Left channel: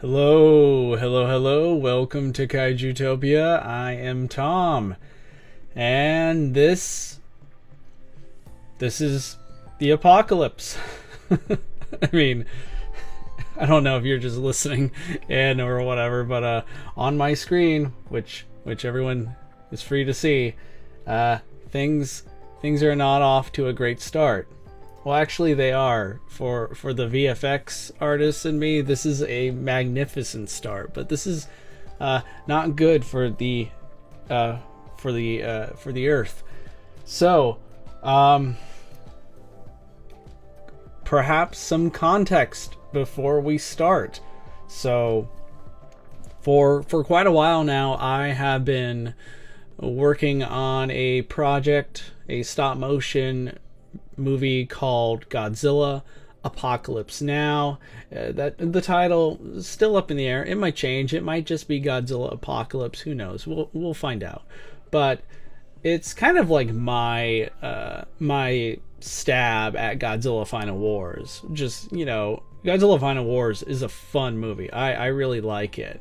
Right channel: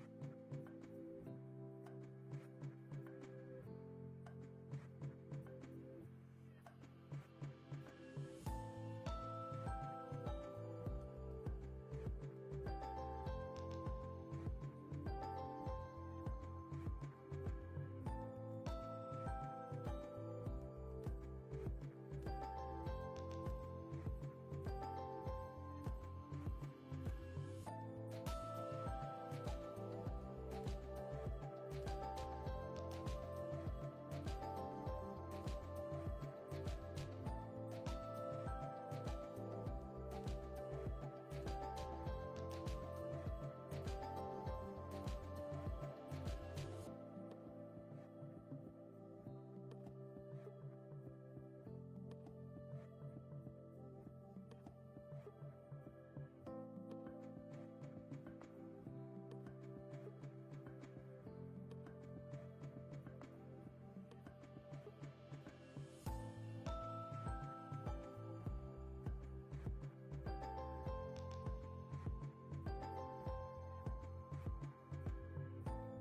Hello, hello, hello. Welcome to Kaijutopia. I am Tom, and this is the apocalypse. I mean, I don't know if you're just listening in or whatever, but on my screen, which everyone is free to see, uh, things things are not off to a great start. Well, actually, they are. For the VFX artists and me, this is a magnificent start. But this is not good for the Earth. So, perhaps some context before we start. So, for quite a while now, I have been working on a project, a stop motion movie called Godzilla Apocalypse Now. That the title is still up in the air. It might change. It might just be Godzilla Apocalypse. Who knows? We'll find out. But it's kind of like my stab at Godzilla Final Wars. Just, Godzilla Final Wars is a fun movie. I really like it.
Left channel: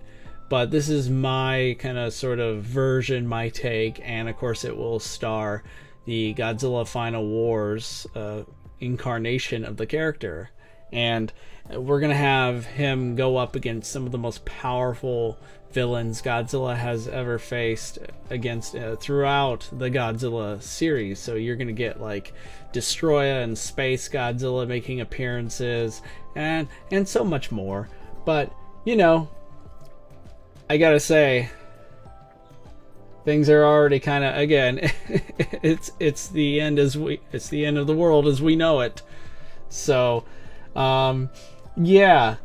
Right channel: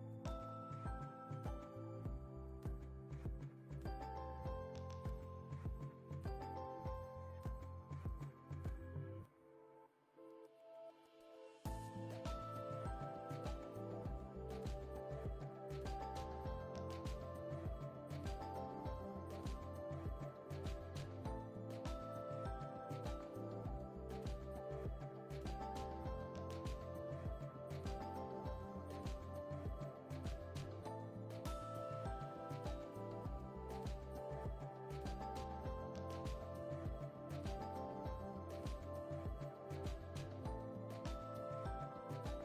But this is my kind of sort of version, my take, and of course it will star the Godzilla Final Wars incarnation of the character. And we're going to have him go up against some of the most powerful villains Godzilla has ever faced against throughout the Godzilla series. So you're going to get like Destroyer and Space Godzilla making appearances and so much more. But, I gotta say, things are already kind of, again, it's the end it's the end of the world as we know it. So yeah,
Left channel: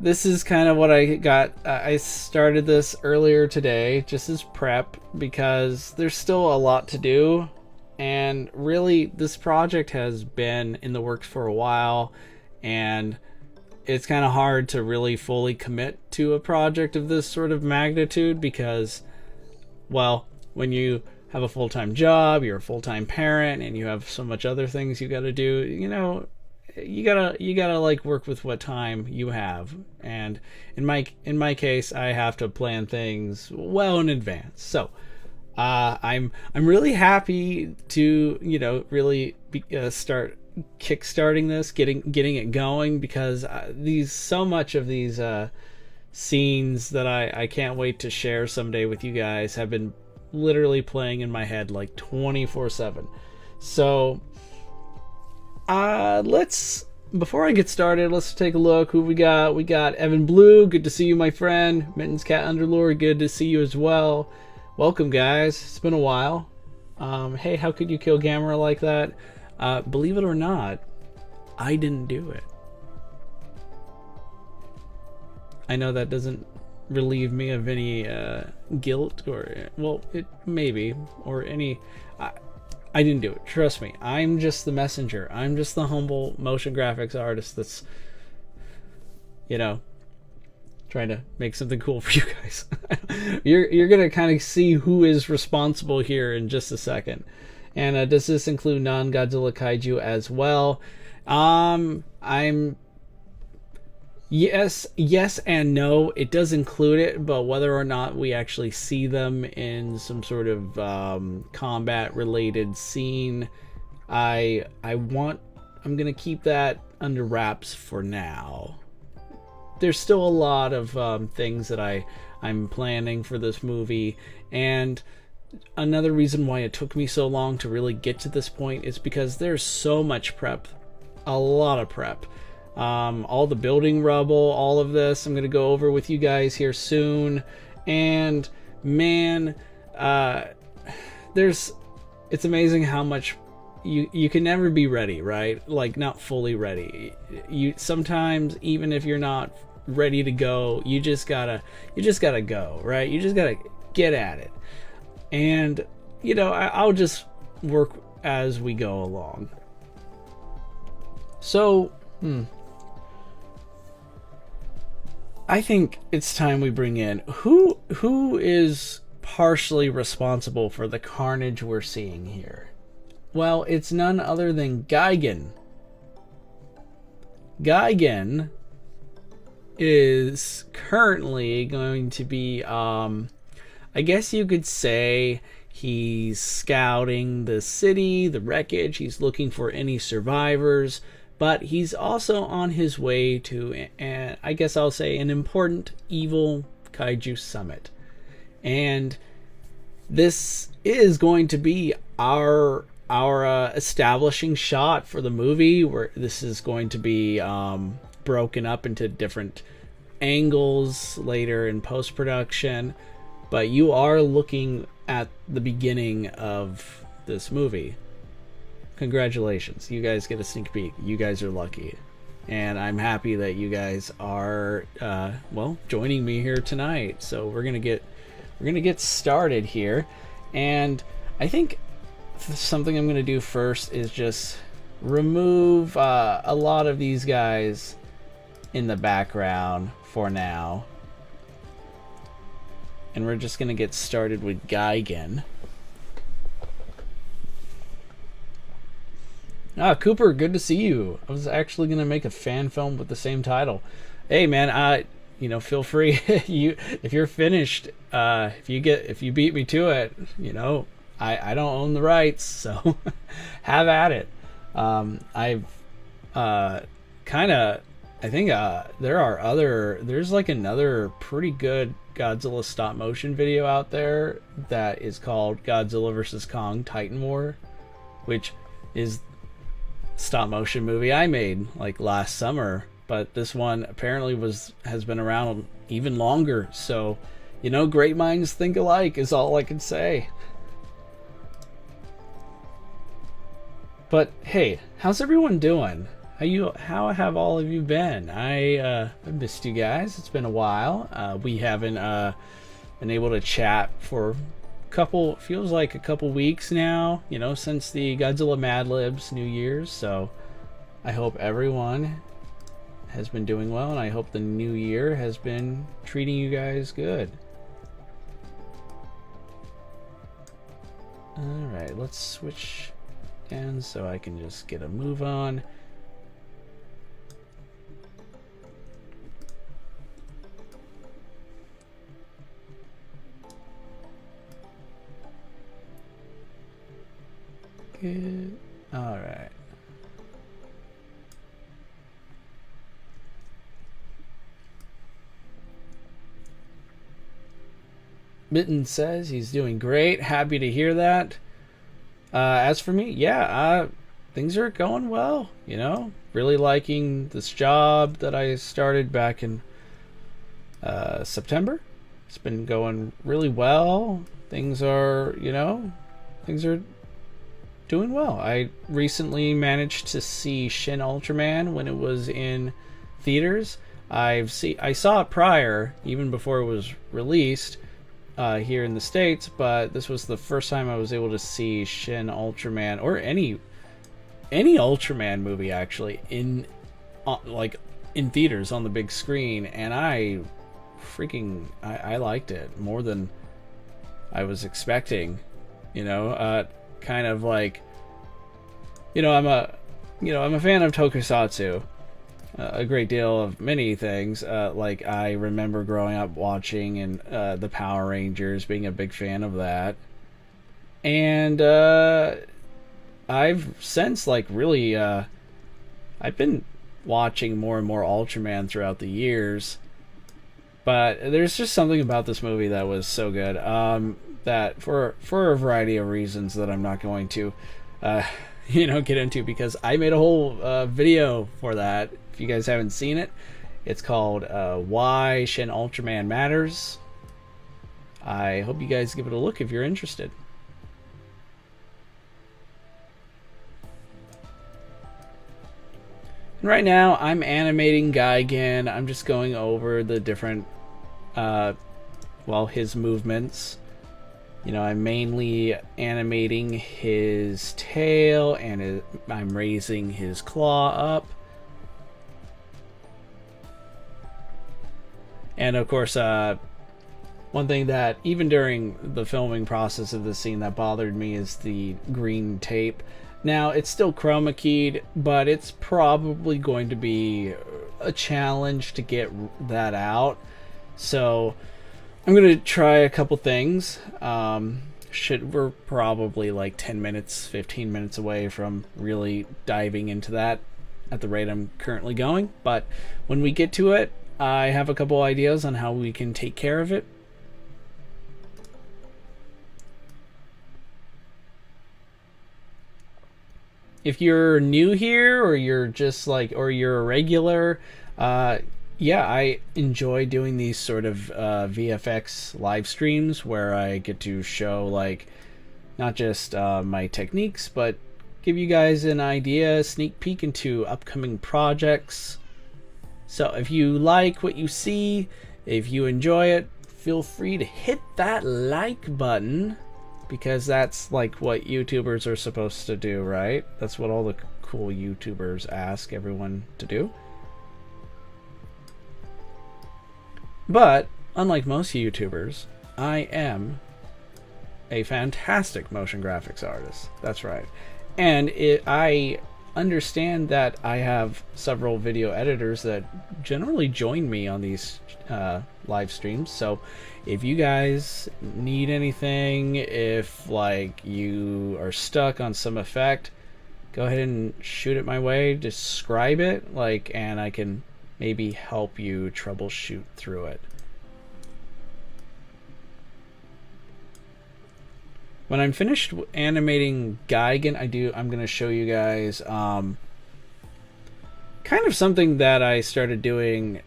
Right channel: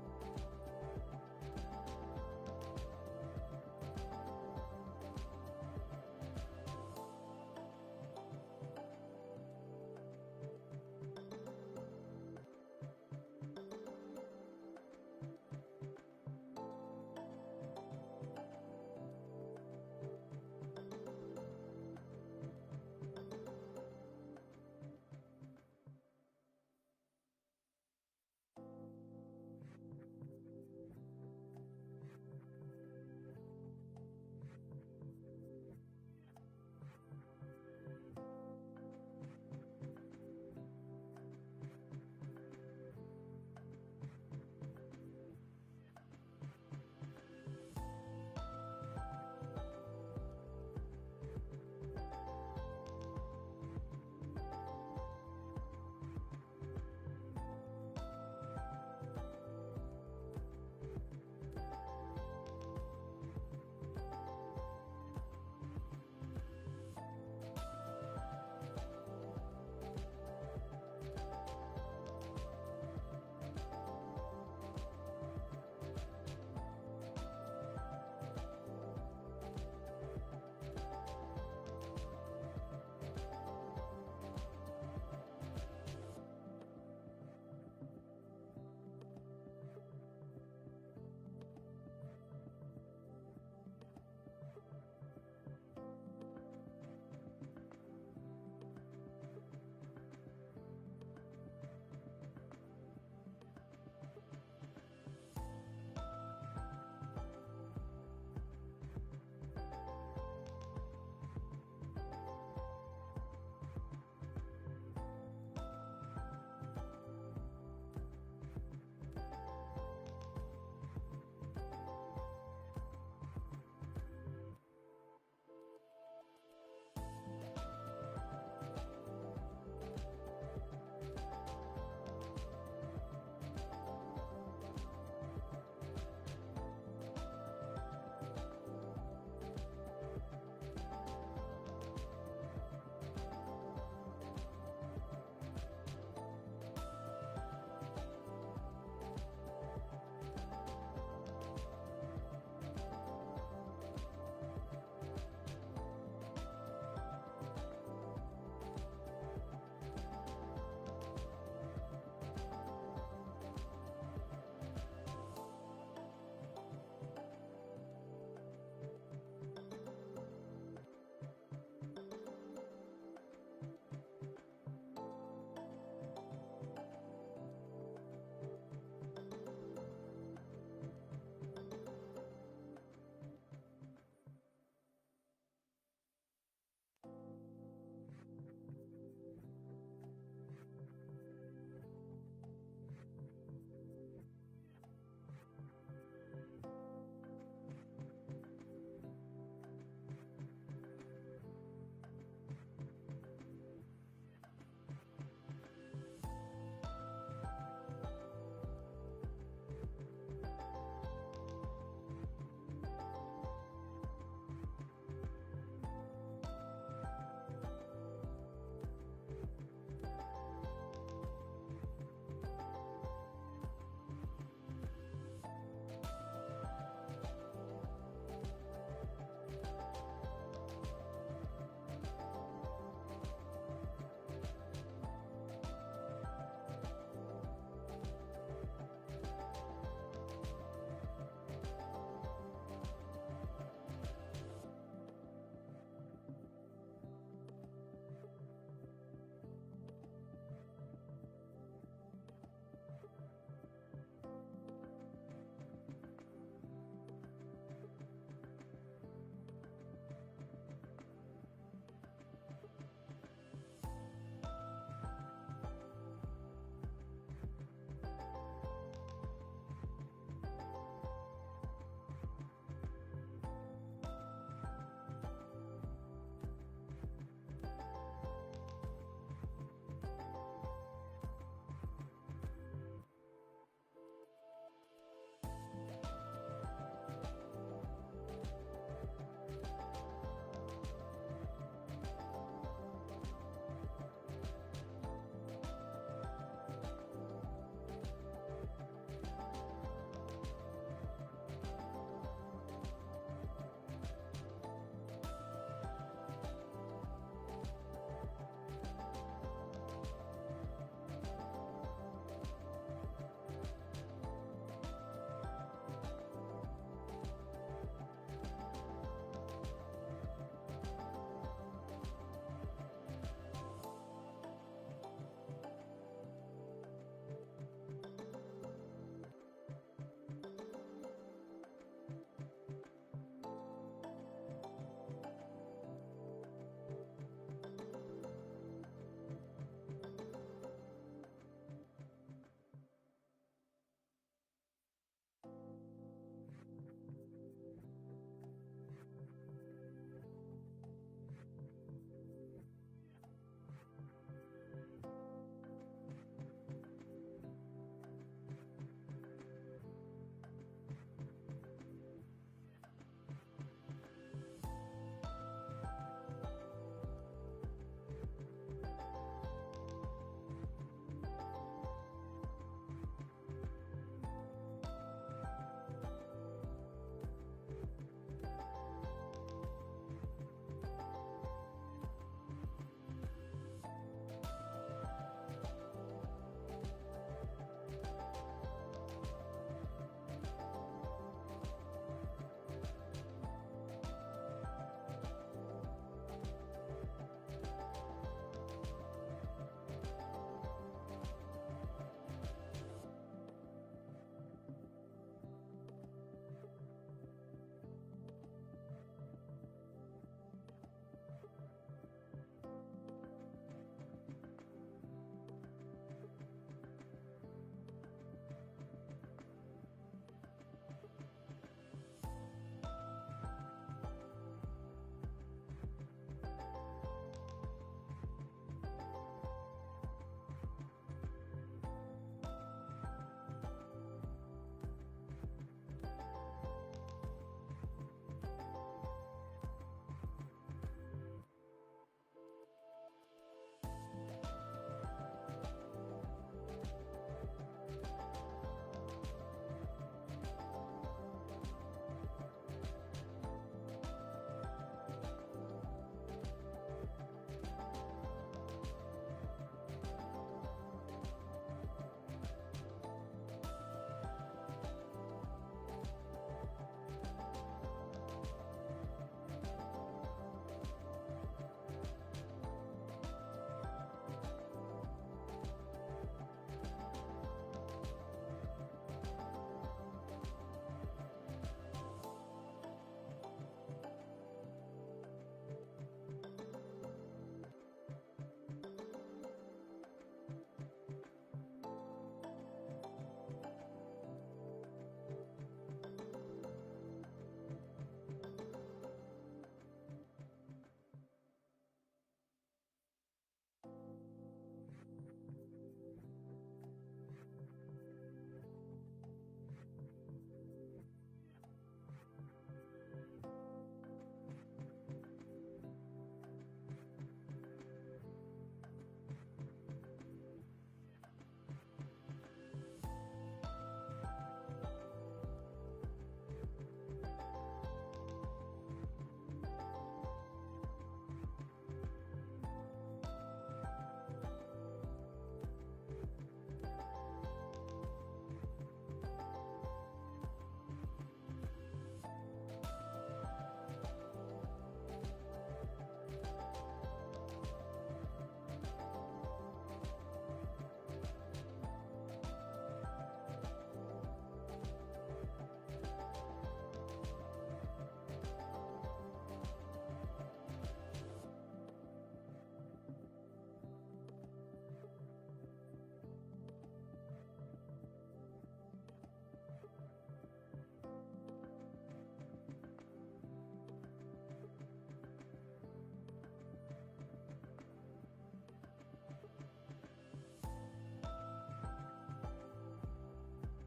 this is kind of what I got. I started this earlier today just as prep because there's still a lot to do, and really this project has been in the works for a while, and it's kind of hard to really fully commit to a project of this sort of magnitude because, well, when you have a full-time job, you're a full-time parent, and you have so much other things you got to do, you gotta like work with what time you have. And in my case, I have to plan things well in advance. So I'm really happy to really start kickstarting this, getting it going, because so much of these scenes that I can't wait to share someday with you guys have been literally playing in my head like 24/7. So before I get started, let's take a look who we got. We got Evan Blue, good to see you, my friend. Mittens Cat Underlord, good to see you as well. Welcome, guys. It's been a while. Hey, how could you kill Gamera like that? Believe it or not, I didn't do it. I know that doesn't relieve me of any guilt, or, well, it maybe, or any. I didn't do it. Trust me. I'm just the messenger. I'm just the humble motion graphics artist that's, trying to make something cool for you guys. You're gonna kind of see who is responsible here in just a second. And does this include non-Godzilla kaiju as well? Yes and no. It does include it, but whether or not we actually see them in some sort of combat-related scene, I'm gonna keep that under wraps for now. There's still a lot of things that I'm planning for this movie, and another reason why it took me so long to really get to this point is because there's so much prep, a lot of prep. All the building rubble, all of this I'm gonna go over with you guys here soon. And man, it's amazing how much you can never be ready, right? Like, not fully ready. You sometimes, even if you're not ready to go, you just gotta go, right? You just gotta get at it. And I'll just work as we go along. So I think it's time we bring in who is partially responsible for the carnage we're seeing here. Well, it's none other than Gigan. Gigan is currently going to be, I guess you could say, he's scouting the city, the wreckage. He's looking for any survivors, but he's also on his way to, I guess I'll say, an important evil kaiju summit. And this is going to be our establishing shot for the movie, where this is going to be broken up into different angles later in post-production. But you are looking at the beginning of this movie. Congratulations, you guys get a sneak peek. You guys are lucky, and I'm happy that you guys are well, joining me here tonight. So we're gonna get started here, and I think something I'm gonna do first is just remove a lot of these guys in the background for now, and we're just gonna get started with Gigan. Cooper, good to see you. I was actually gonna make a fan film with the same title. Hey man, you know, feel free. If you're finished, if you beat me to it, you know, I don't own the rights, so have at it. I've I think there's like another pretty good Godzilla stop motion video out there that is called Godzilla vs. Kong Titan War, which is stop motion movie I made like last summer, but this one apparently has been around even longer. So, you know, great minds think alike is all I can say. But hey, how's everyone doing? How have all of you been? I missed you guys. It's been a while. We haven't been able to chat for feels like a couple weeks now, you know, since the Godzilla Mad Libs New Year's. So I hope everyone has been doing well, and I hope the new year has been treating you guys good. Alright, let's switch ends so I can just get a move on. Good. All right. Mitten says he's doing great. Happy to hear that. As for me, yeah, things are going well. You know, really liking this job that I started back in September. It's been going really well. Things are doing well. I recently managed to see Shin Ultraman when it was in theaters. I saw it prior, even before it was released here in the States, but this was the first time I was able to see Shin Ultraman, or any Ultraman movie actually, in theaters on the big screen, and I liked it more than I was expecting. You know, kind of like, you know, I'm a fan of tokusatsu, a great deal of many things. Like I remember growing up watching and the Power Rangers, being a big fan of that, and I've since really I've been watching more and more Ultraman throughout the years, but there's just something about this movie that was so good. That for a variety of reasons that I'm not going to get into, because I made a whole video for that. If you guys haven't seen it, it's called Why Shin Ultraman Matters. I hope you guys give it a look if you're interested. And right now I'm animating Gigan. I'm just going over the different his movements. You know, I'm mainly animating his tail, and I'm raising his claw up. And of course, One thing that even during the filming process of the scene that bothered me is the green tape. Now it's still chroma keyed, but it's probably going to be a challenge to get that out. So I'm gonna try a couple things. We're probably like 10 minutes, 15 minutes away from really diving into that at the rate I'm currently going. But when we get to it, I have a couple ideas on how we can take care of it. If you're new here, or you're just like, or you're a regular, yeah, I enjoy doing these sort of VFX live streams where I get to show like not just my techniques, but give you guys an idea, sneak peek into upcoming projects. So if you like what you see, if you enjoy it, feel free to hit that like button, because that's like what YouTubers are supposed to do, right? That's what all the cool YouTubers ask everyone to do. But unlike most YouTubers, I am a fantastic motion graphics artist. That's right. And I understand that I have several video editors that generally join me on these live streams. So if you guys need anything, if like you are stuck on some effect, go ahead and shoot it my way, describe it, like, and I can maybe help you troubleshoot through it. When I'm finished animating Gigan, I'm going to show you guys kind of something that I started doing,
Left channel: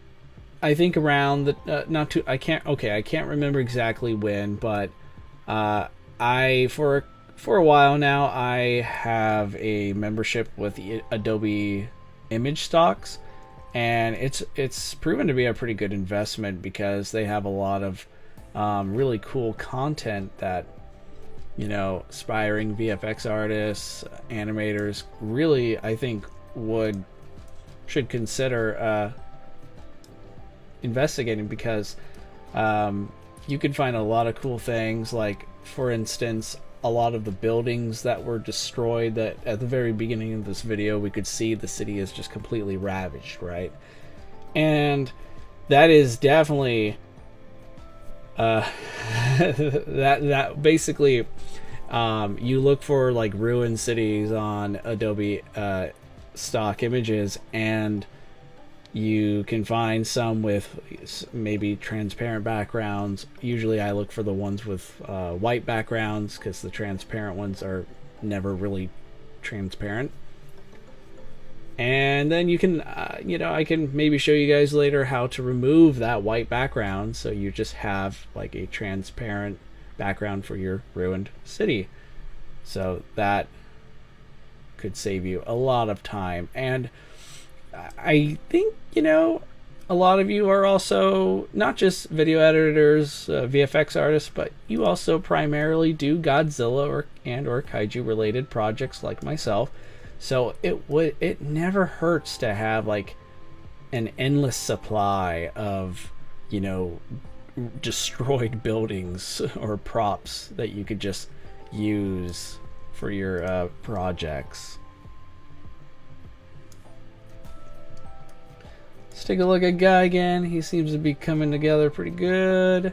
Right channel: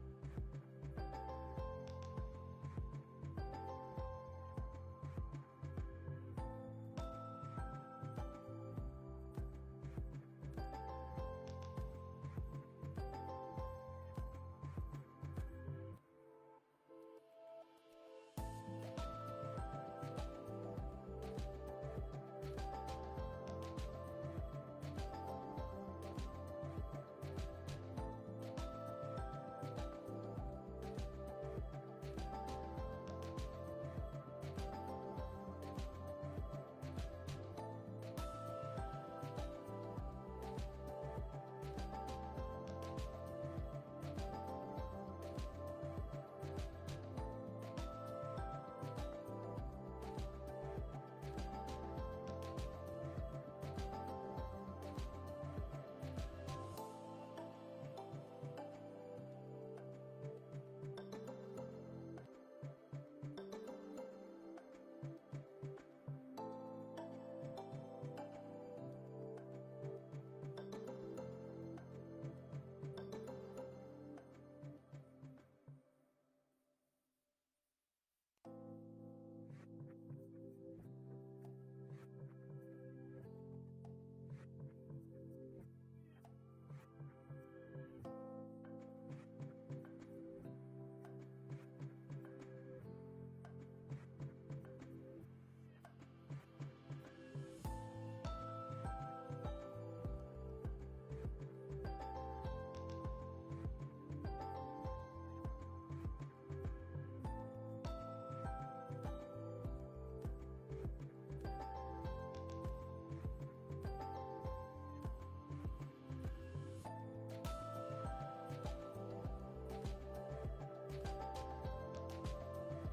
I think around the I can't remember exactly when, but for a while now I have a membership with Adobe Image Stocks, and it's proven to be a pretty good investment because they have a lot of really cool content that, you know, aspiring VFX artists, animators really, I think, should consider investigating, because you can find a lot of cool things. Like, for instance, a lot of the buildings that were destroyed, that at the very beginning of this video we could see the city is just completely ravaged, right? And that is definitely that basically you look for like ruined cities on Adobe stock images, and you can find some with maybe transparent backgrounds. Usually I look for the ones with white backgrounds, because the transparent ones are never really transparent. And then you can you know, I can maybe show you guys later how to remove that white background, so you just have like a transparent background for your ruined city. So that could save you a lot of time. And I think, you know, a lot of you are also not just video editors, VFX artists, but you also primarily do Godzilla or kaiju related projects like myself. So it never hurts to have like an endless supply of, you know, destroyed buildings or props that you could just use for your projects. Let's take a look at Guy again. He seems to be coming together pretty good.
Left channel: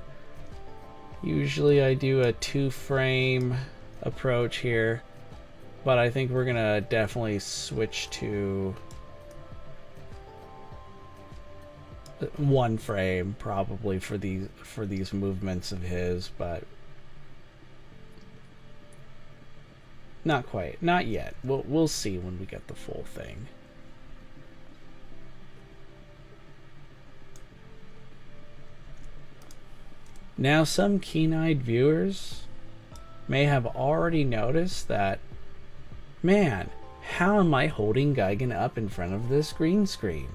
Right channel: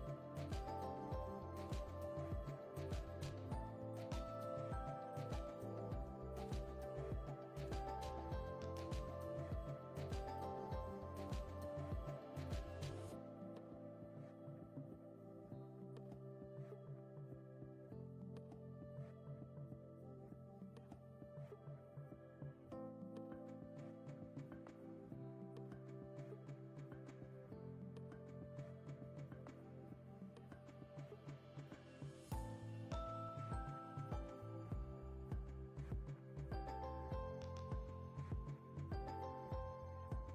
Usually I do a 2-frame approach here, but I think we're gonna definitely switch to 1 frame probably for these movements of his, but not quite, not yet. We'll see when we get the full thing. Now, some keen-eyed viewers may have already noticed that, man, how am I holding Gigan up in front of this green screen?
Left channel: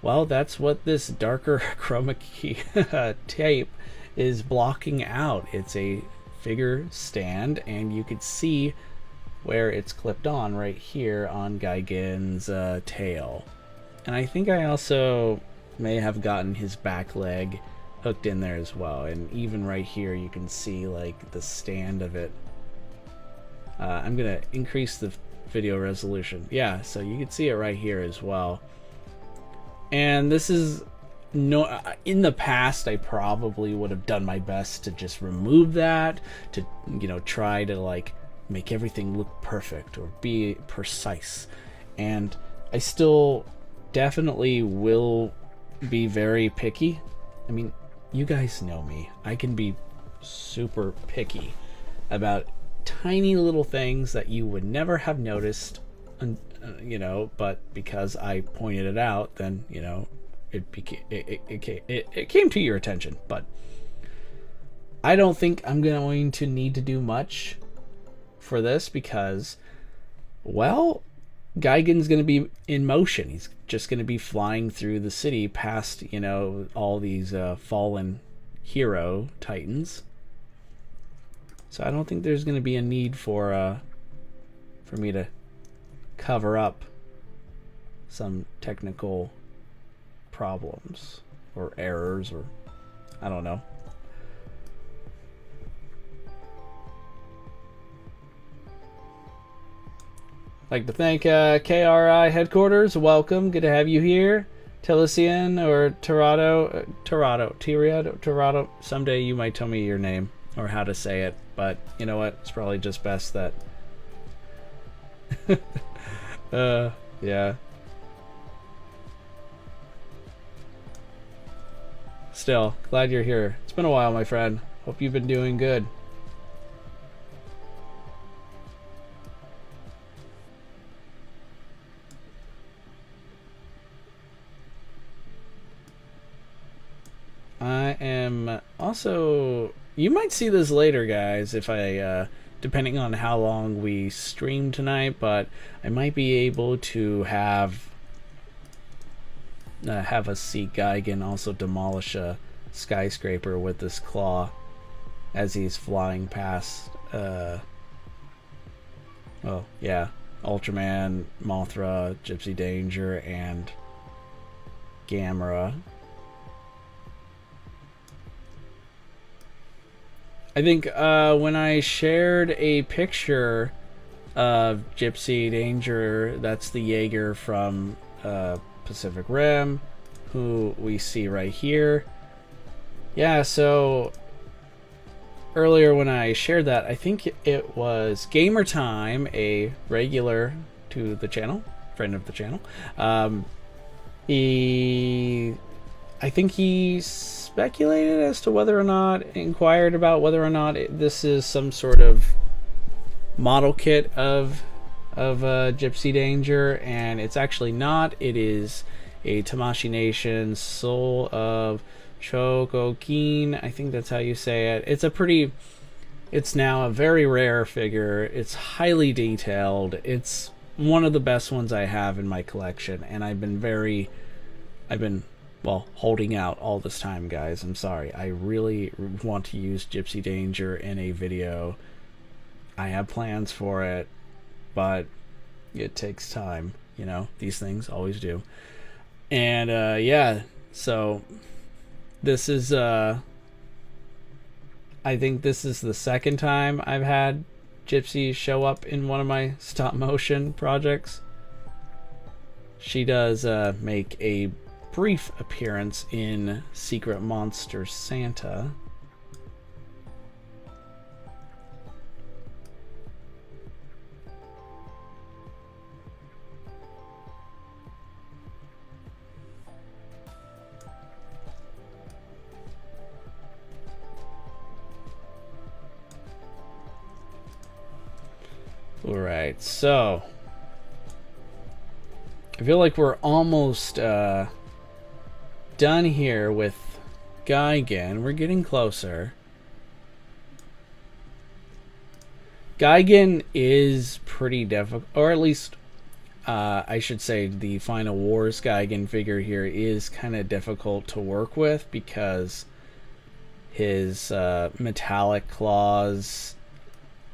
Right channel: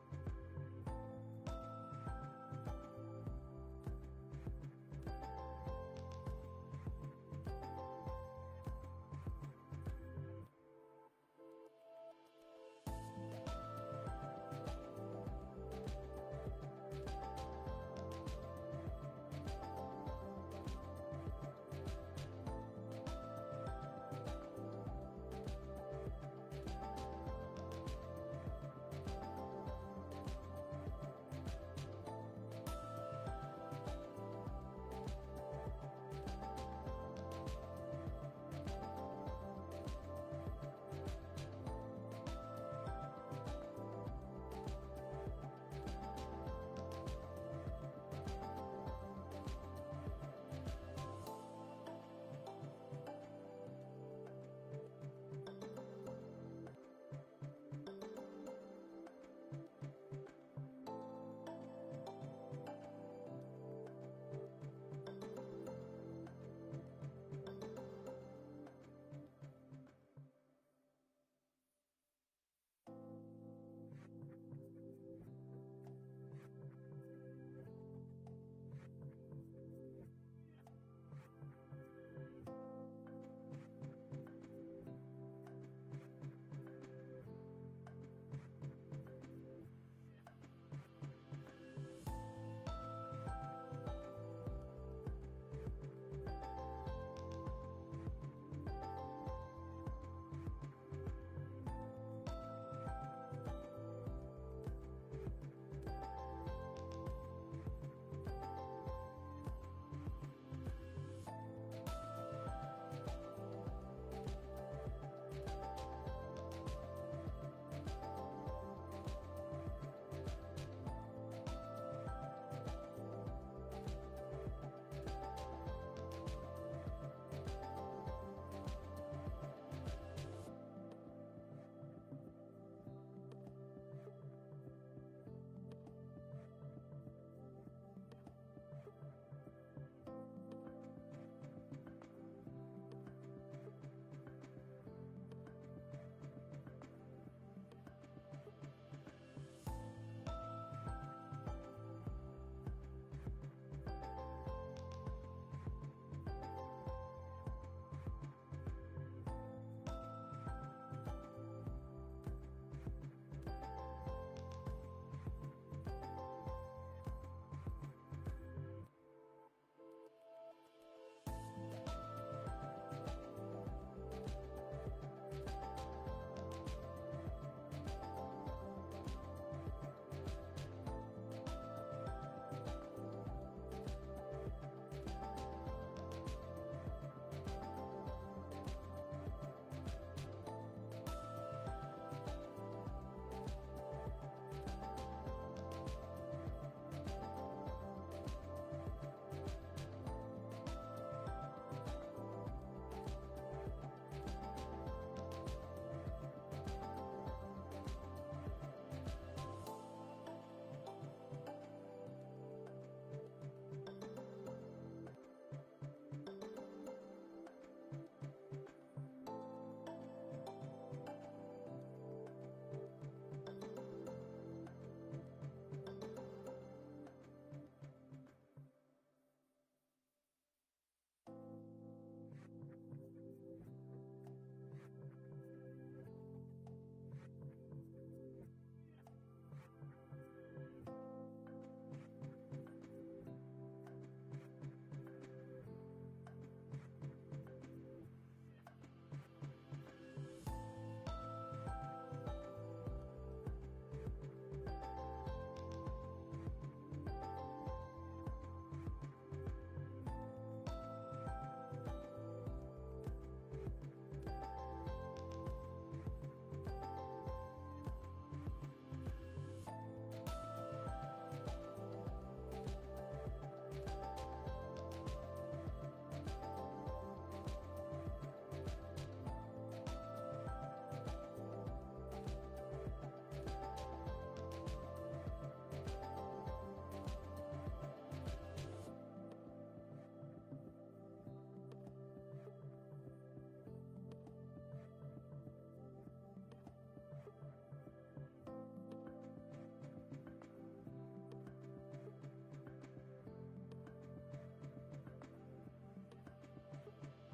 Well, that's what this darker chroma key tape is blocking out. It's a figure stand, and you could see where it's clipped on right here on Gigan's tail. And I think I also may have gotten his back leg hooked in there as well. And even right here you can see like the stand of it. I'm gonna increase the video resolution. Yeah, so you can see it right here as well. And this is no, in the past I probably would have done my best to just remove that, to, you know, try to like make everything look perfect or be precise. And I still definitely will be very picky. I mean, you guys know me. I can be super picky about tiny little things that you would never have noticed, you know, but because I pointed it out, then, you know, it came to your attention. But I don't think I'm going to need to do much for this because, well, Gigan's going to be in motion. He's just going to be flying through the city past, you know, all these fallen hero titans. So I don't think there's going to be a need for me to cover up some technical problems or errors, or I don't know. Like to thank KRI headquarters. Welcome, good to have you here. Telesian or Tirado. Someday you might tell me your name or how to say it, but you know what? It's probably just best that. Yeah. Still, glad you're here. It's been a while, my friend. Hope you've been doing good. I am also, you might see this later, guys, if I depending on how long we stream tonight, but I might be able to have us see Gigan also demolish a skyscraper with this claw as he's flying past well, yeah, Ultraman, Mothra, Gypsy Danger, and Gamera. I think when I shared a picture of Gypsy Danger, that's the Jaeger from Pacific Rim, who we see right here. Yeah, so earlier when I shared that, I think it was Gamer Time, a regular to the channel, friend of the channel. I think he speculated as to whether or not, inquired about whether or not this is some sort of model kit of Gypsy Danger, and it's actually not. It is a Tamashii Nation Soul of Chogokin. I think that's how you say it. It's now a very rare figure. It's highly detailed. It's one of the best ones I have in my collection, and I've been well, holding out all this time, guys. I'm sorry. I really want to use Gypsy Danger in a video. I have plans for it, but it takes time. You know, these things always do. And yeah, so this is I think this is the second time I've had Gypsy show up in one of my stop motion projects. She does make a brief appearance in Secret Monster Santa. All right, so I feel like we're almost done here with Gigan. We're getting closer. Gigan is pretty difficult, or at least I should say the Final Wars Gigan figure here is kind of difficult to work with because his metallic claws,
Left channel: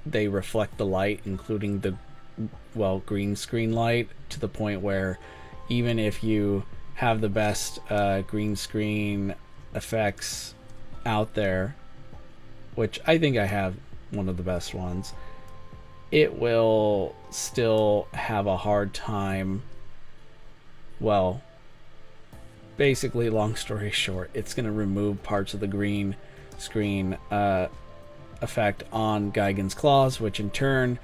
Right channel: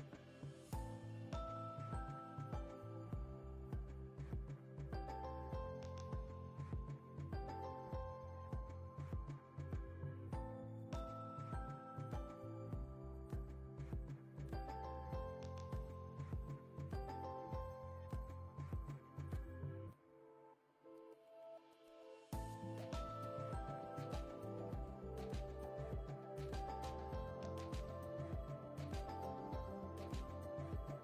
they reflect the light, including the, well, green screen light, to the point where even if you have the best green screen effects out there, which I think I have one of the best ones, it will still have a hard time. Well, basically, long story short, it's going to remove parts of the green screen effect on Gigan's claws, which in turn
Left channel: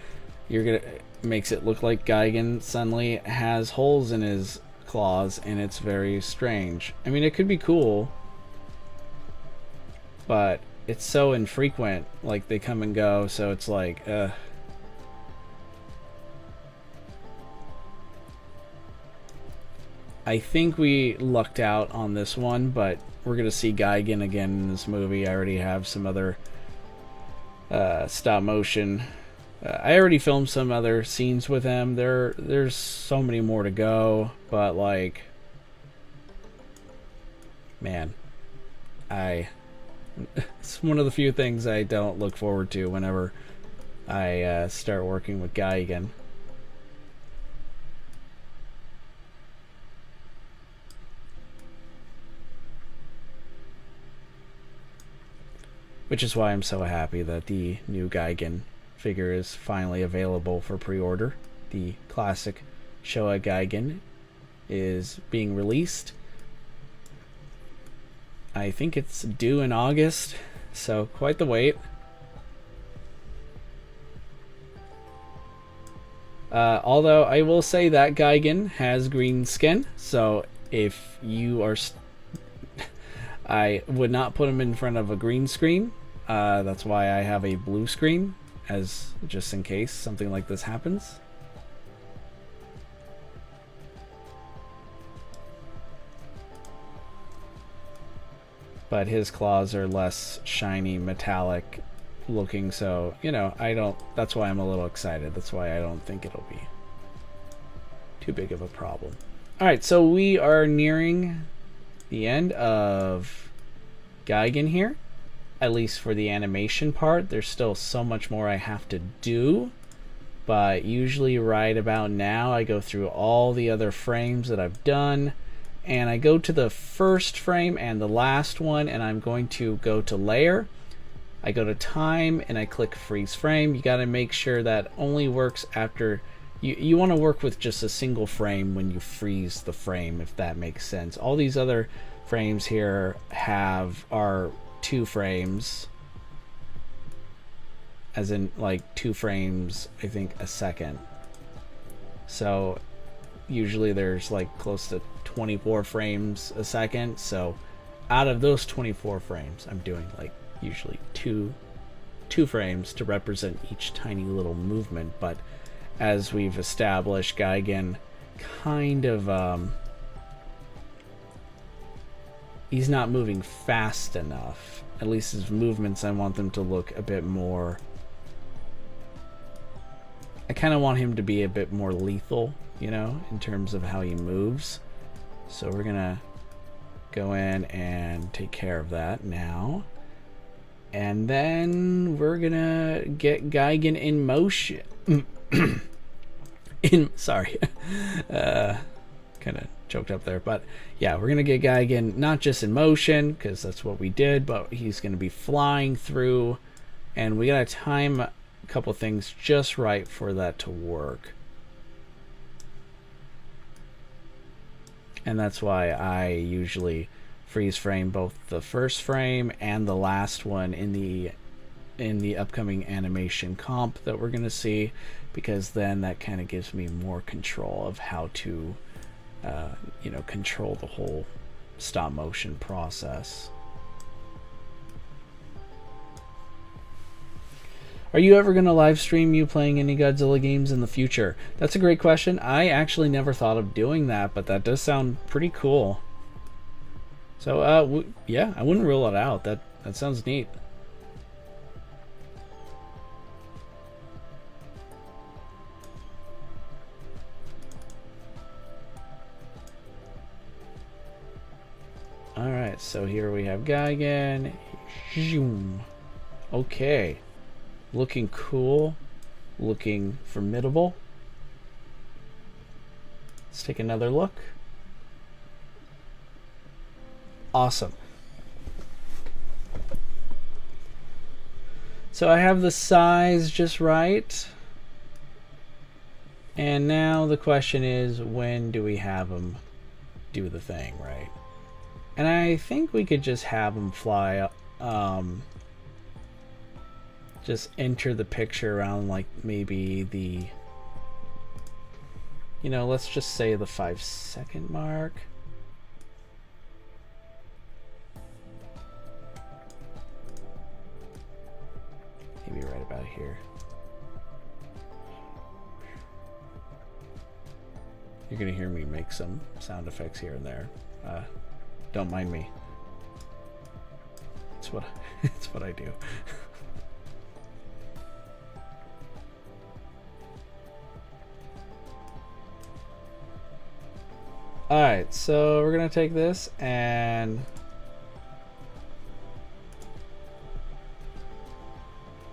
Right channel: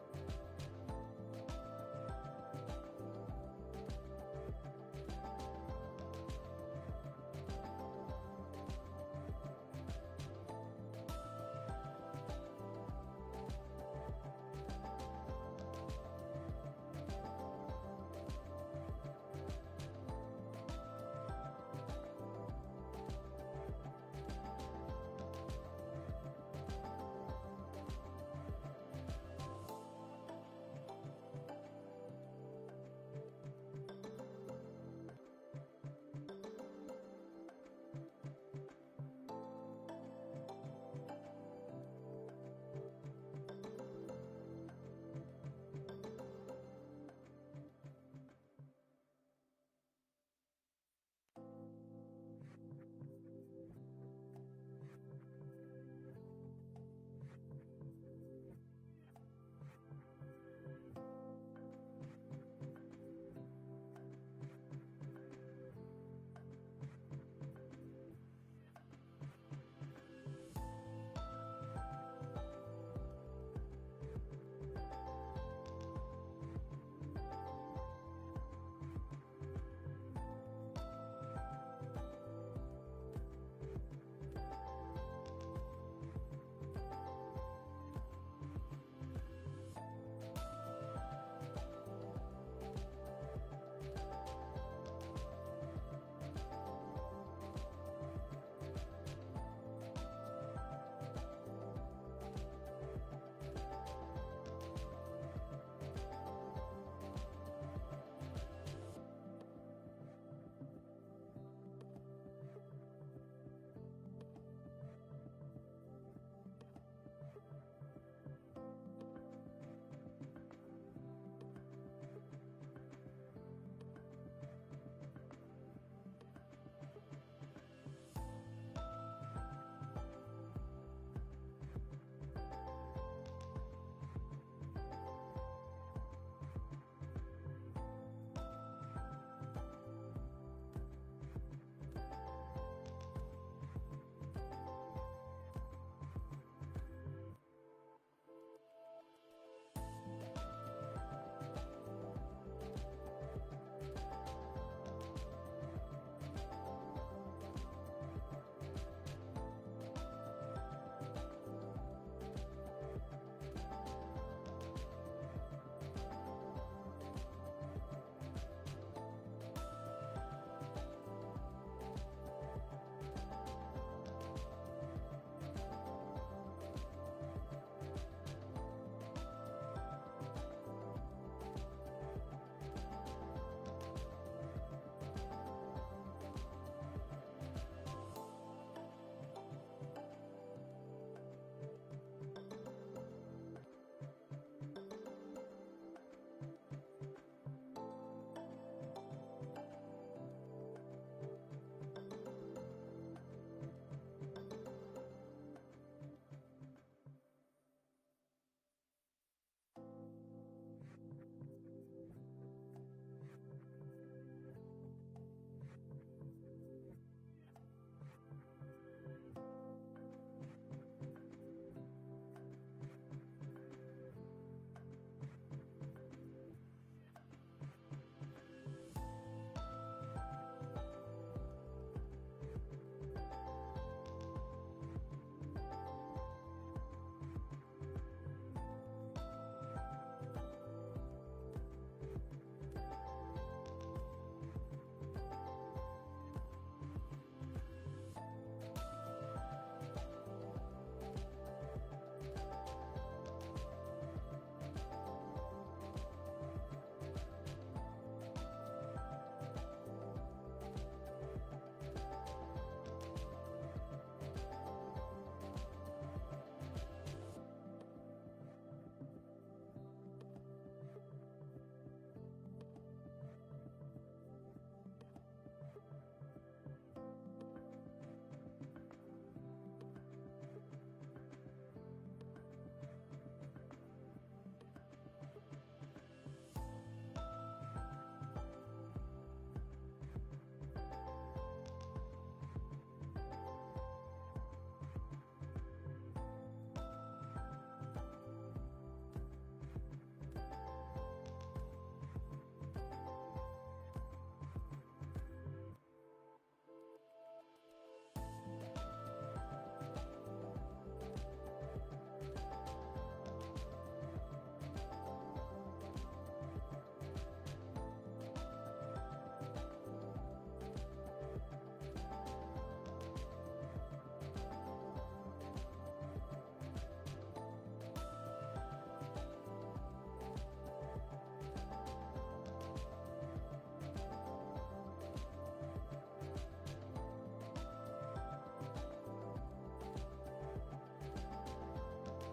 makes it look like Gigan suddenly has holes in his claws, and it's very strange. I mean, it could be cool, but it's so infrequent, like they come and go, so it's like I think we lucked out on this one, but we're gonna see Gigan again in this movie. I already have some other stop motion. I already filmed some other scenes with him. There's so many more to go, but like, man, it's one of the few things I don't look forward to whenever I start working with Guy again. Which is why I'm so happy that the new Gigan figure is finally available for pre-order. The classic Showa Gigan is being released. I think it's due in August, so quite the wait. Although I will say that Gigan has green skin, so if you are I would not put him in front of a green screen. That's why I have a blue screen, as just in case something like this happens. But his claws are less shiny, metallic looking, so, you know, that's why I'm a little excited. That's why I don't think it'll be too big of a problem. Alright, so we are nearing the end of Gigan here, at least for the animation part. There's still so much more I have to do, but usually right about now I go through all the other frames that I've done, and I go to the first frame and the last one, and I'm going to go to layer. I go to time and I click freeze frame. You got to make sure that only works after you want to work with just a single frame when you freeze the frame, if that makes sense. All these other frames here are 2 frames, as in like 2 frames, I think, a second. So usually there's like close to 24 frames a second, so out of those 24 frames I'm doing like usually two frames to represent each tiny little movement. But as we've established, Gigan kind of he's not moving fast enough. At least his movements, I want them to look a bit more, I kind of want him to be a bit more lethal, you know, in terms of how he moves. So we're gonna go in and take care of that now. And then we're gonna get Gigan in motion. Sorry. Kind of choked up there, but yeah, we're gonna get Gigan not just in motion, because that's what we did, but he's gonna be flying through, and we gotta time a couple things just right for that to work. And that's why I usually freeze frame both the first frame and the last one in the upcoming animation comp that we're gonna see, because then that kind of gives me more control of how to you know, control the whole stop motion process. Are you ever going to live stream you playing any Godzilla games in the future? That's a great question. I actually never thought of doing that, but that does sound pretty cool. So yeah, I wouldn't rule it out. That sounds neat. Alright, so here we have Gigan. Okay. Looking cool. Looking formidable. Let's take another look. Awesome. So I have the size just right. And now the question is, when do we have them do the thing, right? And I think we could just have them fly up, just enter the picture around like maybe the, you know, let's just say the 5-second mark. Maybe right about here. You're gonna hear me make some sound effects here and there. Don't mind me. It's what it's what I do. Alright, so we're gonna take this and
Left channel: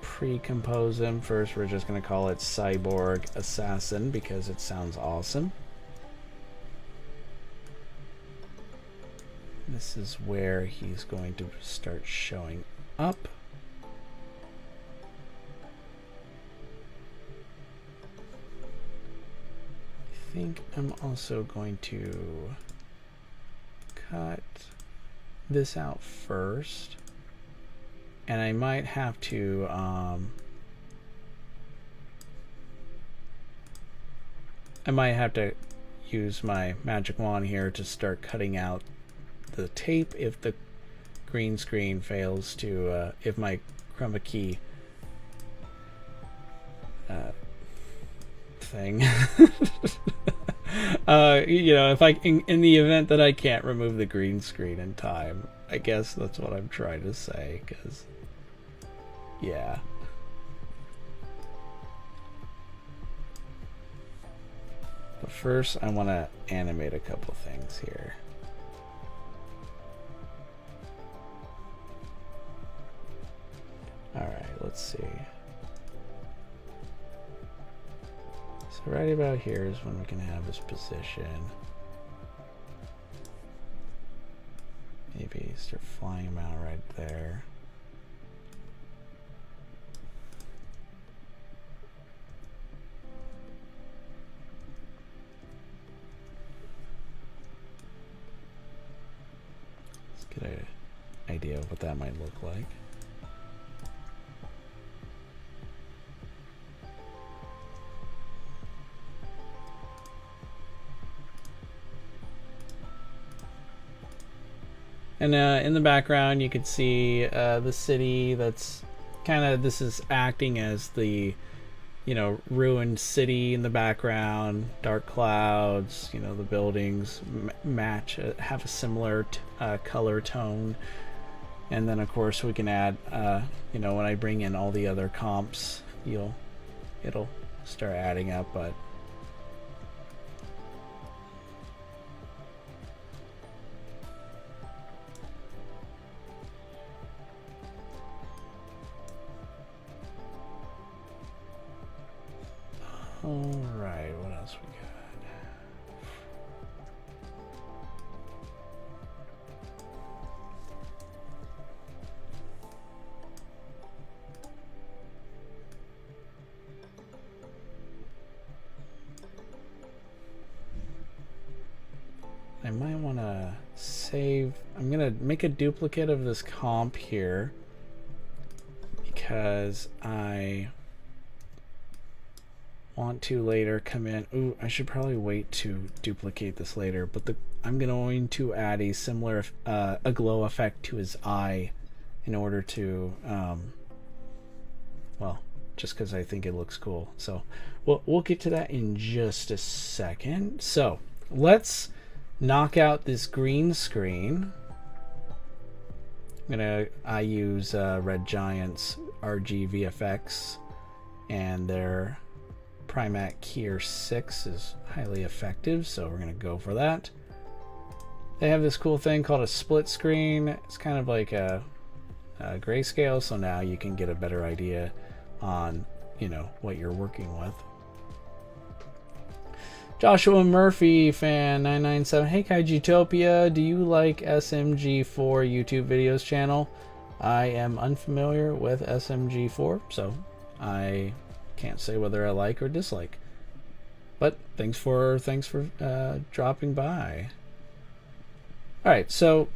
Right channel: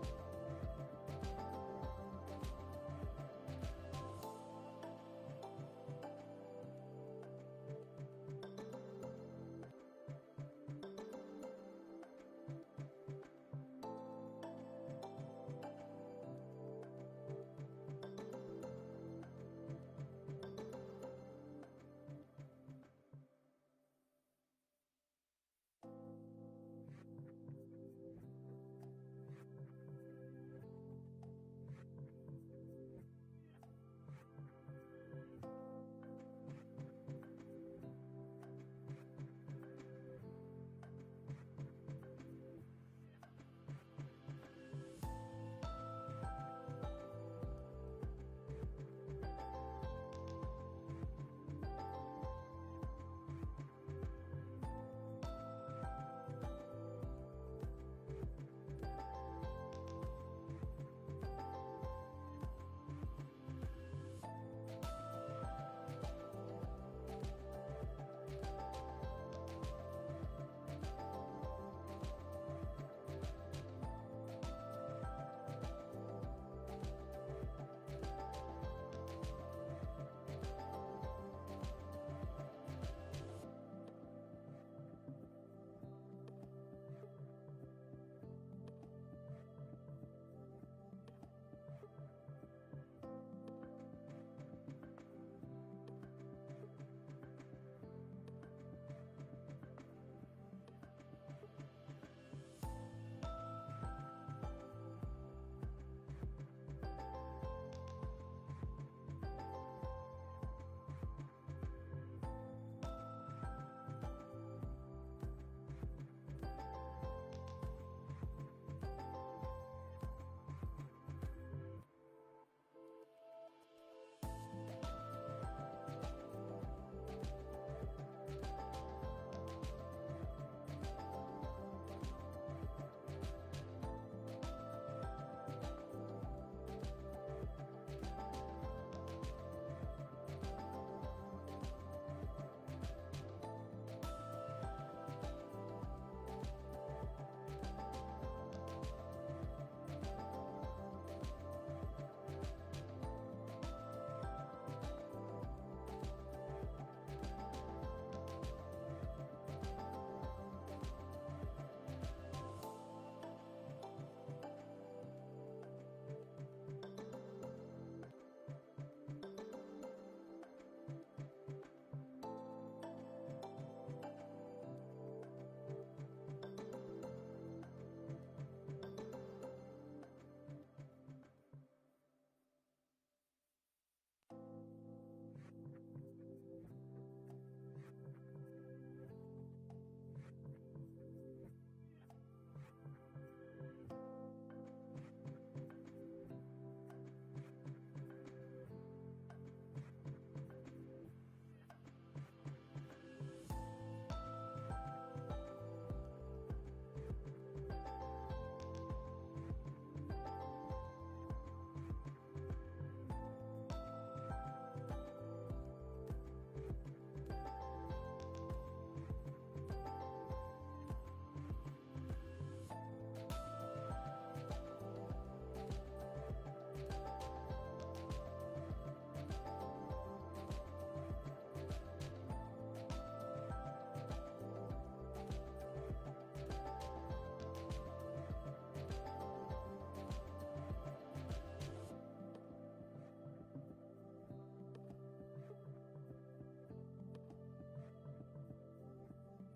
pre-compose him. First, we're just gonna call it Cyborg Assassin because it sounds awesome. This is where he's going to start showing up. I think I'm also going to cut this out first, and I might have to use my magic wand here to start cutting out the tape if the green screen fails to if my chroma key thing you know, if I in the event that I can't remove the green screen in time. I guess that's what I'm trying to say, because yeah. But first I want to animate a couple things here. Alright, let's see. So right about here is when we can have his position. Maybe start flying him out right there. Let's get an idea of what that might look like. And in the background you can see the city that's kind of, this is acting as the, you know, ruined city in the background, dark clouds, you know, the buildings match, have a similar color tone. And then of course we can add, you know, when I bring in all the other comps, it'll start adding up, but alright, what else we got? I might want to save, I'm going to make a duplicate of this comp here because I want to later come in. Ooh, I should probably wait to duplicate this later, but I'm going to add a similar a glow effect to his eye in order to well, just because I think it looks cool. So we'll get to that in just a second. So let's knock out this green screen. I use Red Giant's RG VFX, and their Primac Keyer 6 is highly effective, so we're going to go for that. They have this cool thing called a split screen. It's kind of like a grayscale, so now you can get a better idea on, you know, what you're working with. Joshua Murphy fan 997, hey Kaijutopia, do you like SMG4 YouTube videos channel? I am unfamiliar with SMG4, so I can't say whether I like or dislike. But thanks for dropping by. All right, so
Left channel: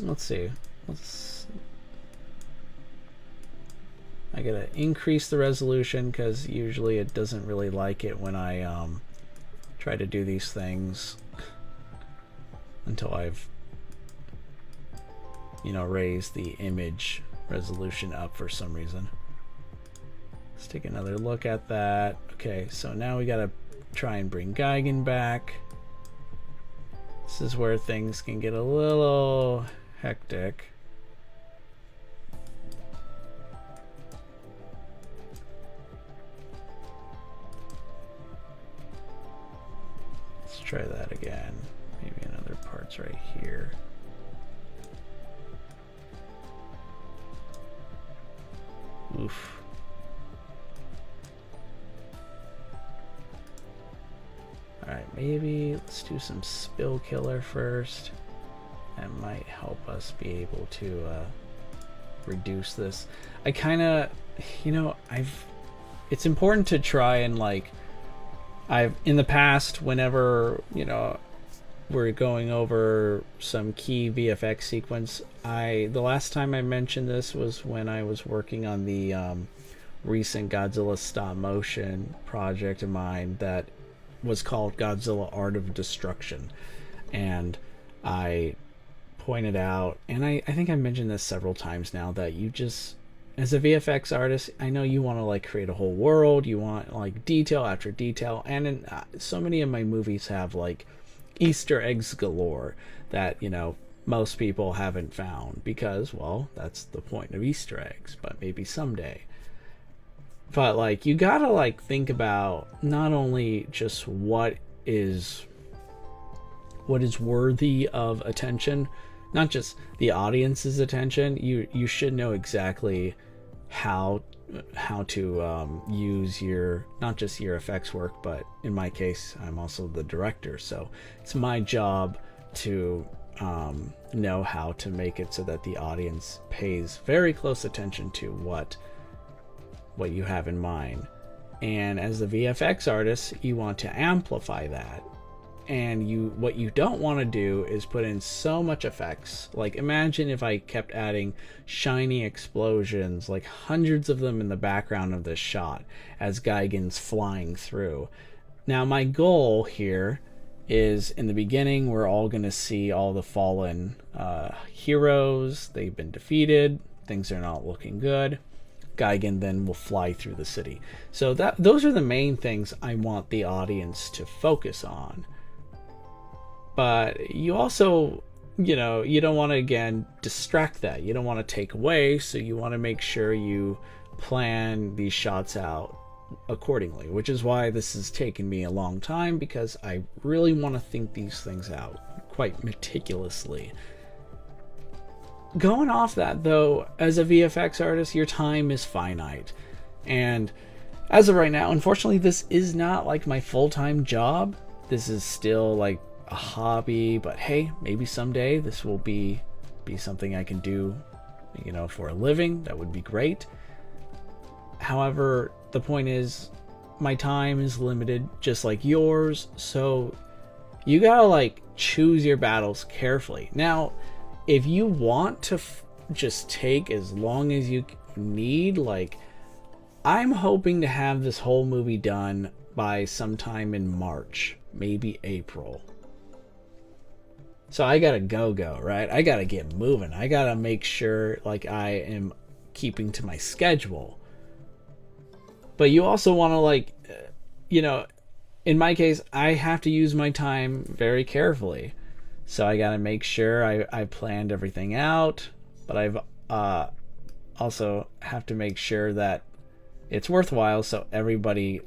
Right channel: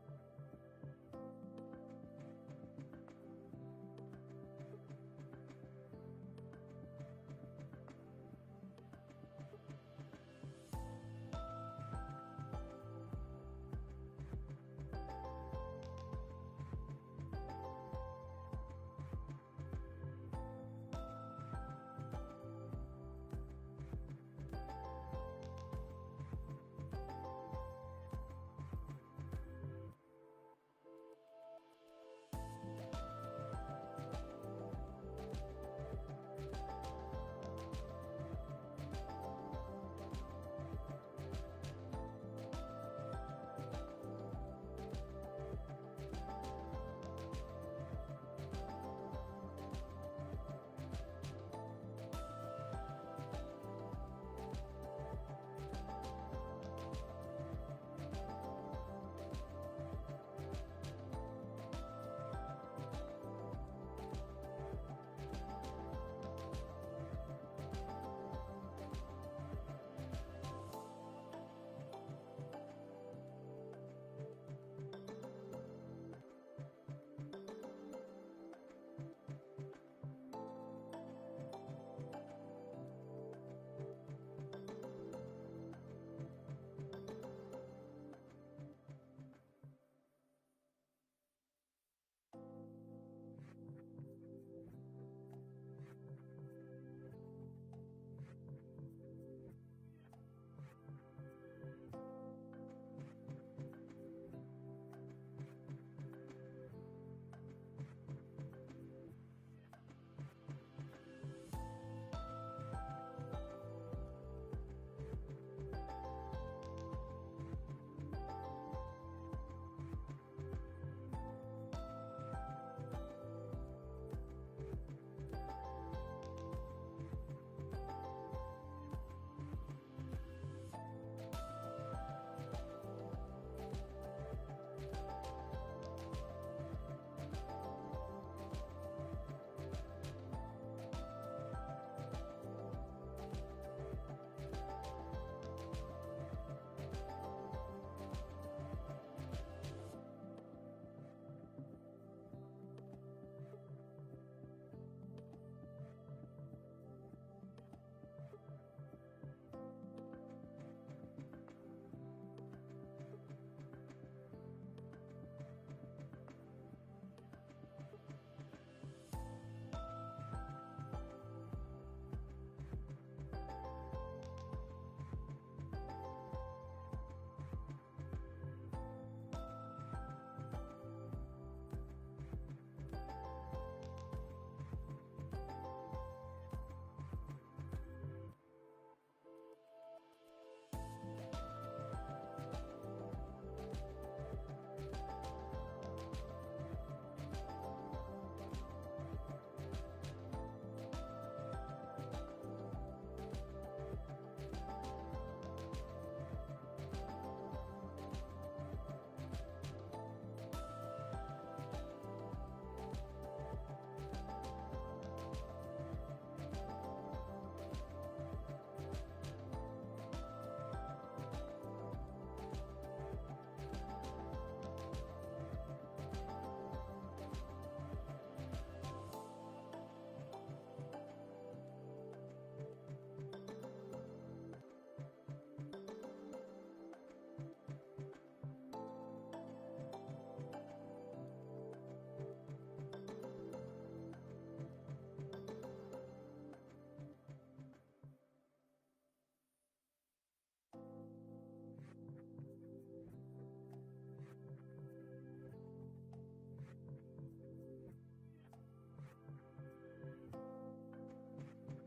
let's see. I gotta increase the resolution because usually it doesn't really like it when I try to do these things until I've raised the image resolution up for some reason. Let's take another look at that. Okay, so now we gotta try and bring Gigan back. This is where things can get a little hectic. Let's try that again. Maybe another part's right here. Oof. Alright, maybe let's do some spill killer first. That might help us be able to reduce this. I kind of, it's important to try and in the past, whenever, we're going over some key VFX sequence, the last time I mentioned this was when I was working on the recent Godzilla stop motion project of mine that was called Godzilla Art of Destruction. And I pointed out, and I think I mentioned this several times now, that you just, as a VFX artist, I know you want to create a whole world, you want detail after detail, and so many of my movies have Easter eggs galore that most people haven't found because, well, that's the point of Easter eggs, but maybe someday. But you gotta think about not only just what is worthy of attention, not just the audience's attention. You should know exactly how to use your, not just your effects work, but in my case, I'm also the director, so it's my job to know how to make it so that the audience pays very close attention to what you have in mind. And as a VFX artist, you want to amplify that. And what you don't want to do is put in so much effects. Imagine if I kept adding shiny explosions, hundreds of them in the background of this shot as Gigan's flying through. Now my goal here is, in the beginning, we're all going to see all the fallen heroes. They've been defeated. Things are not looking good. Gigan then will fly through the city. So those are the main things I want the audience to focus on. But you also, you don't want to, again, distract that. You don't want to take away, so you want to make sure you plan these shots out accordingly, which is why this has taken me a long time, because I really want to think these things out quite meticulously. Going off that, though, as a VFX artist, your time is finite. And as of right now, unfortunately, this is not my full-time job. This is still a hobby, but hey, maybe someday this will be something I can do, for a living. That would be great. However, the point is, my time is limited, just like yours, so you gotta choose your battles carefully. Now, if you want to just take as long as you need, I'm hoping to have this whole movie done by sometime in March, maybe April. So I gotta go, right? I gotta get moving. I gotta make sure I am keeping to my schedule. But you also want to in my case, I have to use my time very carefully. So I gotta make sure I planned everything out, but I've also have to make sure that it's worthwhile, so everybody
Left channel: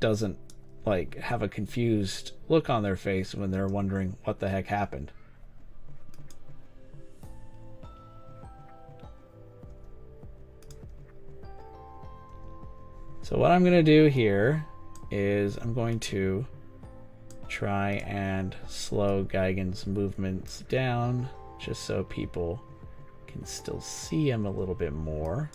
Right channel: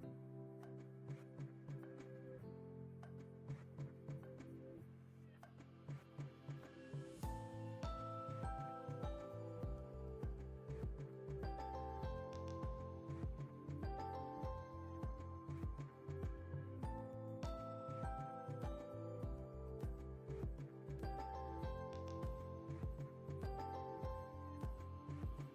doesn't have a confused look on their face when they're wondering what the heck happened. So what I'm gonna do here is I'm going to try and slow Gigan's movements down just so people can still see him a little bit more.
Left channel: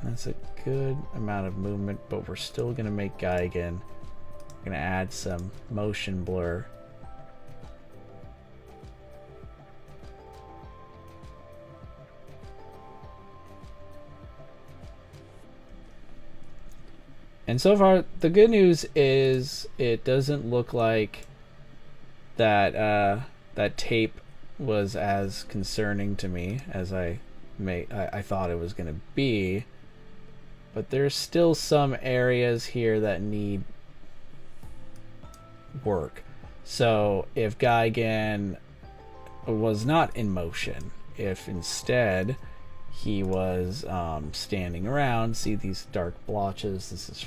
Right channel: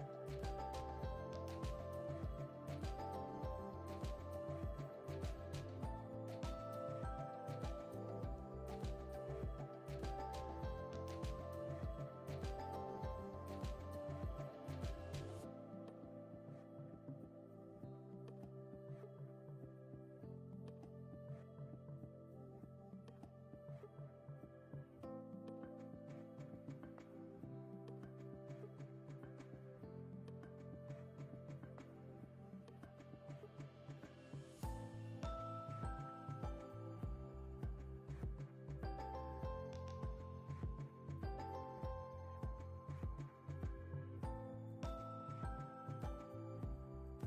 And that's a good amount of movement, but we're still going to make Gigan. We're going to add some motion blur. And so far, the good news is it doesn't look like that that tape was as concerning to me as I thought it was going to be. But there's still some areas here that need work. So if Gigan was not in motion, if instead he was standing around, see these dark blotches, this is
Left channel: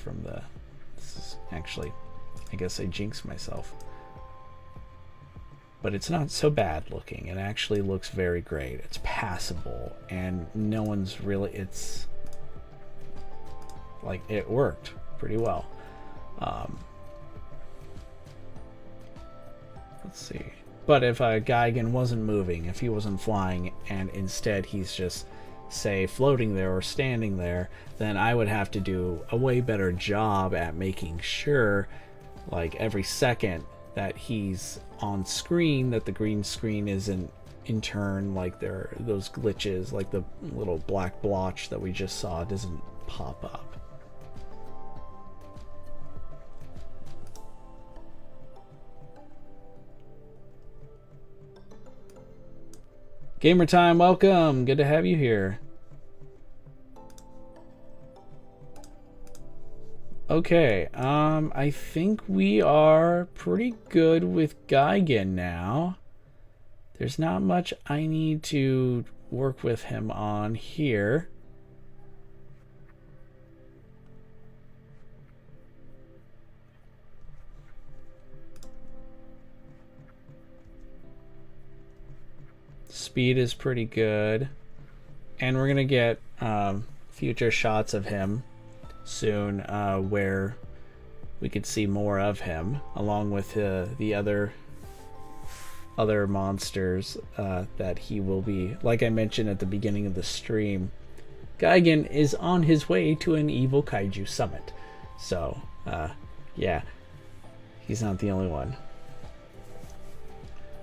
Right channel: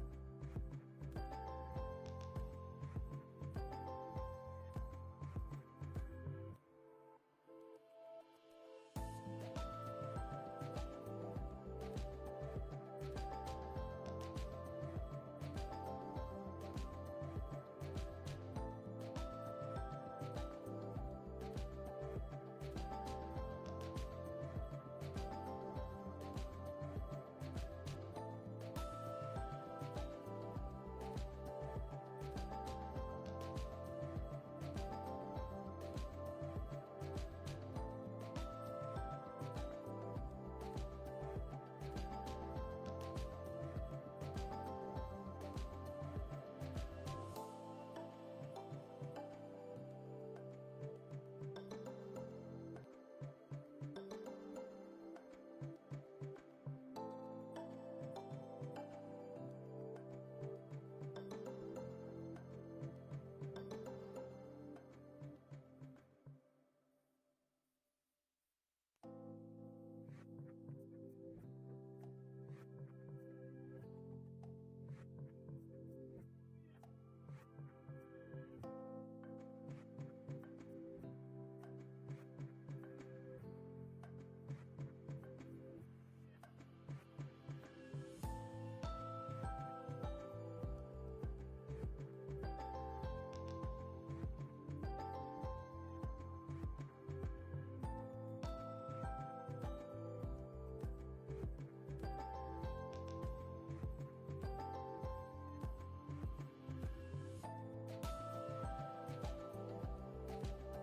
actually, I guess I jinxed myself. But it's not so bad looking. It actually looks very great. It's passable, and no one's really, it's like it worked pretty well. Let's see. But if Gigan wasn't moving, if he wasn't flying, and instead he's just, say, floating there or standing there, then I would have to do a way better job at making sure, like every second that he's on screen, that the green screen isn't in turn, like there are those glitches, like the little black blotch that we just saw doesn't pop up. Gamer Time, welcome. Good to have you here. Okay, I think we are pretty good with Gigan now. There's not much I need to work with him on here. Speed is pretty good, and we're gonna get future shots of him soon where we could see more of him along with the other monsters that he will be. Like I mentioned at the beginning of the stream, Gigan is on his way to an evil kaiju summit, so yeah, he's not the only one.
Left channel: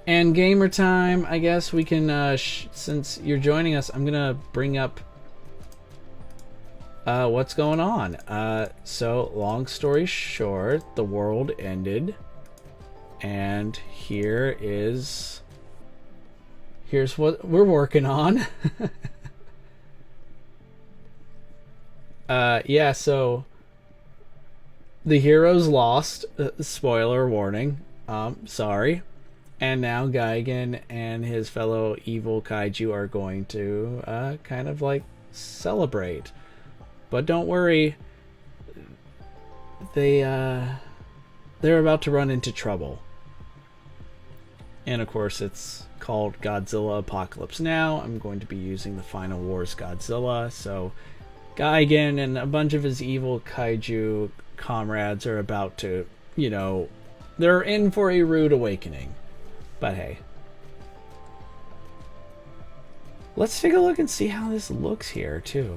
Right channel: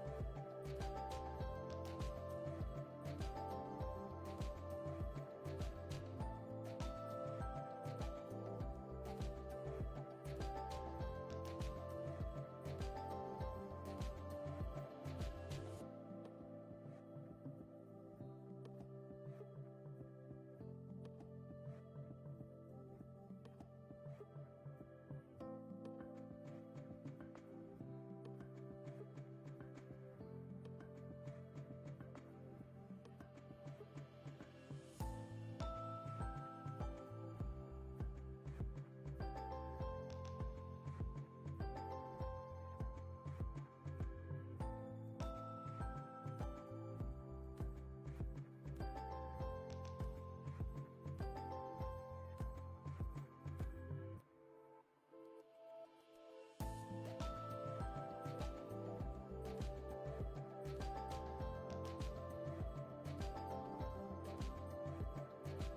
And Gamer Time, I guess we can, since you're joining us, I'm gonna bring up what's going on. So, long story short, the world ended, and here's what we're working on. Yeah, so the heroes lost. Spoiler warning. Sorry. And now Gigan and his fellow evil kaiju are going to kind of like celebrate. But don't worry, they're about to run into trouble. And of course it's called Godzilla Apocalypse Now. I'm going to be using the Final Wars Godzilla. So Gigan and a bunch of his evil kaiju comrades are about to, you know, they're in for a rude awakening. But hey, let's take a look and see how this looks here too.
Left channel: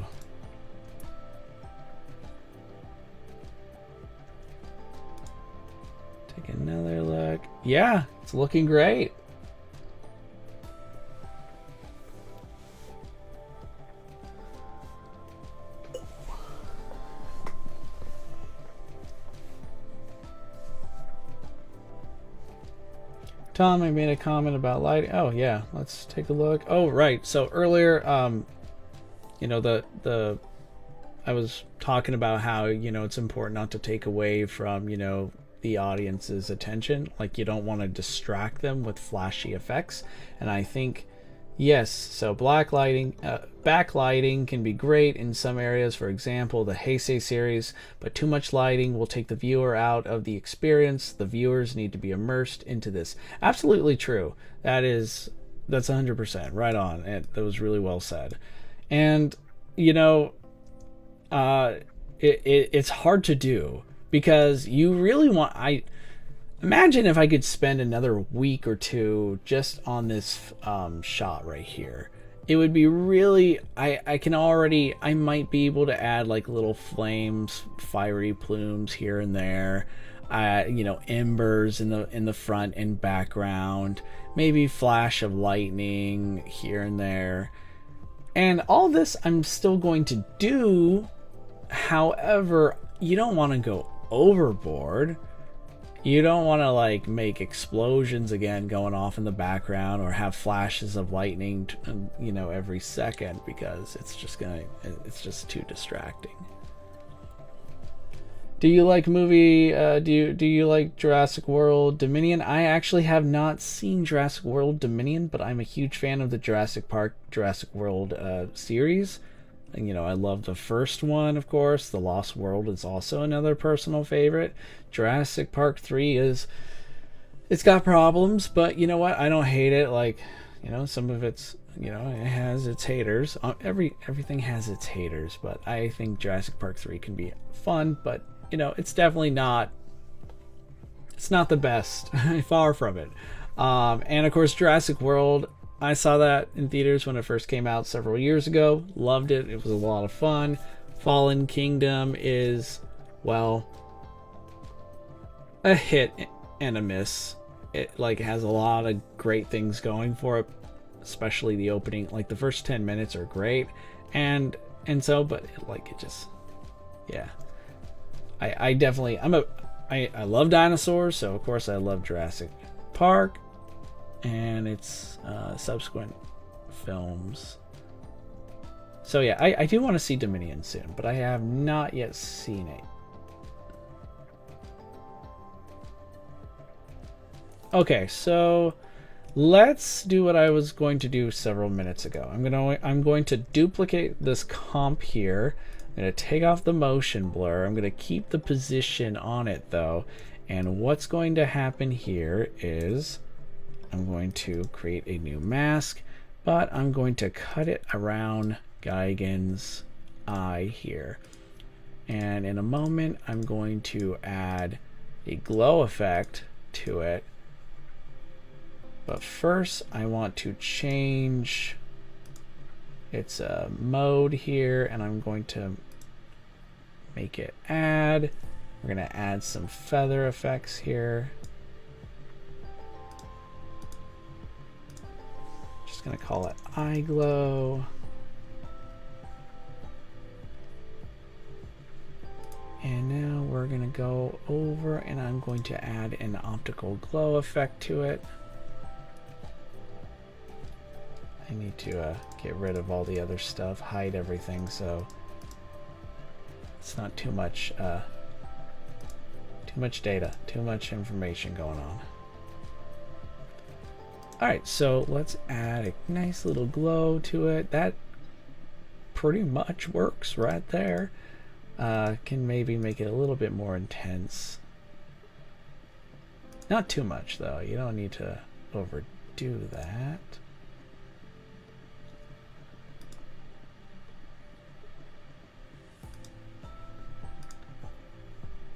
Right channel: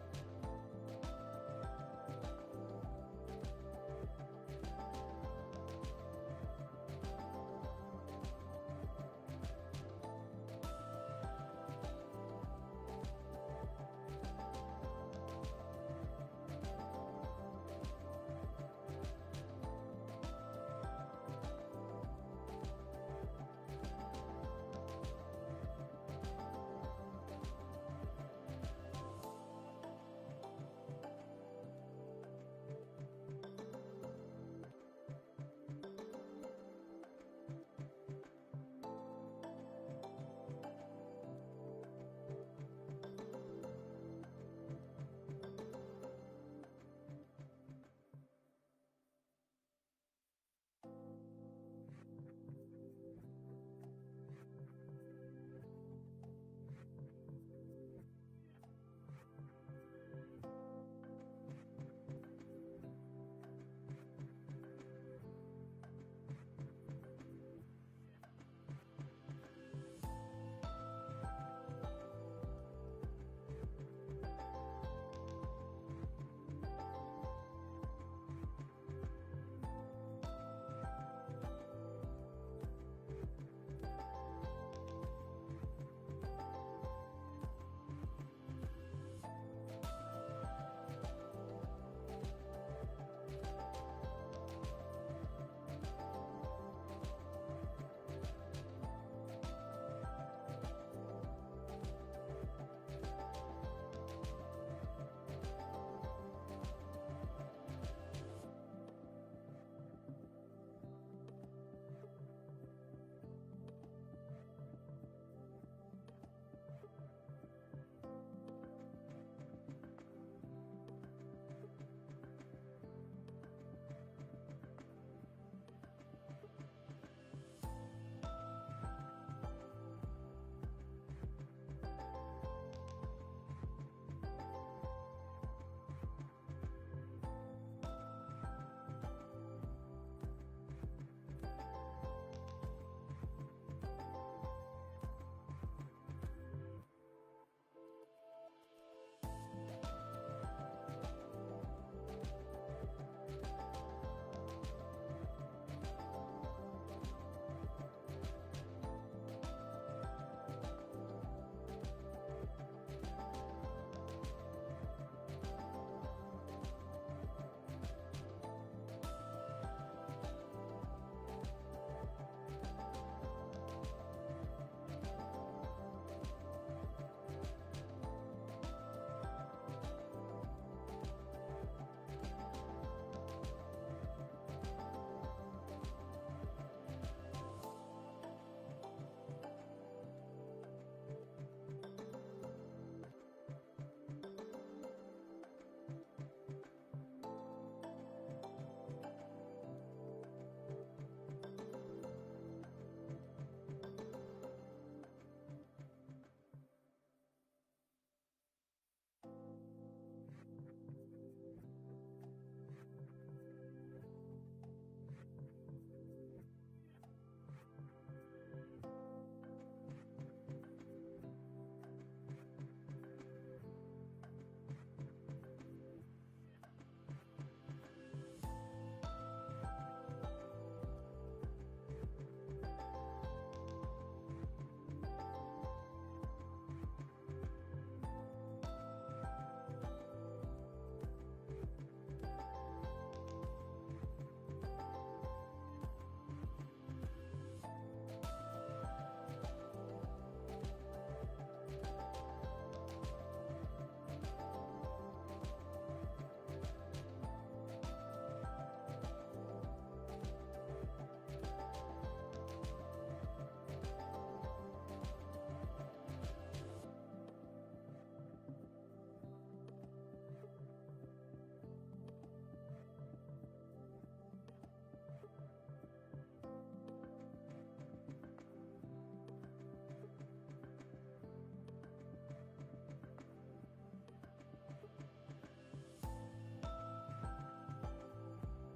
Take another look. Yeah, it's looking great. Tom, I made a comment about lighting. Oh yeah, let's take a look. Oh right, so earlier, you know, I was talking about how, you know, it's important not to take away from, you know, the audience's attention. Like you don't want to distract them with flashy effects. And I think, yes, so backlighting can be great in some areas. For example, the Heisei series, but too much lighting will take the viewer out of the experience. The viewers need to be immersed into this. Absolutely true. That's 100% right on. That was really well said. And you know, it's hard to do because you really want. Imagine if I could spend another week or two just on this shot right here. It would be really, I can already, I might be able to add like little flames, fiery plumes here and there, you know, embers in the front and background, maybe flash of lightning here and there. And all this I'm still going to do. However, you don't want to go overboard. You don't want to like make explosions again going off in the background, or have flashes of lightning, you know, every second, because it's just too distracting. Do you like movie? Do you like Jurassic World Dominion? I actually have not seen Jurassic World Dominion, but I'm a huge fan of the Jurassic Park, Jurassic World series. And, you know, I love the first one, of course. The Lost World is also another personal favorite. Jurassic Park 3 it's got problems, but you know what? I don't hate it. Like, you know, some of it's, you know, it has its haters. Everything has its haters, but I think Jurassic Park 3 can be fun, but you know, it's definitely not, it's not the best. Far from it. And of course, Jurassic World, I saw that in theaters when it first came out several years ago. Loved it. It was a lot of fun. Fallen Kingdom is, well, a hit and a miss. It like has a lot of great things going for it, especially the opening. Like the first 10 minutes are great, and so, but it just, yeah. I definitely, I love dinosaurs, so of course I love Jurassic Park and its subsequent films. So yeah, I do want to see Dominion soon, but I have not yet seen it. Okay, so let's do what I was going to do several minutes ago. I'm going to duplicate this comp here. I'm going to take off the motion blur. I'm going to keep the position on it though. And what's going to happen here is I'm going to create a new mask, but I'm going to cut it around Gigan's eye here. And in a moment, I'm going to add a glow effect to it. But first, I want to change its mode here, and I'm going to make it add. We're going to add some feather effects here. Just going to call it eye glow. And now we're going to go over, and I'm going to add an optical glow effect to it. I need to get rid of all the other stuff, hide everything, so it's not too much data, too much information going on. Alright, so let's add a nice little glow to it. That pretty much works right there. Can maybe make it a little bit more intense. Not too much though, you don't need to overdo that.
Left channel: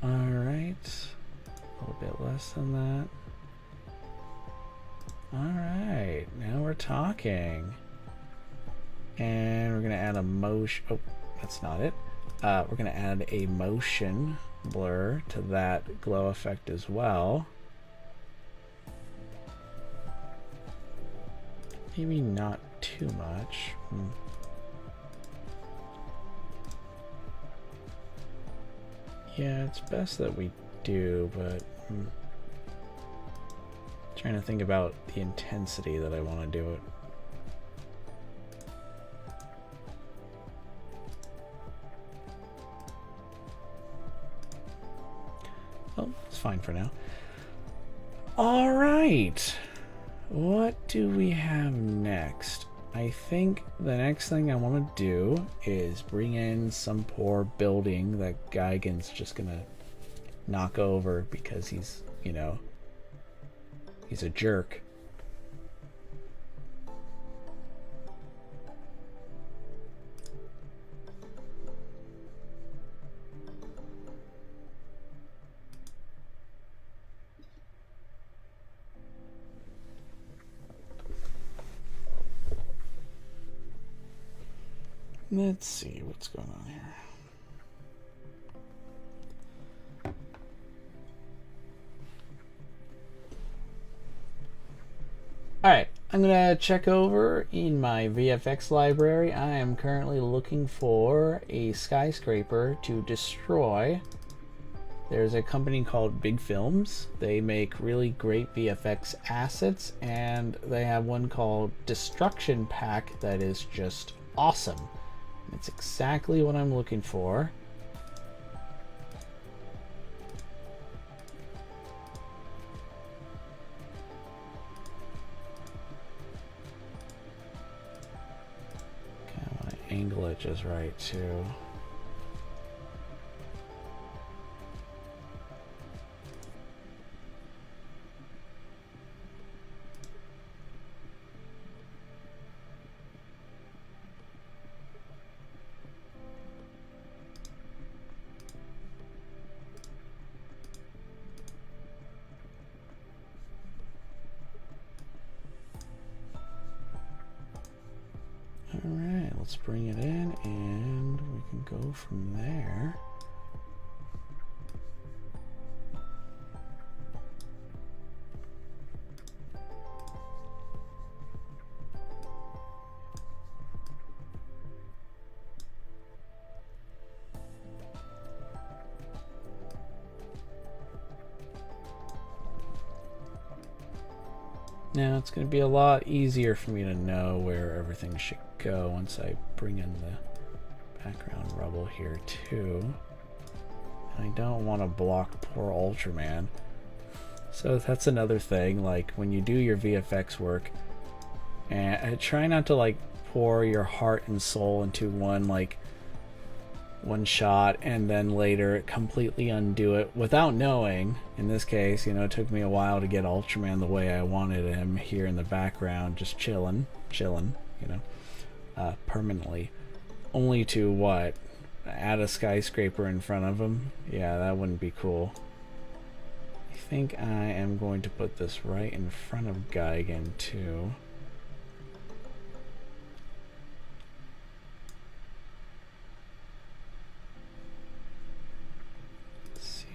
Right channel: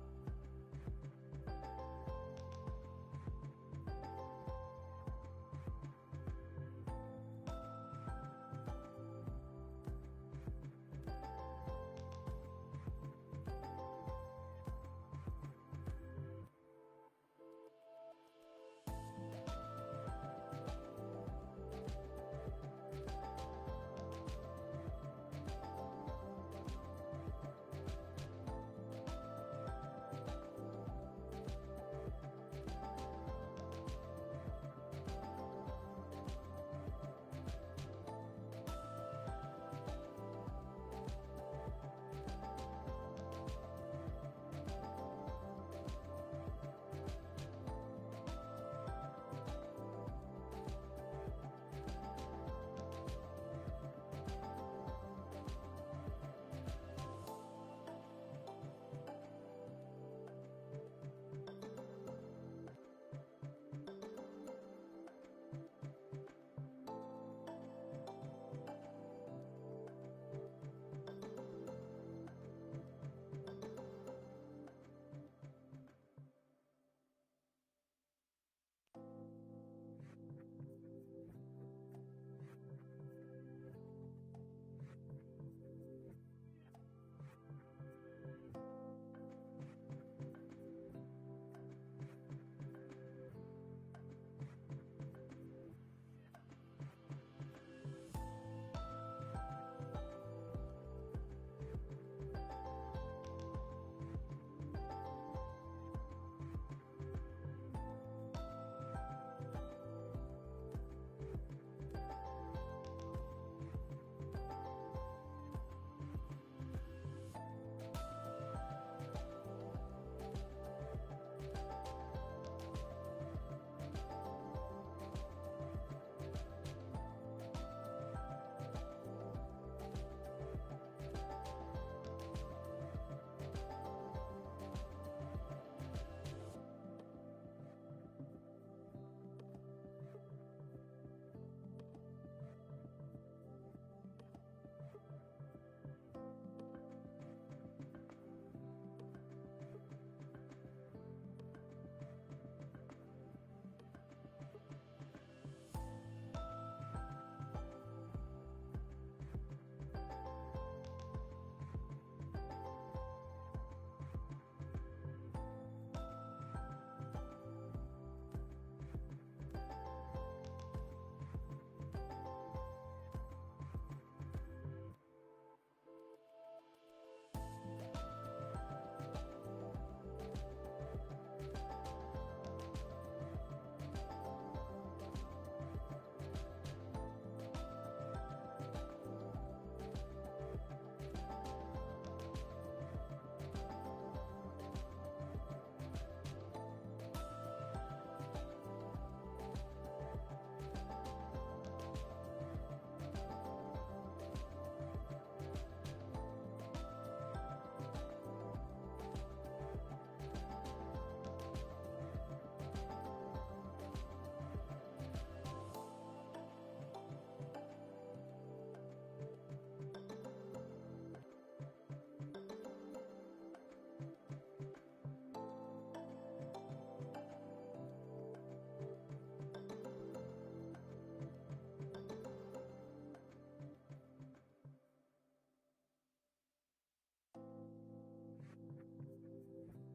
Alright, a little bit less than that. Alright, now we're talking. And we're going to add a motion. Oh, that's not it. We're going to add a motion blur to that glow effect as well. Maybe not too much. Yeah, it's best that we do, but trying to think about the intensity that I want to do it. Oh, it's fine for now. All right, what do we have next? I think the next thing I want to do is bring in some poor building that Gigan's just gonna knock over because he's, you know, he's a jerk. Let's see what's going on here. Alright, I'm gonna check over in my VFX library. I am currently looking for a skyscraper to destroy. There's a company called Big Films. They make really great VFX assets, and they have one called Destruction Pack that is just awesome. It's exactly what I'm looking for. Okay, I want to angle it just right too. Alright, let's bring it in and we can go from there. Now it's going to be a lot easier for me to know where everything should go once I bring in the background rubble here too. And I don't want to block poor Ultraman. So that's another thing, like when you do your VFX work, and try not to like pour your heart and soul into one shot and then later completely undo it without knowing. In this case, you know, it took me a while to get Ultraman the way I wanted him here in the background, just chilling, you know, permanently. Only to what? Add a skyscraper in front of him? Yeah, that wouldn't be cool. I think I am going to put this right in front of Gigan too.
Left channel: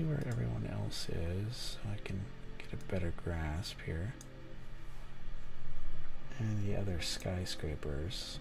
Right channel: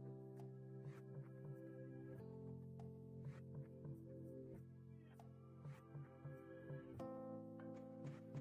Where everyone else is, so I can get a better grasp here. And the other skyscrapers.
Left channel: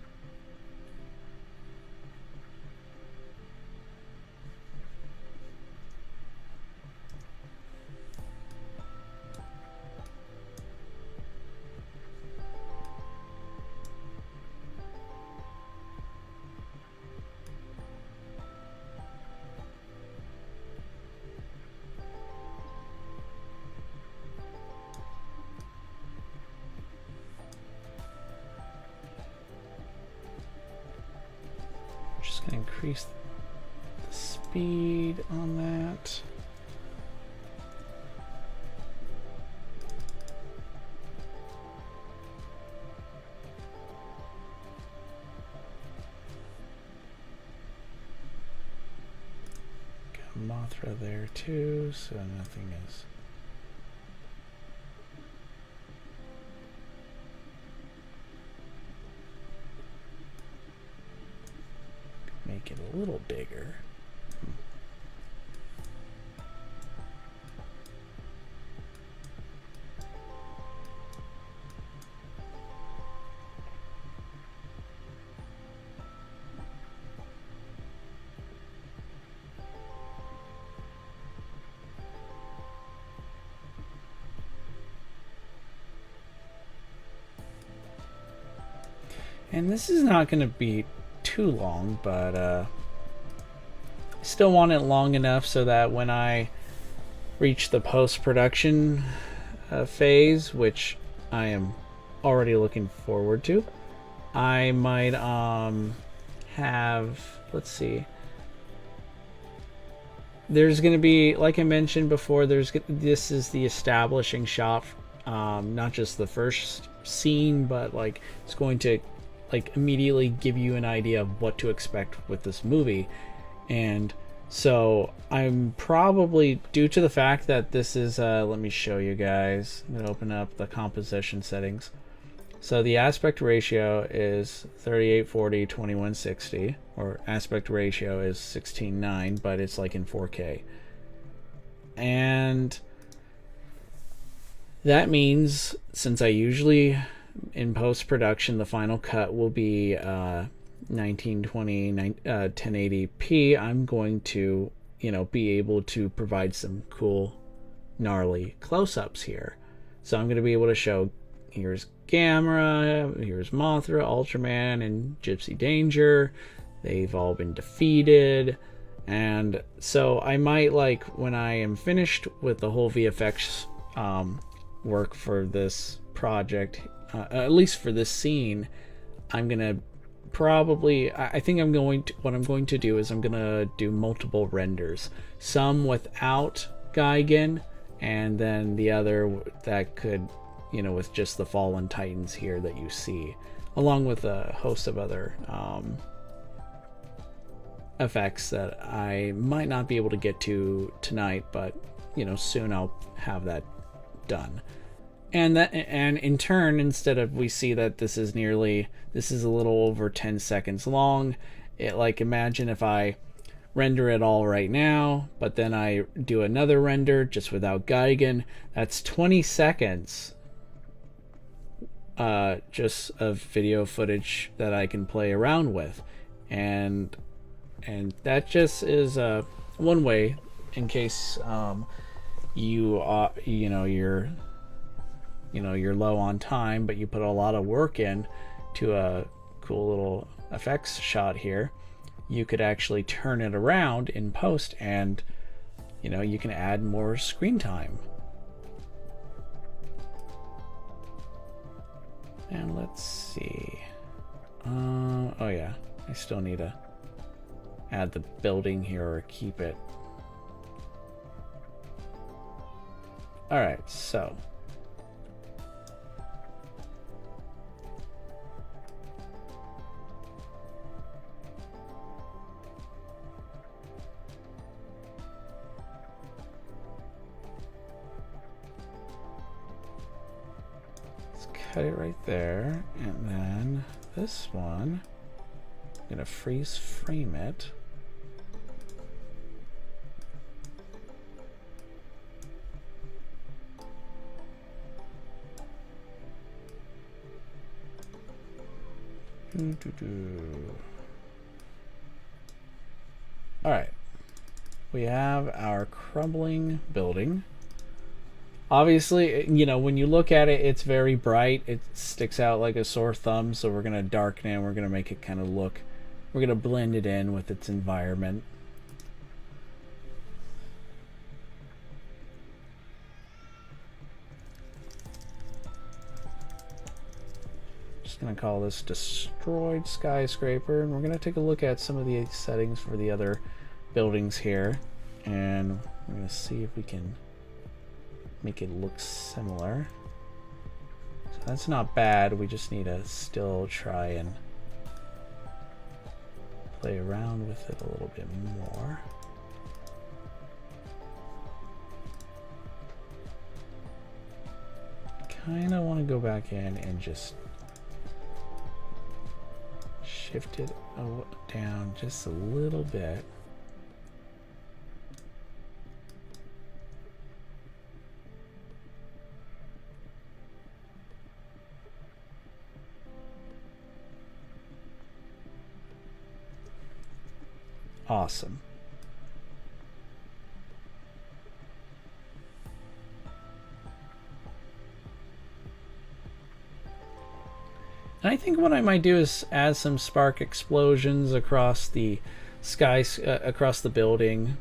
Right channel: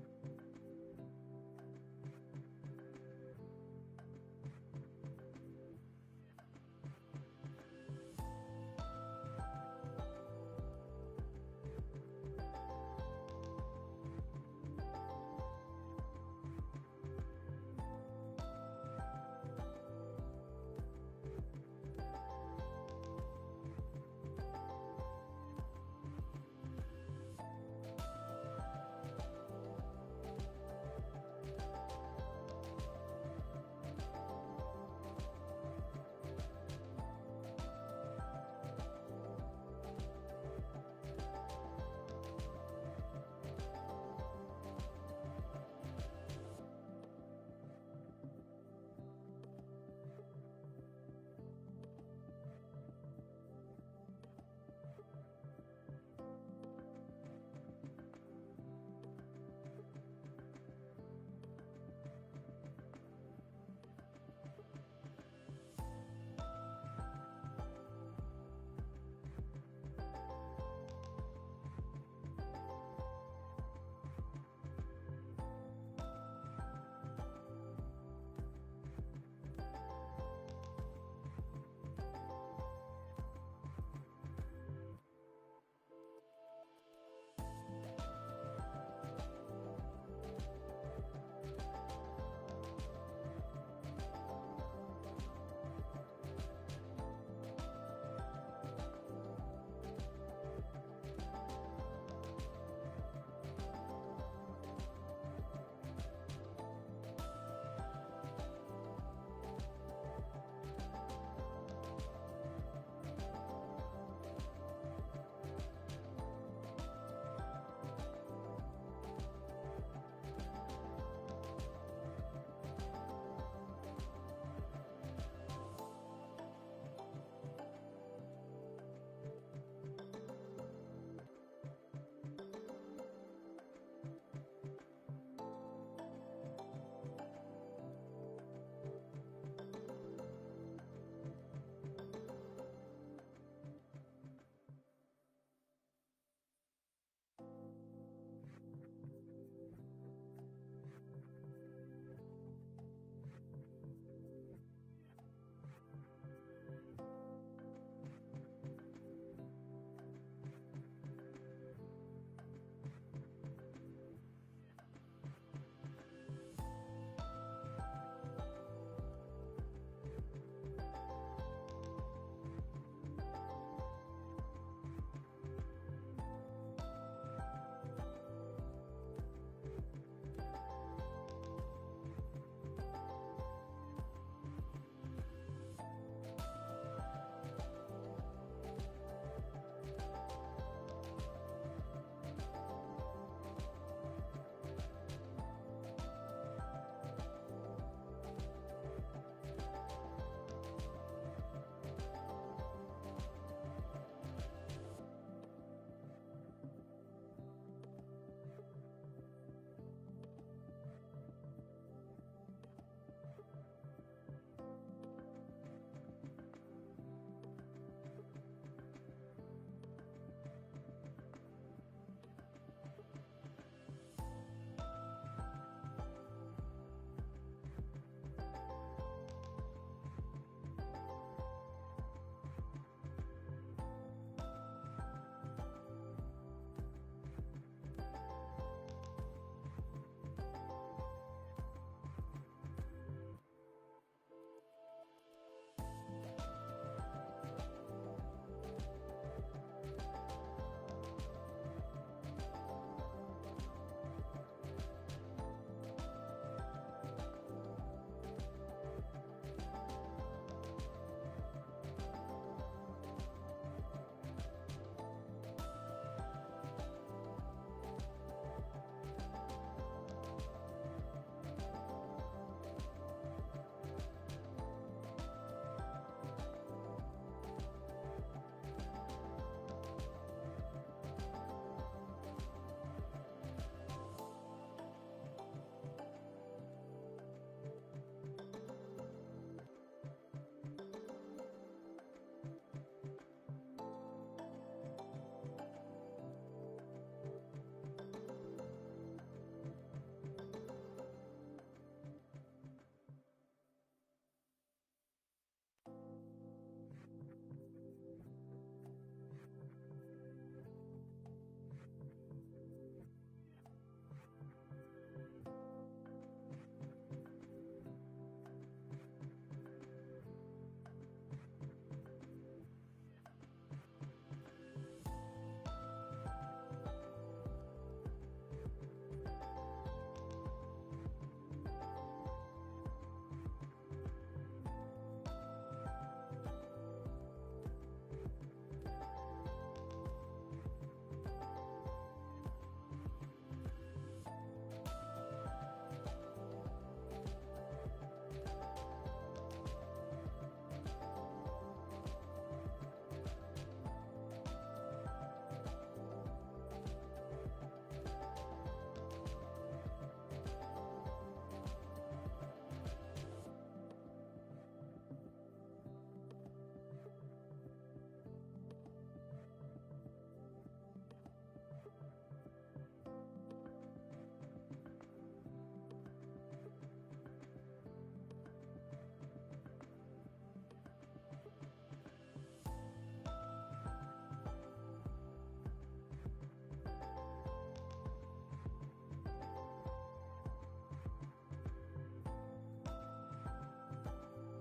Increase the speed on that. Got Mothra there too, so nothing is. Make it a little bigger. And this is not going to be too long, but still want it long enough so that when I reach the post-production phase, which I am already looking forward to, I might have, let's see, there's going to be, like I mentioned before, this is the establishing shot, not just the first scene, but like it's going to like immediately give you an idea of what to expect with this movie. And so I'm probably, due to the fact that this is let me show you guys. I'm gonna open up the composition settings. So the aspect ratio is 3840 2160, or aspect ratio is 16:9, but it's like in 4K. And that means, since I usually in post-production the final cut will be 1920 1080p, I'm going to, be able to provide some cool gnarly close-ups here. So I'm going to be able to show, here's Gamera, here's Mothra, Ultraman, and Gypsy Danger. They've all been defeated. And so I might, like, when I am finished with the whole VFX work for this project, at least for this scene, I'm gonna probably, I think I'm going to, what I'm going to do is I'm gonna do multiple renders, some without Gigan, and then the other that could, with just the fallen titans here that you see, along with a host of other effects that I might not be able to get to tonight, but soon I'll have that done. And in turn, instead of, we see that this is a little over 10 seconds long. Imagine if I render it all right now, but then I do another render just without Gigan. That's 20 seconds just of video footage that I can play around with, and that just is one way, in case you're low on time, but you put a lot of work in to a cool little effects shot here. You could actually turn it around in post, and you can add more screen time. And let's see. Oh yeah, I still need to add the building here or keep it. All right, so cut it right there, and then this one, I'm gonna freeze frame it. All right, we have our crumbling building. Obviously, when you look at it, it's very bright. It sticks out like a sore thumb, so we're going to darken it. We're going to make it kind of look, we're going to blend it in with its environment. Just going to call this Destroyed Skyscraper, and we're going to take a look at some of the settings for the other buildings here, and we're going to see if we can make it look similar. So that's not bad. We just need to still try and play around with it a little bit more. Kind of want to go back in and just shift it down just a little bit. Awesome. And I think what I might do is add some spark explosions across the sky, across the building,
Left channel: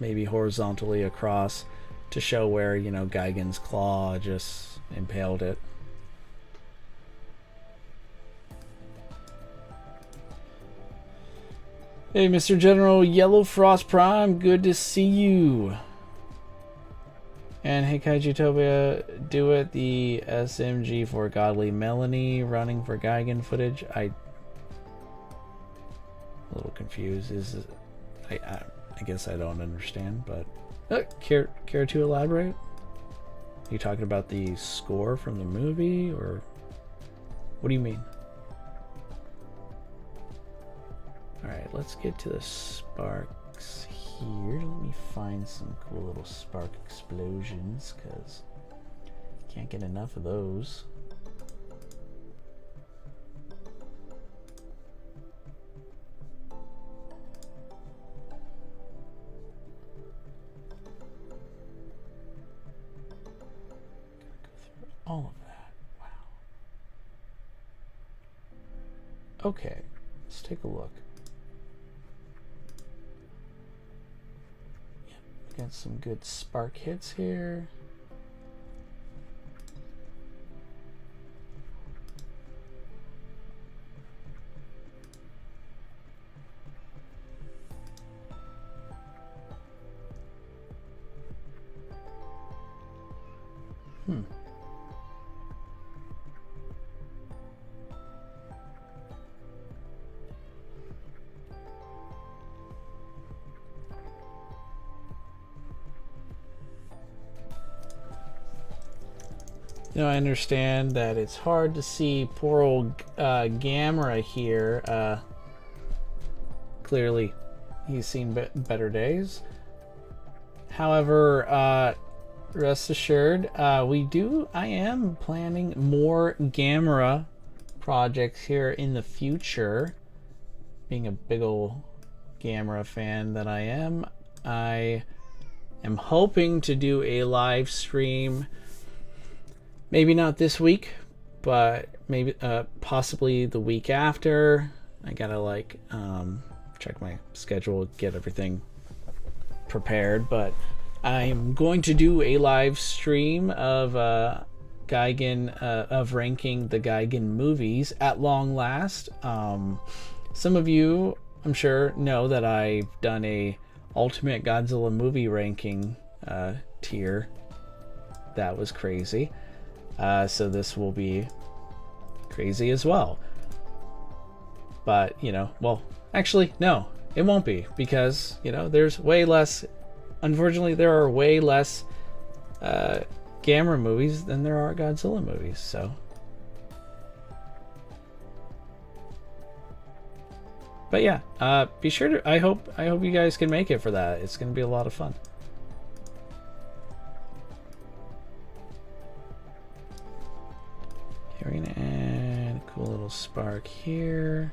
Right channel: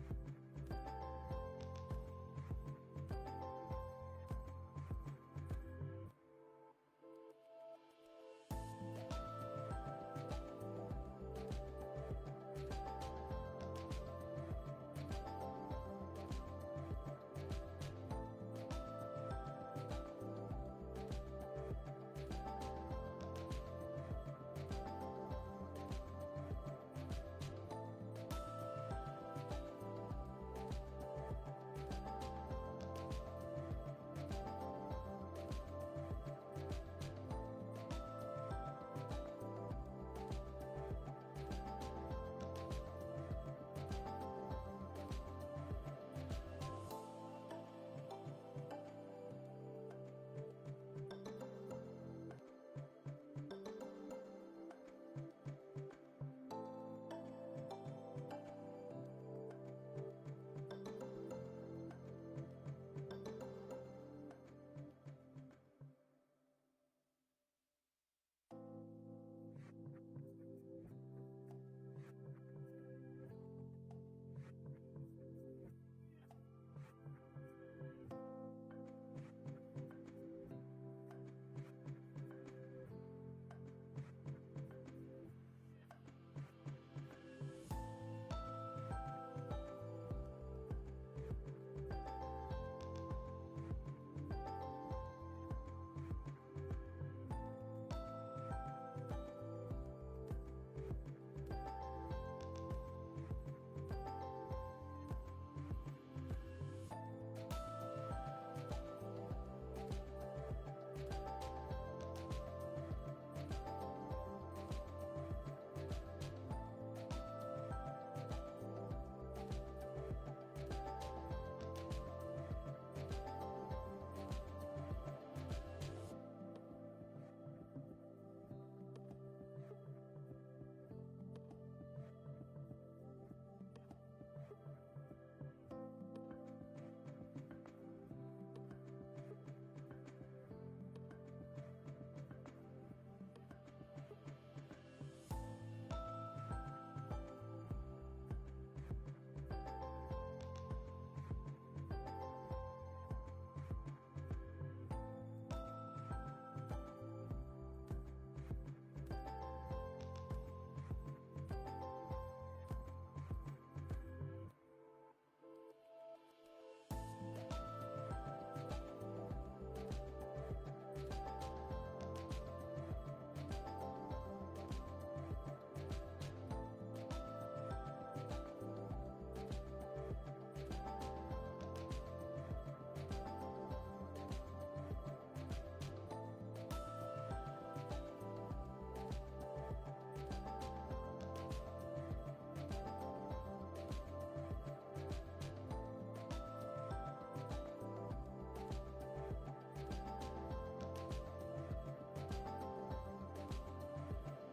maybe horizontally across, to show where, Gigan's claw just impaled it. Hey, Mr. General Yellow Frost Prime, good to see you. And hey, Kaijutopia, do it, the SMG for Godly Melanie running for Gigan footage. I'm a little confused. I guess I don't understand, but care to elaborate? Are you talking about the score from the movie, or What do you mean? Alright, let's get to the sparks here. Let me find some cool little spark explosions, because can't get enough of those. All of that. Wow. Okay, let's take a look. Yeah, we got some good spark hits here. You know, I understand that it's hard to see poor old Gamera here. Clearly, he's seen better days. However, rest assured, I am planning more Gamera projects here in the future. Being a big old Gamera fan that I am hoping to do a live stream. Maybe not this week, but maybe possibly the week after. I gotta like check my schedule, get everything prepared, but I'm going to do a live stream of Gigan of ranking the Gigan movies at long last. Some of you, I'm sure, know that I've done a Ultimate Godzilla movie ranking tier. That was crazy. So this will be crazy as well. But, you know, well, actually, no, it won't be, because, you know, there's way less, unfortunately, there are way less Gamera movies than there are Godzilla movies, so. But yeah, be sure to, I hope you guys can make it for that. It's going to be a lot of fun. We're going to add a cool little spark here.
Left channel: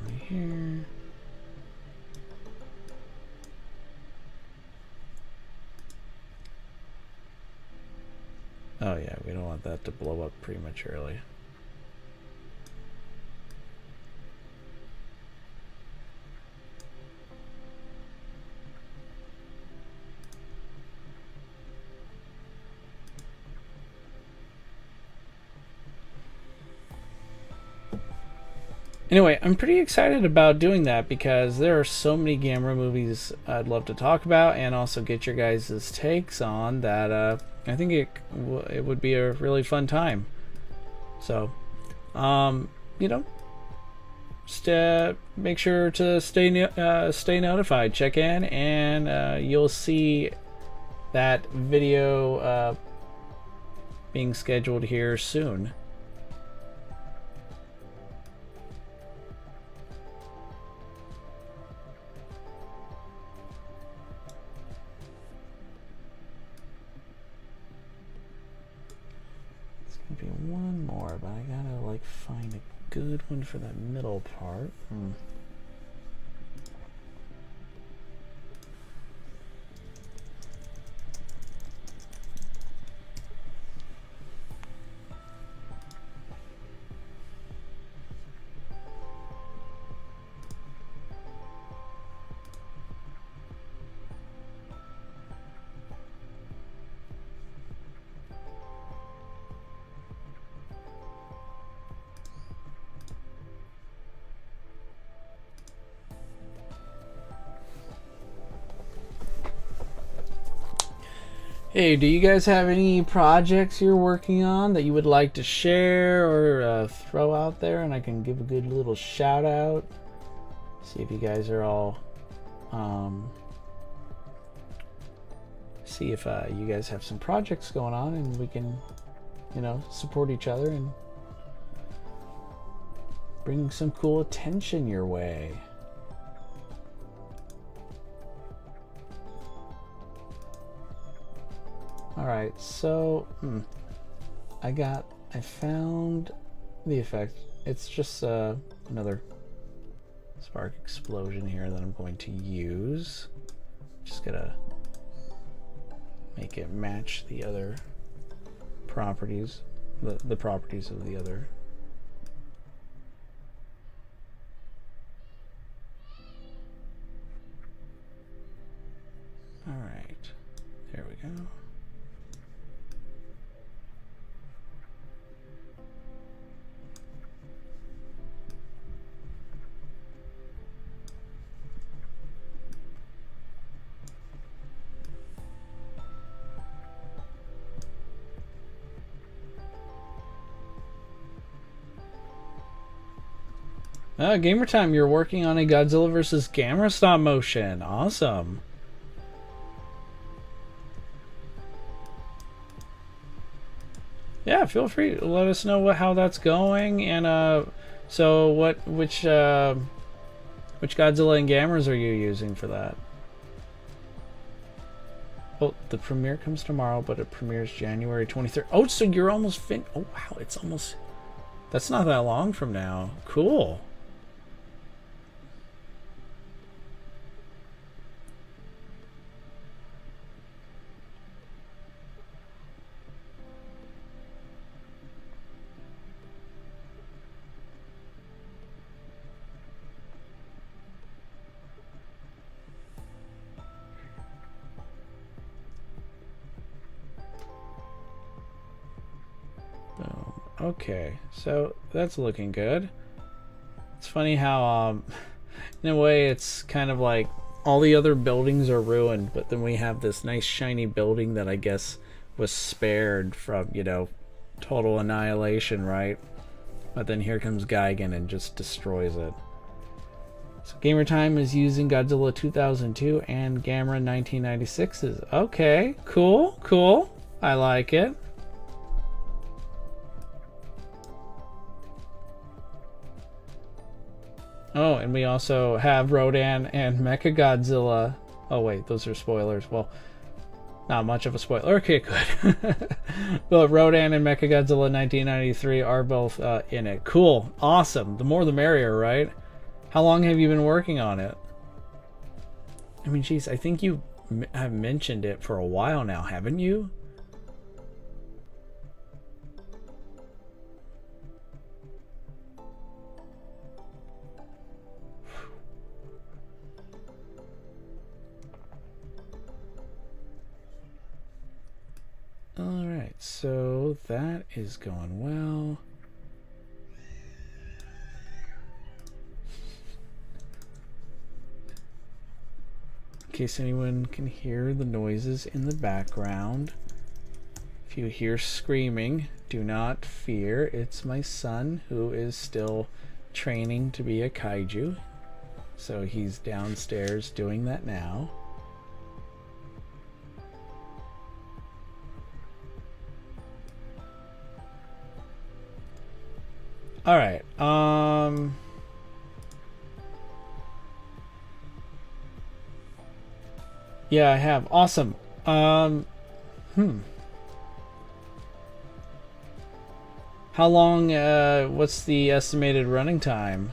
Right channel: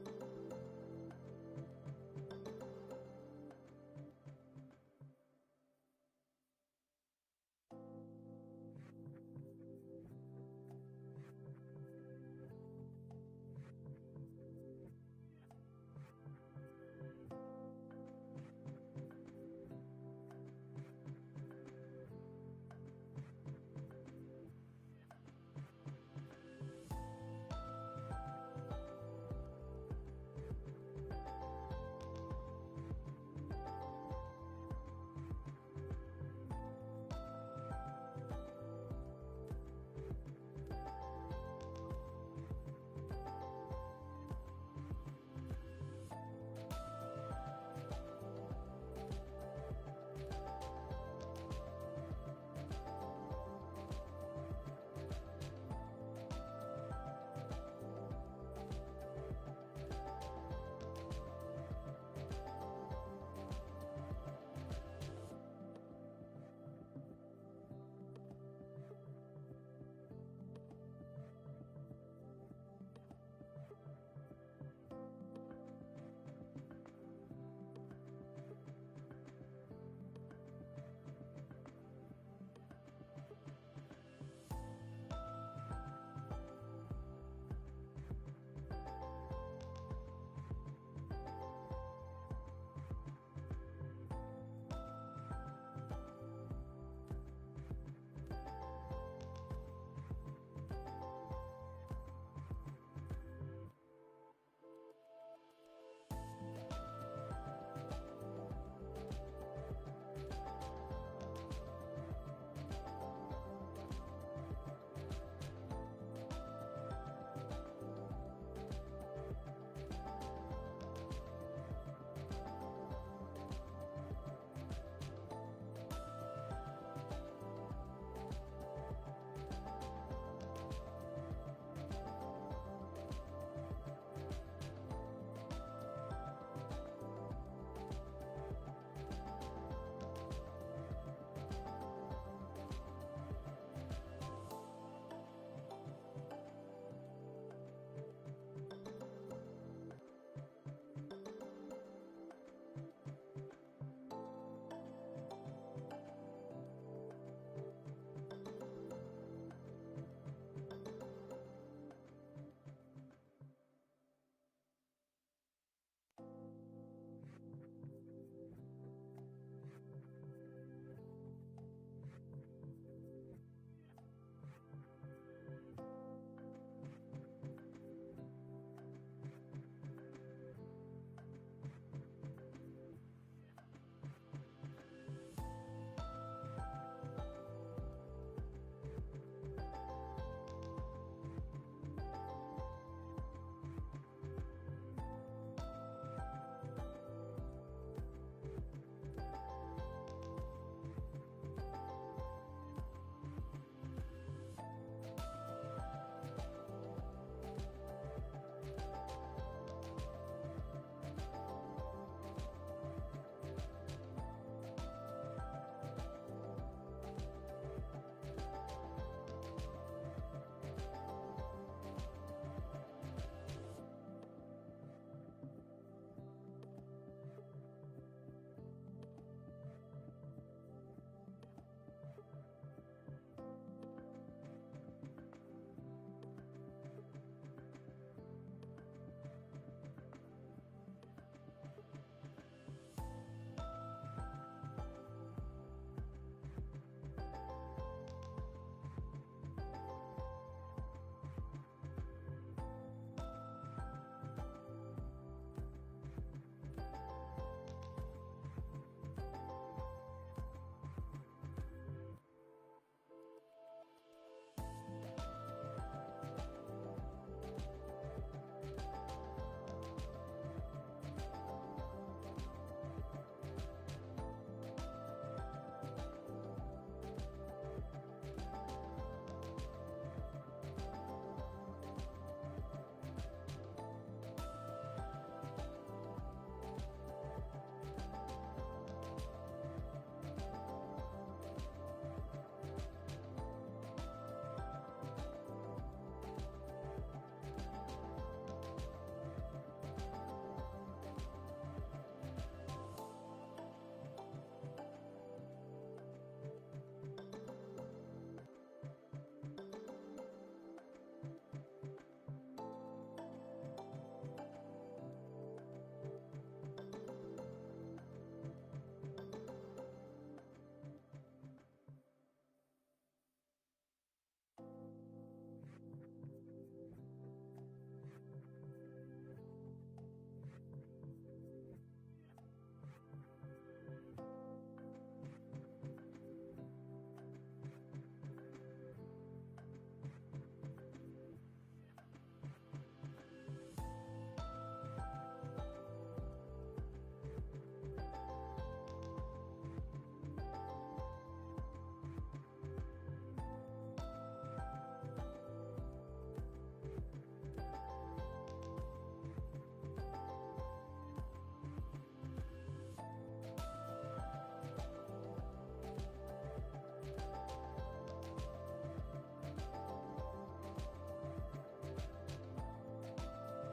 Over here. Oh yeah, we don't want that to blow up prematurely. Anyway, I'm pretty excited about doing that because there are so many Gamera movies I'd love to talk about and also get your guys' takes on that. I think it would be a really fun time. So, you know, make sure to stay notified. Check in, and you'll see that video being scheduled here soon. One more, but I gotta like find a good one for that middle part. Hey, do you guys have any projects you're working on that you would like to share or throw out there, and I can give a good little shout out? See if you guys are all see if you guys have some projects going on, and we can, you know, support each other and bring some cool attention your way. All right, so I found the effect. It's just another spark explosion here that I'm going to use. Just gotta make it match the other properties, the properties of the other. All right, there we go. Gamer Time, you're working on a Godzilla vs. Gamera stop motion. Awesome. Yeah, feel free to let us know how that's going, and so which Godzilla and Gameras are you using for that? Well, the premiere comes tomorrow, but it premieres January 23rd. Oh, so you're almost oh wow, it's almost, that's not that long from now. Cool. Okay, so that's looking good. It's funny how, in a way, it's kind of like all the other buildings are ruined, but then we have this nice shiny building that I guess was spared from, you know, total annihilation, right? But then here comes Gigan and just destroys it. So Gamer Time is using Godzilla 2002 and Gamera 1996's. Okay, cool, cool. I like it. Oh, and we also have Rodan and Mechagodzilla. Oh wait, those are spoilers. Well, not much of a spoiler. Okay, good. But Rodan and Mechagodzilla 1993 are both in it. Cool. Awesome. The more the merrier, right? How long have you been working on it? I mean, geez, I think you have mentioned it for a while now, haven't you? Alright, so that is going well. In case anyone can hear the noises in the background, if you hear screaming, do not fear. It's my son who is still training to be a kaiju. So he's downstairs doing that now. All right. Yeah, I have. Awesome. How long, what's the estimated running time?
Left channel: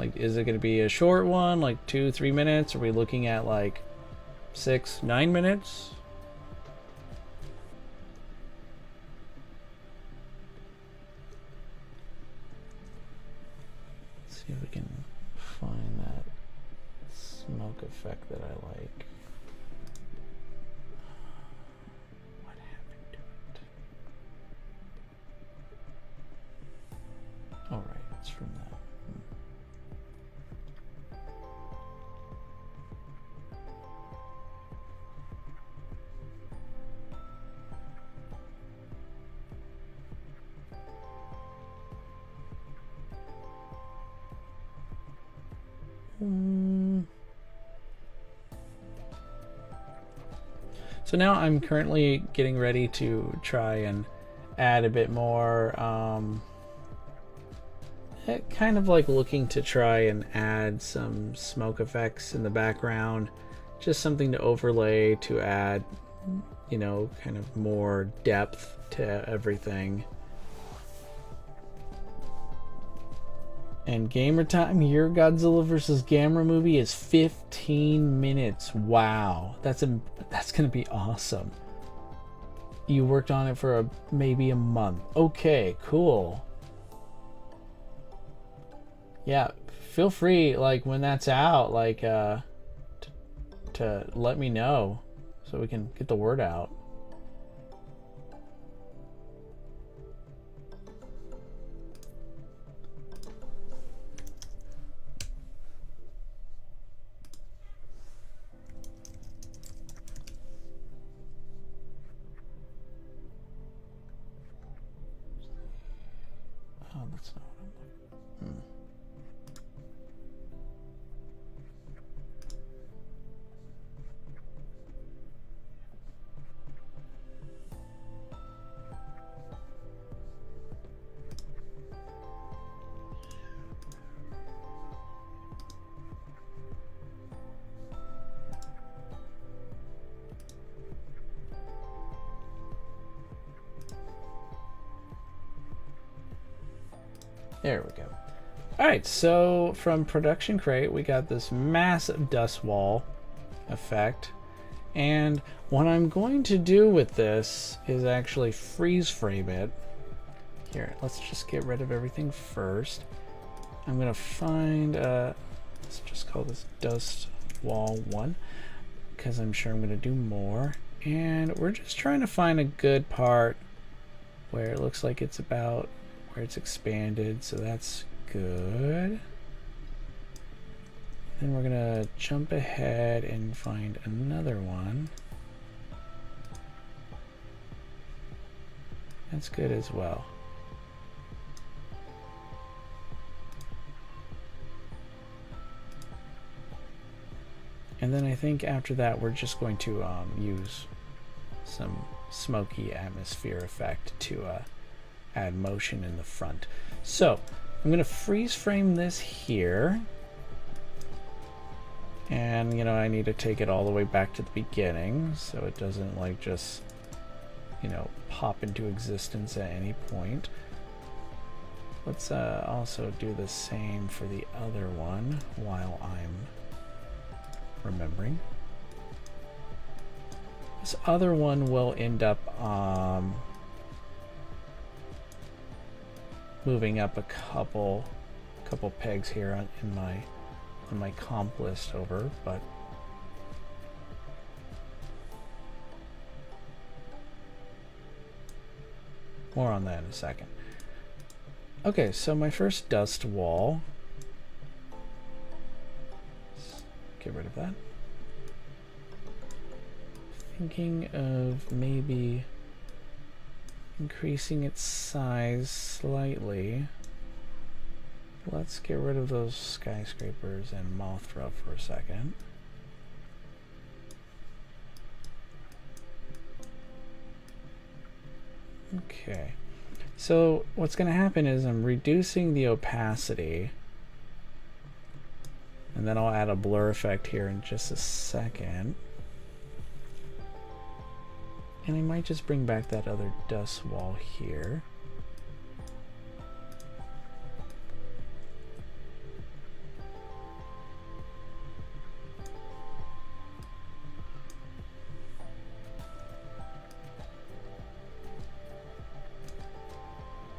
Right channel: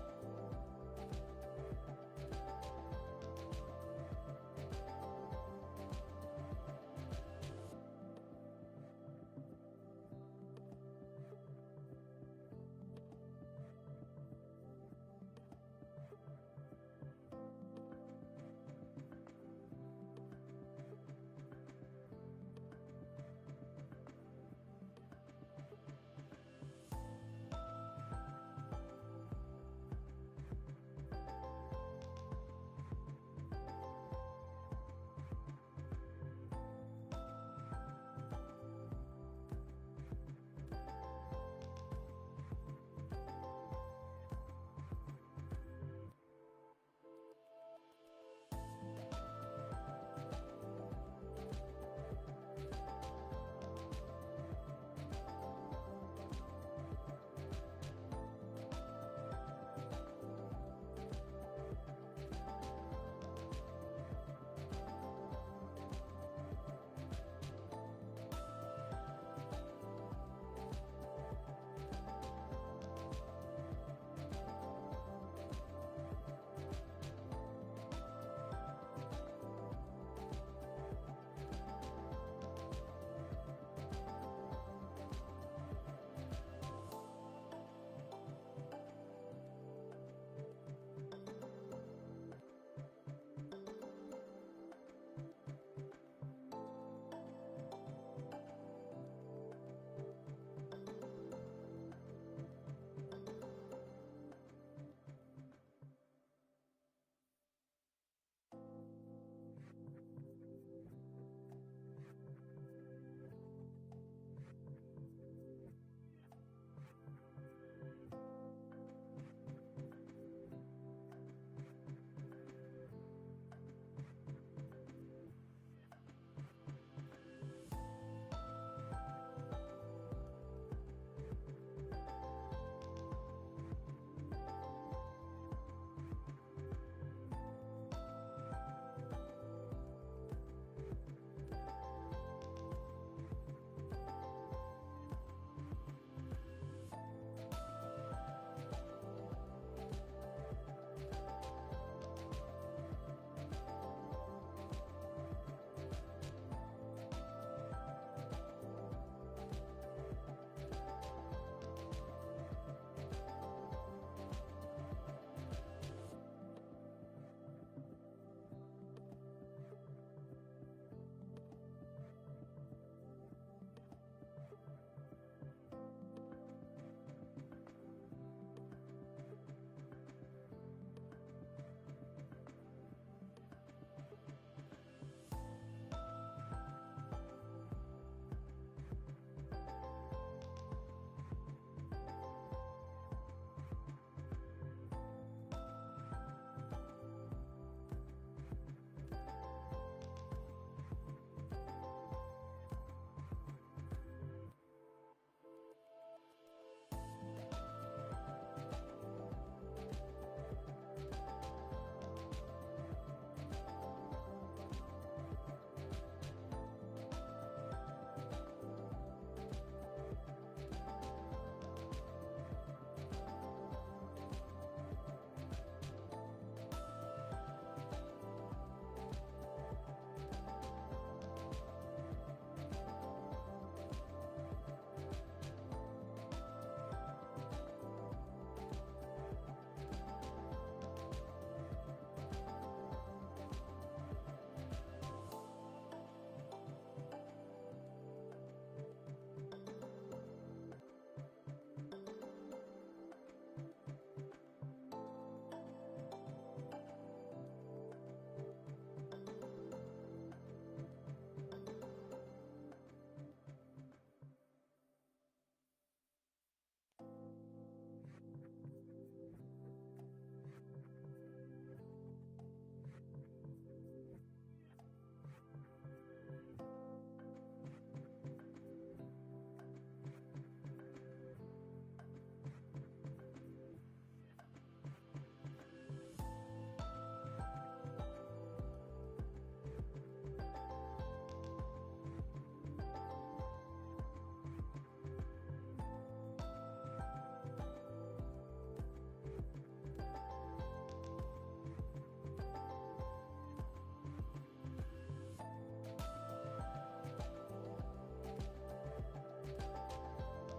Like, is it going to be a short one, like 2-3 minutes? Are we looking at like 6-9 minutes? Let's see if we can find that smoke effect that I like. What happened to it? All right, it's from that. So now I'm currently getting ready to try and add a bit more, kind of like looking to try and add some smoke effects in the background, just something to overlay to add, you know, kind of more depth to everything. And gamer time, your Godzilla vs. Gamera movie is 15 minutes. Wow, that's gonna be awesome. You worked on it for maybe a month. Okay, cool. Yeah, feel free, like, when that's out, like, to let me know so we can get the word out. Oh, that's not what I'm looking. There we go. Alright, so from Production Crate, we got this massive dust wall effect. And what I'm going to do with this is actually freeze frame it. Here, let's just get rid of everything first. I'm going to find, let's just call this dust wall 1, because I'm sure I'm going to do more. And we're just trying to find a good part where it looks like it's about where it's expanded, so that's good. Then we're gonna jump ahead and find another one. That's good as well. And then I think after that we're just going to use some smoky atmosphere effect to add motion in the front. So I'm going to freeze frame this here, and you know, I need to take it all the way back to the beginning so it doesn't like just, you know, pop into existence at any point. Let's also do the same for the other one while I'm remembering. This other one will end up moving up a couple pegs here in my comp list over, but more on that in a second. Okay, so my first dust wall, let's get rid of that. Thinking of maybe increasing its size slightly. Let's get rid of those skyscrapers and Mothra for a second. Okay, so what's going to happen is I'm reducing the opacity, and then I'll add a blur effect here in just a second. And I might just bring back that other dust wall here.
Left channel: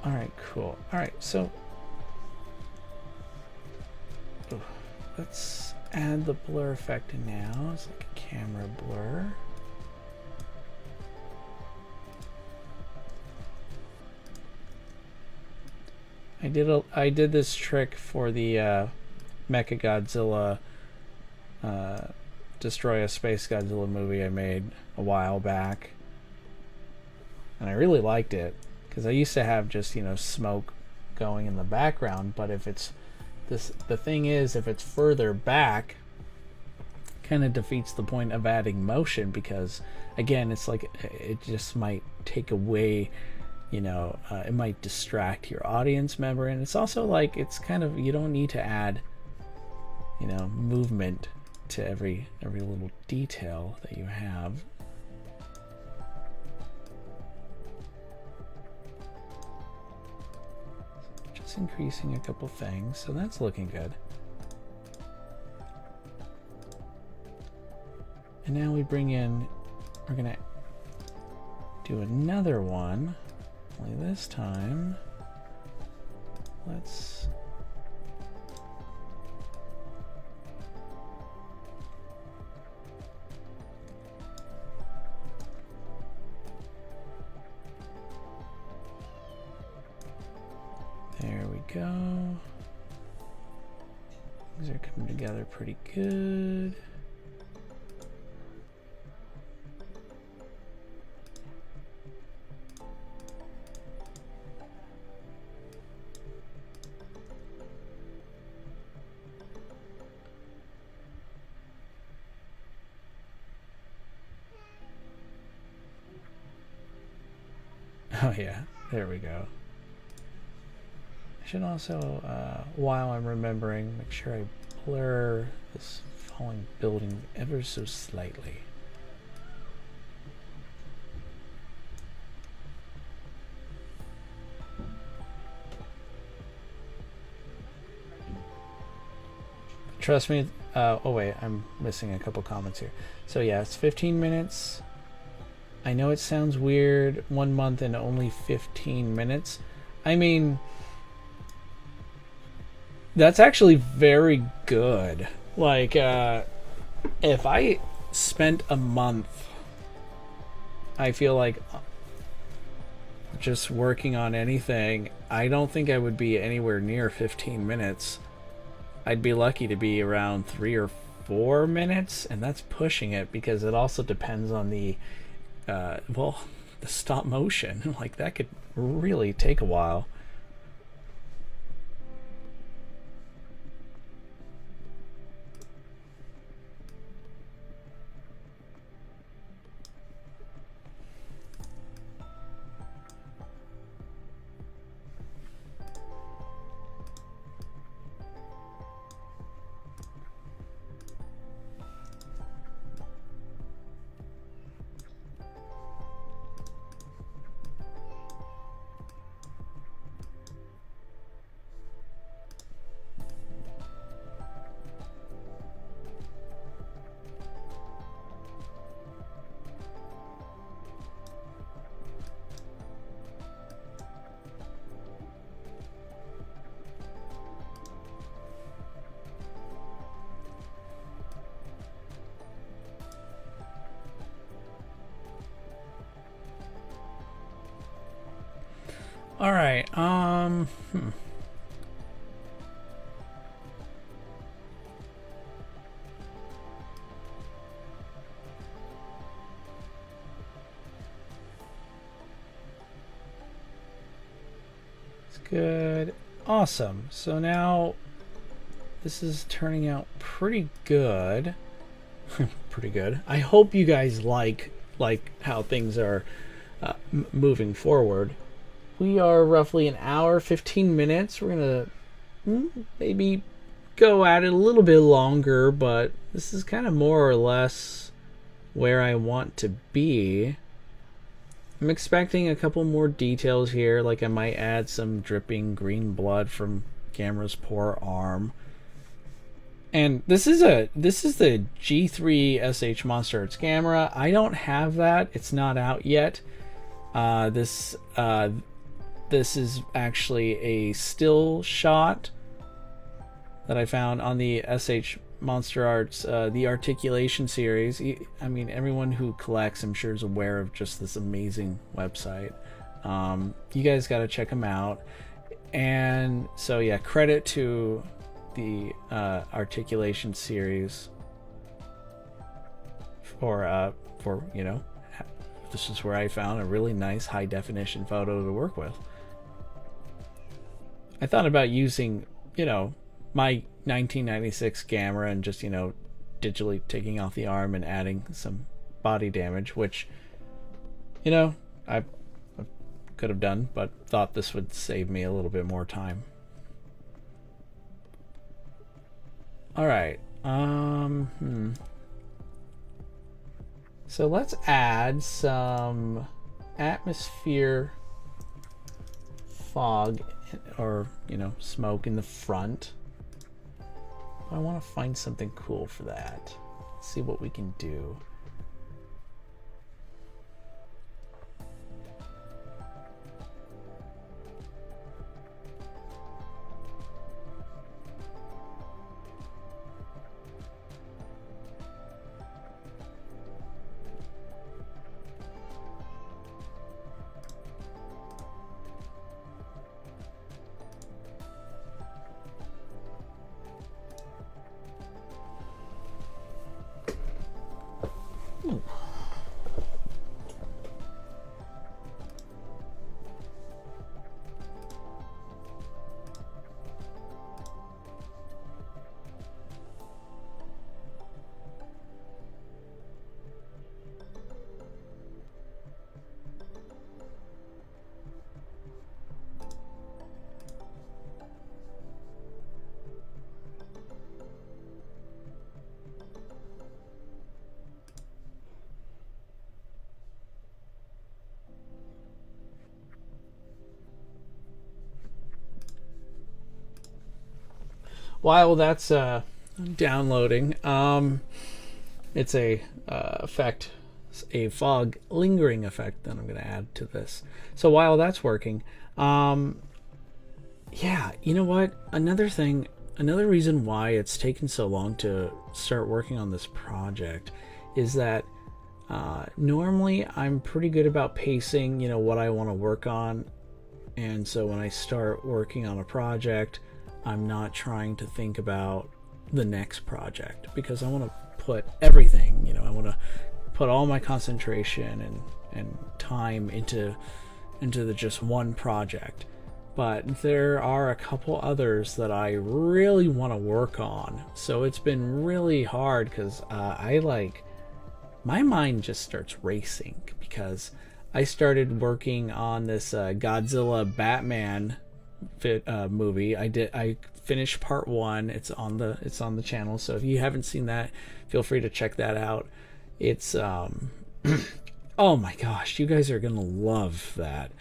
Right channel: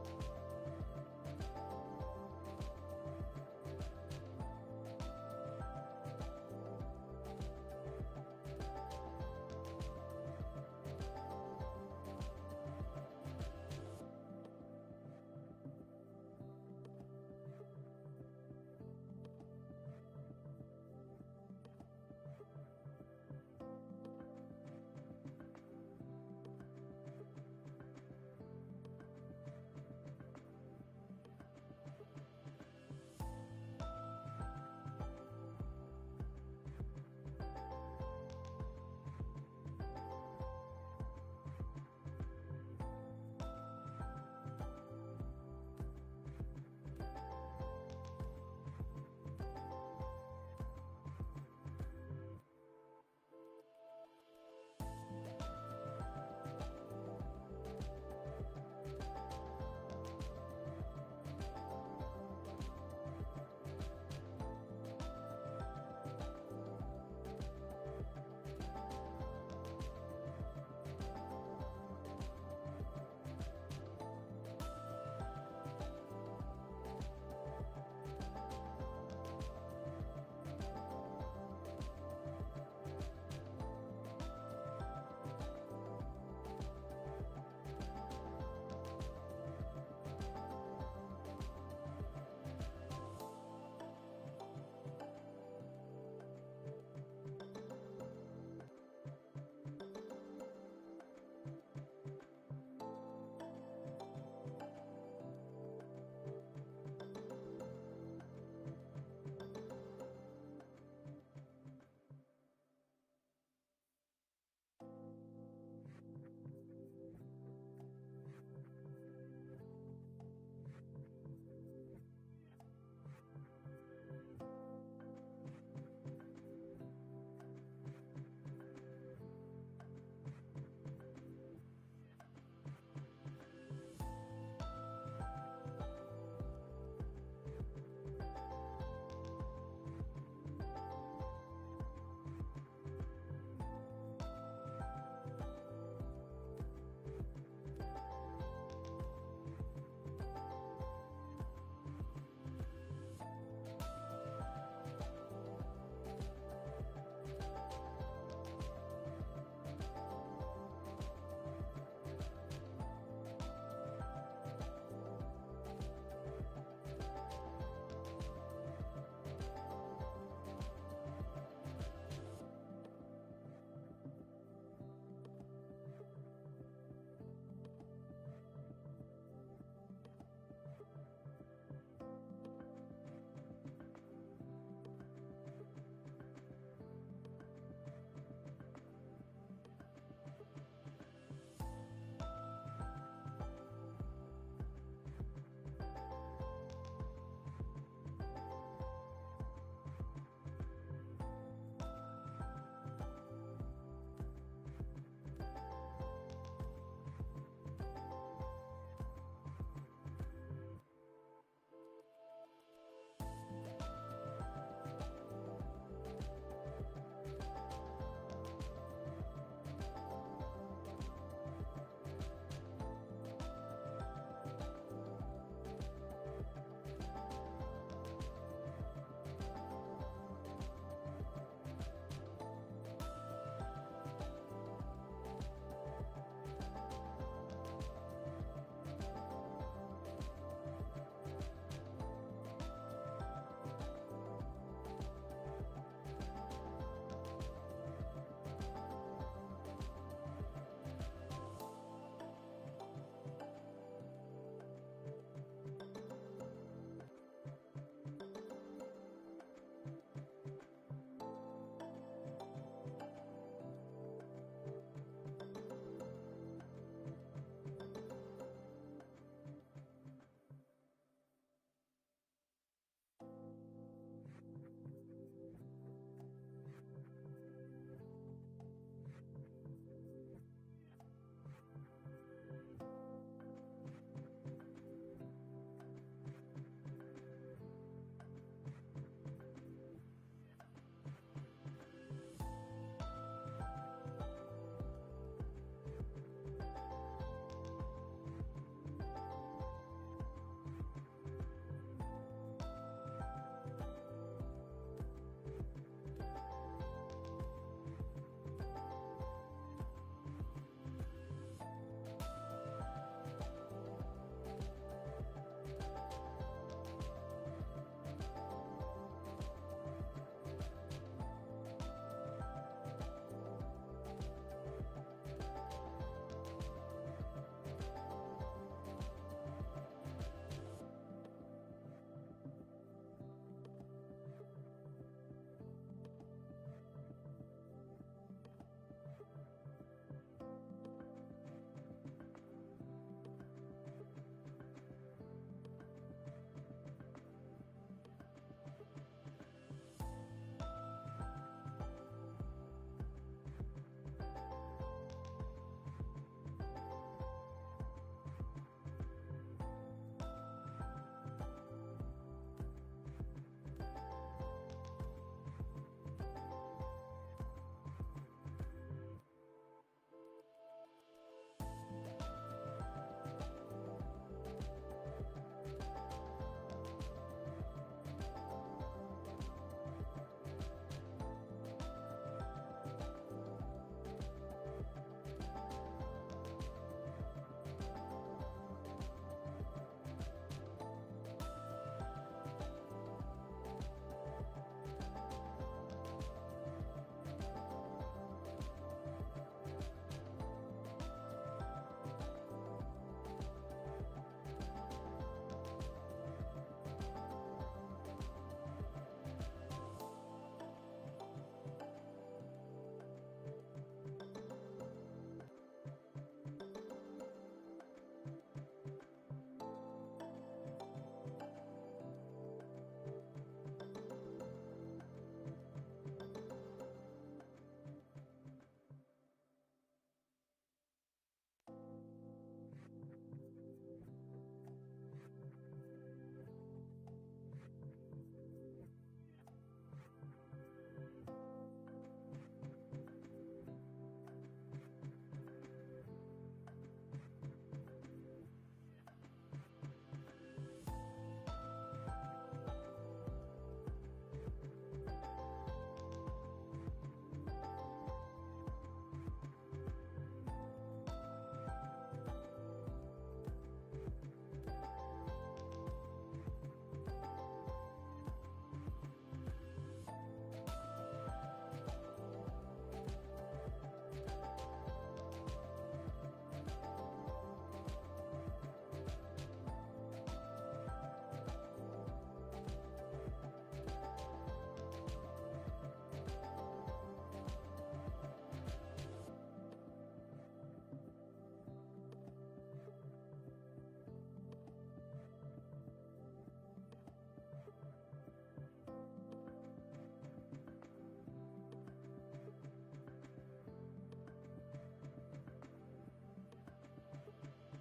All right, cool. All right, so let's add the blur effect now. It's like a camera blur. I did this trick for the Mecha Godzilla Destroy a Space Godzilla movie I made a while back, and I really liked it because I used to have just, you know, smoke going in the background, but if it's the thing is, if it's further back, kind of defeats the point of adding motion, because again, it's like it just might take away, you know, it might distract your audience member, and it's also like it's kind of, you don't need to add, you know, movement to every little detail that you have. Just increasing a couple things, so that's looking good. And now we bring in, we're gonna do another one, only this time, let's, there we go. These are coming together pretty good. Oh yeah, there we go. I should also, while I'm remembering, make sure I blur this falling building ever so slightly. Trust me, oh wait, I'm missing a couple comments here. So yeah, it's 15 minutes. I know it sounds weird, 1 month and only 15 minutes. I mean, that's actually very good. Like, if I spent a month, I feel like just working on anything, I don't think I would be anywhere near 15 minutes. I'd be lucky to be around 3 or 4 minutes, and that's pushing it, because it also depends on the well, the stop motion. Like, that could really take a while. All right. It's good. Awesome. So now this is turning out pretty good. Pretty good. I hope you guys like how things are moving forward. We are roughly an hour, 15 minutes. We're gonna maybe go at it a little bit longer, but this is kind of more or less where I want to be. I'm expecting a couple more details here, like I might add some dripping green blood from Gamera's poor arm. And this is the G3 SH Monster Arts Gamera. I don't have that. It's not out yet. This is actually a still shot that I found on the SH Monster Arts, the Articulation series. I mean, everyone who collects, I'm sure, is aware of just this amazing website. You guys got to check them out. And so, yeah, credit to the Articulation series for you know, this is where I found a really nice high definition photo to work with. I thought about using, you know, my 1996 camera and just, you know, digitally taking off the arm and adding some body damage, which, you know, I could have done, but thought this would save me a little bit more time. All right. So let's add some atmosphere fog, or, you know, smoke in the front. I want to find something cool for that. Let's see what we can do. While that's downloading, it's a effect, a fog lingering effect that I'm going to add to this. So while that's working, yeah, you know what? Another reason why it's taken so long to start working on this project is that normally I'm pretty good about pacing, you know, what I want to work on. And so when I start working on a project, I'm not trying to think about the next project, because I want to put everything, you know, I want to put all my concentration and time into the just one project. But there are a couple others that I really want to work on. So it's been really hard, because my mind just starts racing, because I started working on this Godzilla Batman movie. I finished part 1. It's on the channel, so if you haven't seen that, feel free to check that out. It's oh my gosh, you guys are gonna love that.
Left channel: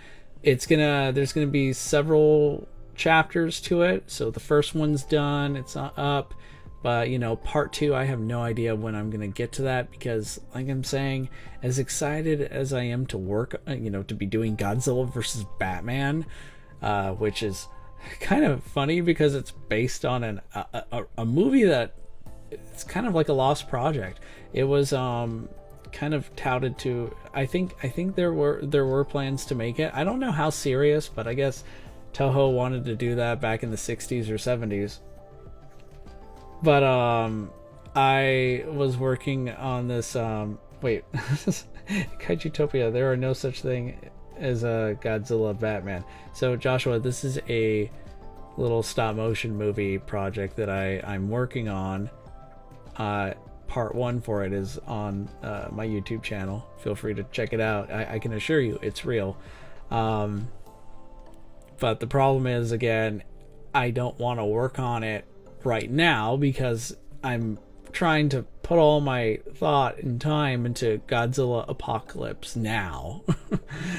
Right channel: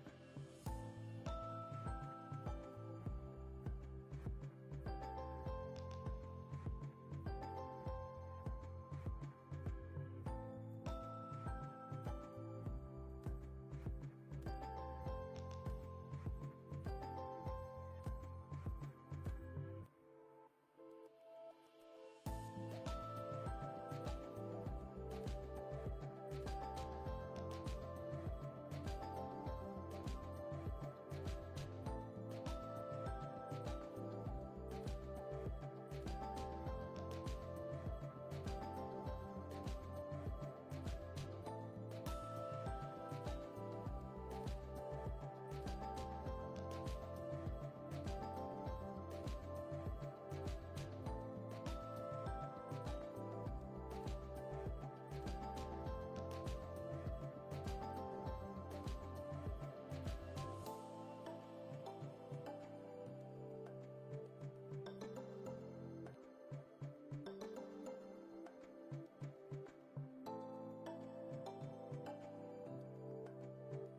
There's gonna be several chapters to it. So the first one's done, it's up, but you know, part 2, I have no idea when I'm gonna get to that, because like I'm saying, as excited as I am to work, you know, to be doing Godzilla versus Batman, which is kind of funny because it's based on a movie that it's kind of like a lost project. It was kind of touted to, I think there were plans to make it. I don't know how serious, but I guess Toho wanted to do that back in the 60s or 70s. But I was working on this wait, Kaijutopia, there are no such thing as a Godzilla Batman. So Joshua, this is a little stop motion movie project that I'm working on. Part 1 for it is on my YouTube channel. Feel free to check it out. I can assure you it's real. But the problem is, again, I don't want to work on it right now because I'm trying to put all my thought and time into Godzilla Apocalypse now.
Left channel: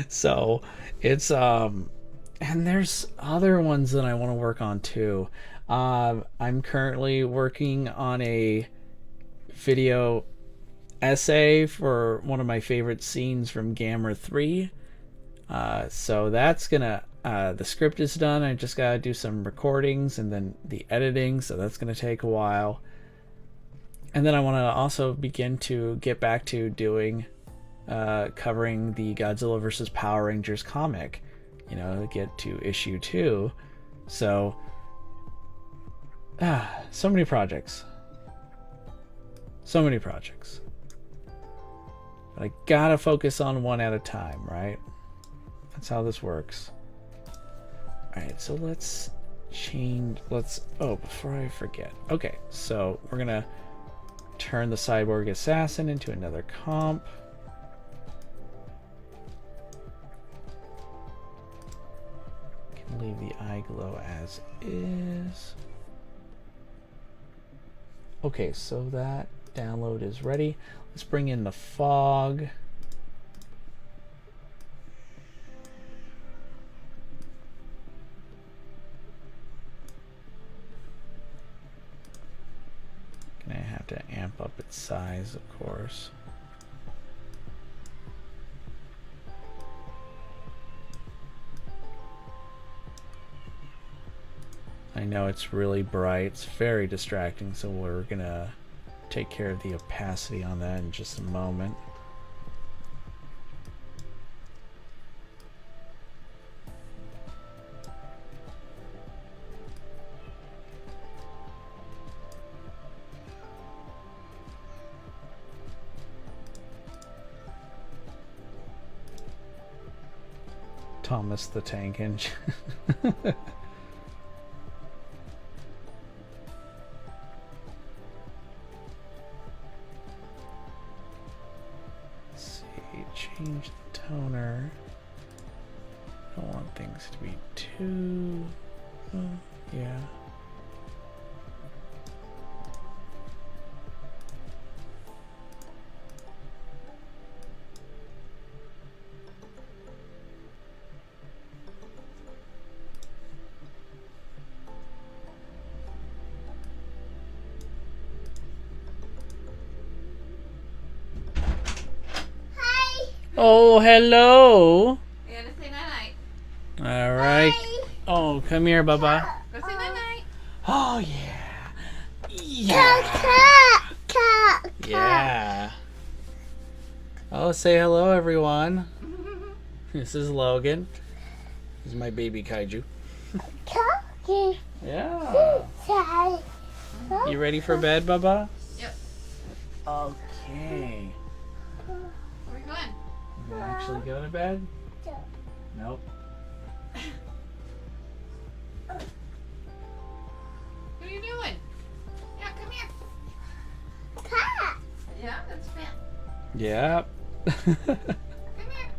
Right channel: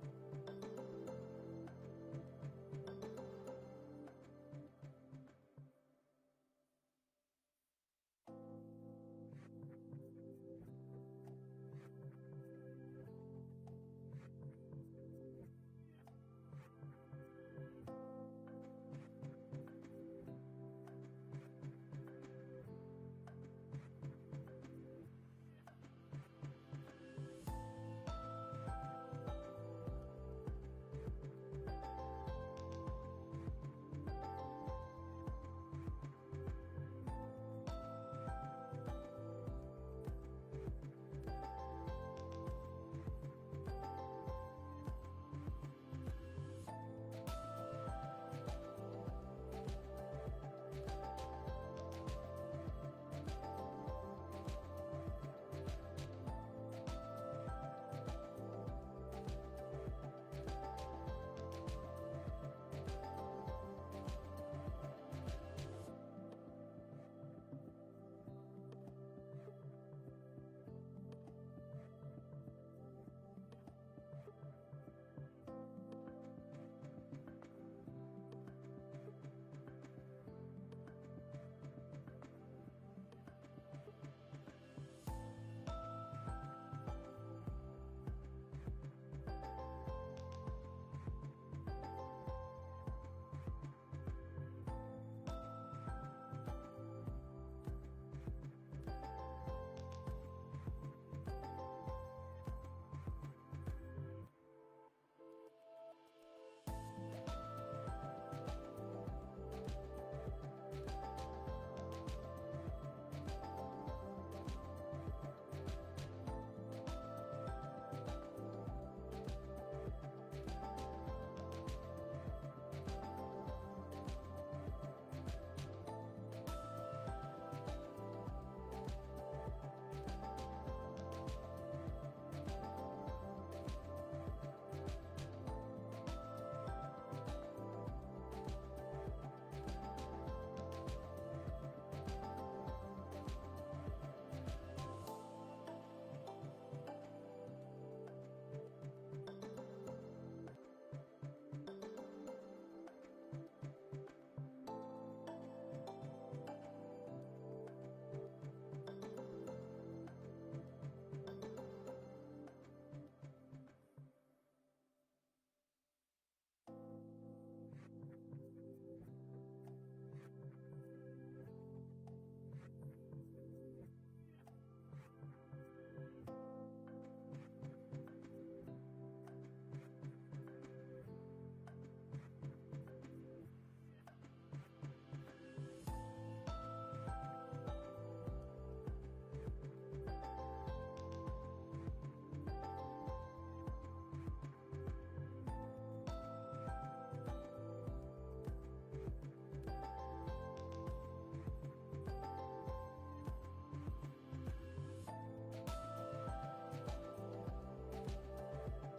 So it's and there's other ones that I want to work on too. I'm currently working on a video essay for one of my favorite scenes from Gamera 3. So that's gonna the script is done. I just gotta do some recordings and then the editing, so that's gonna take a while. And then I want to also begin to get back to doing covering the Godzilla vs. Power Rangers comic, you know, get to issue 2. So so many projects, but I gotta focus on one at a time, right? That's how this works. All right, so let's change. Let's. Oh, before I forget. Okay, so we're gonna turn the cyborg assassin into another comp. Can leave the eye glow as is. Okay, so that download is ready. Let's bring in the fog. Gonna have to amp up its size, of course. I know it's really bright, it's very distracting, so we're gonna take care of the opacity on that in just a moment. Thomas the Tank Engine. Change the toner. I don't want things to be too. Yeah. Oh, hello. You gotta say night-night. All right. Hi. Oh, come here, Bubba. Go say night-night. Oh, yeah. Yeah. Yeah. Oh, say hello, everyone. This is Logan. This is my baby kaiju. Yeah. You ready for bed, Bubba? Yep. Okay. Where are you going? You actually go to bed? Nope. What are you doing? Yeah, come here. Yeah, that's Finn. Yep. Come here.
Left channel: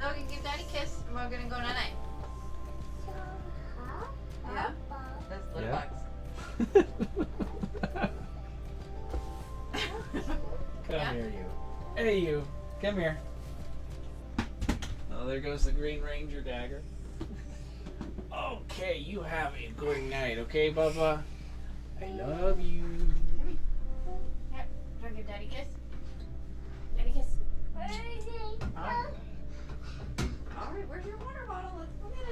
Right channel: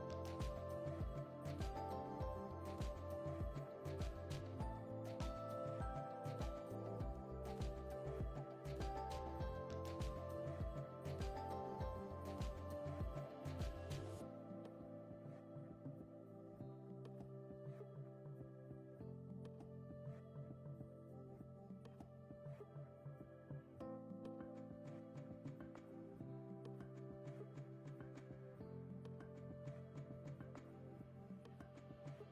Logan, give Daddy a kiss, and we're gonna go night-night. Yeah? That's little Yeah. bugs. Come here, you. Hey, you. Come here. Oh, there goes the Green Ranger dagger. Okay, you have a good night, okay, Bubba? I love you. Here, do I give Daddy a kiss? Daddy kiss. Alright, where's your water bottle? Let's go get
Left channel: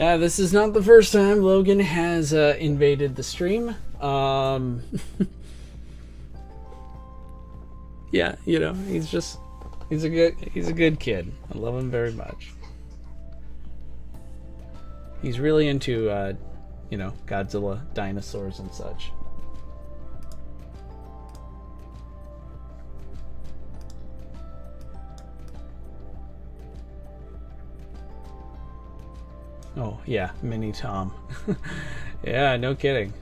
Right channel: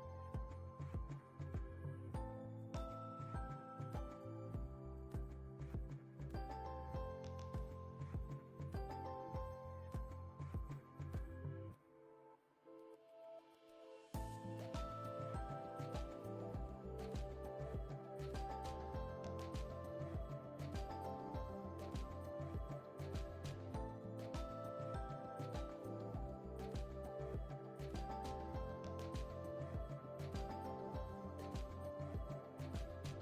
it. This is not the first time Logan has invaded the stream. Yeah, you know, he's a good kid. I love him very much. He's really into you know, Godzilla, dinosaurs and such. Oh, yeah, Mini Tom. Yeah, no kidding.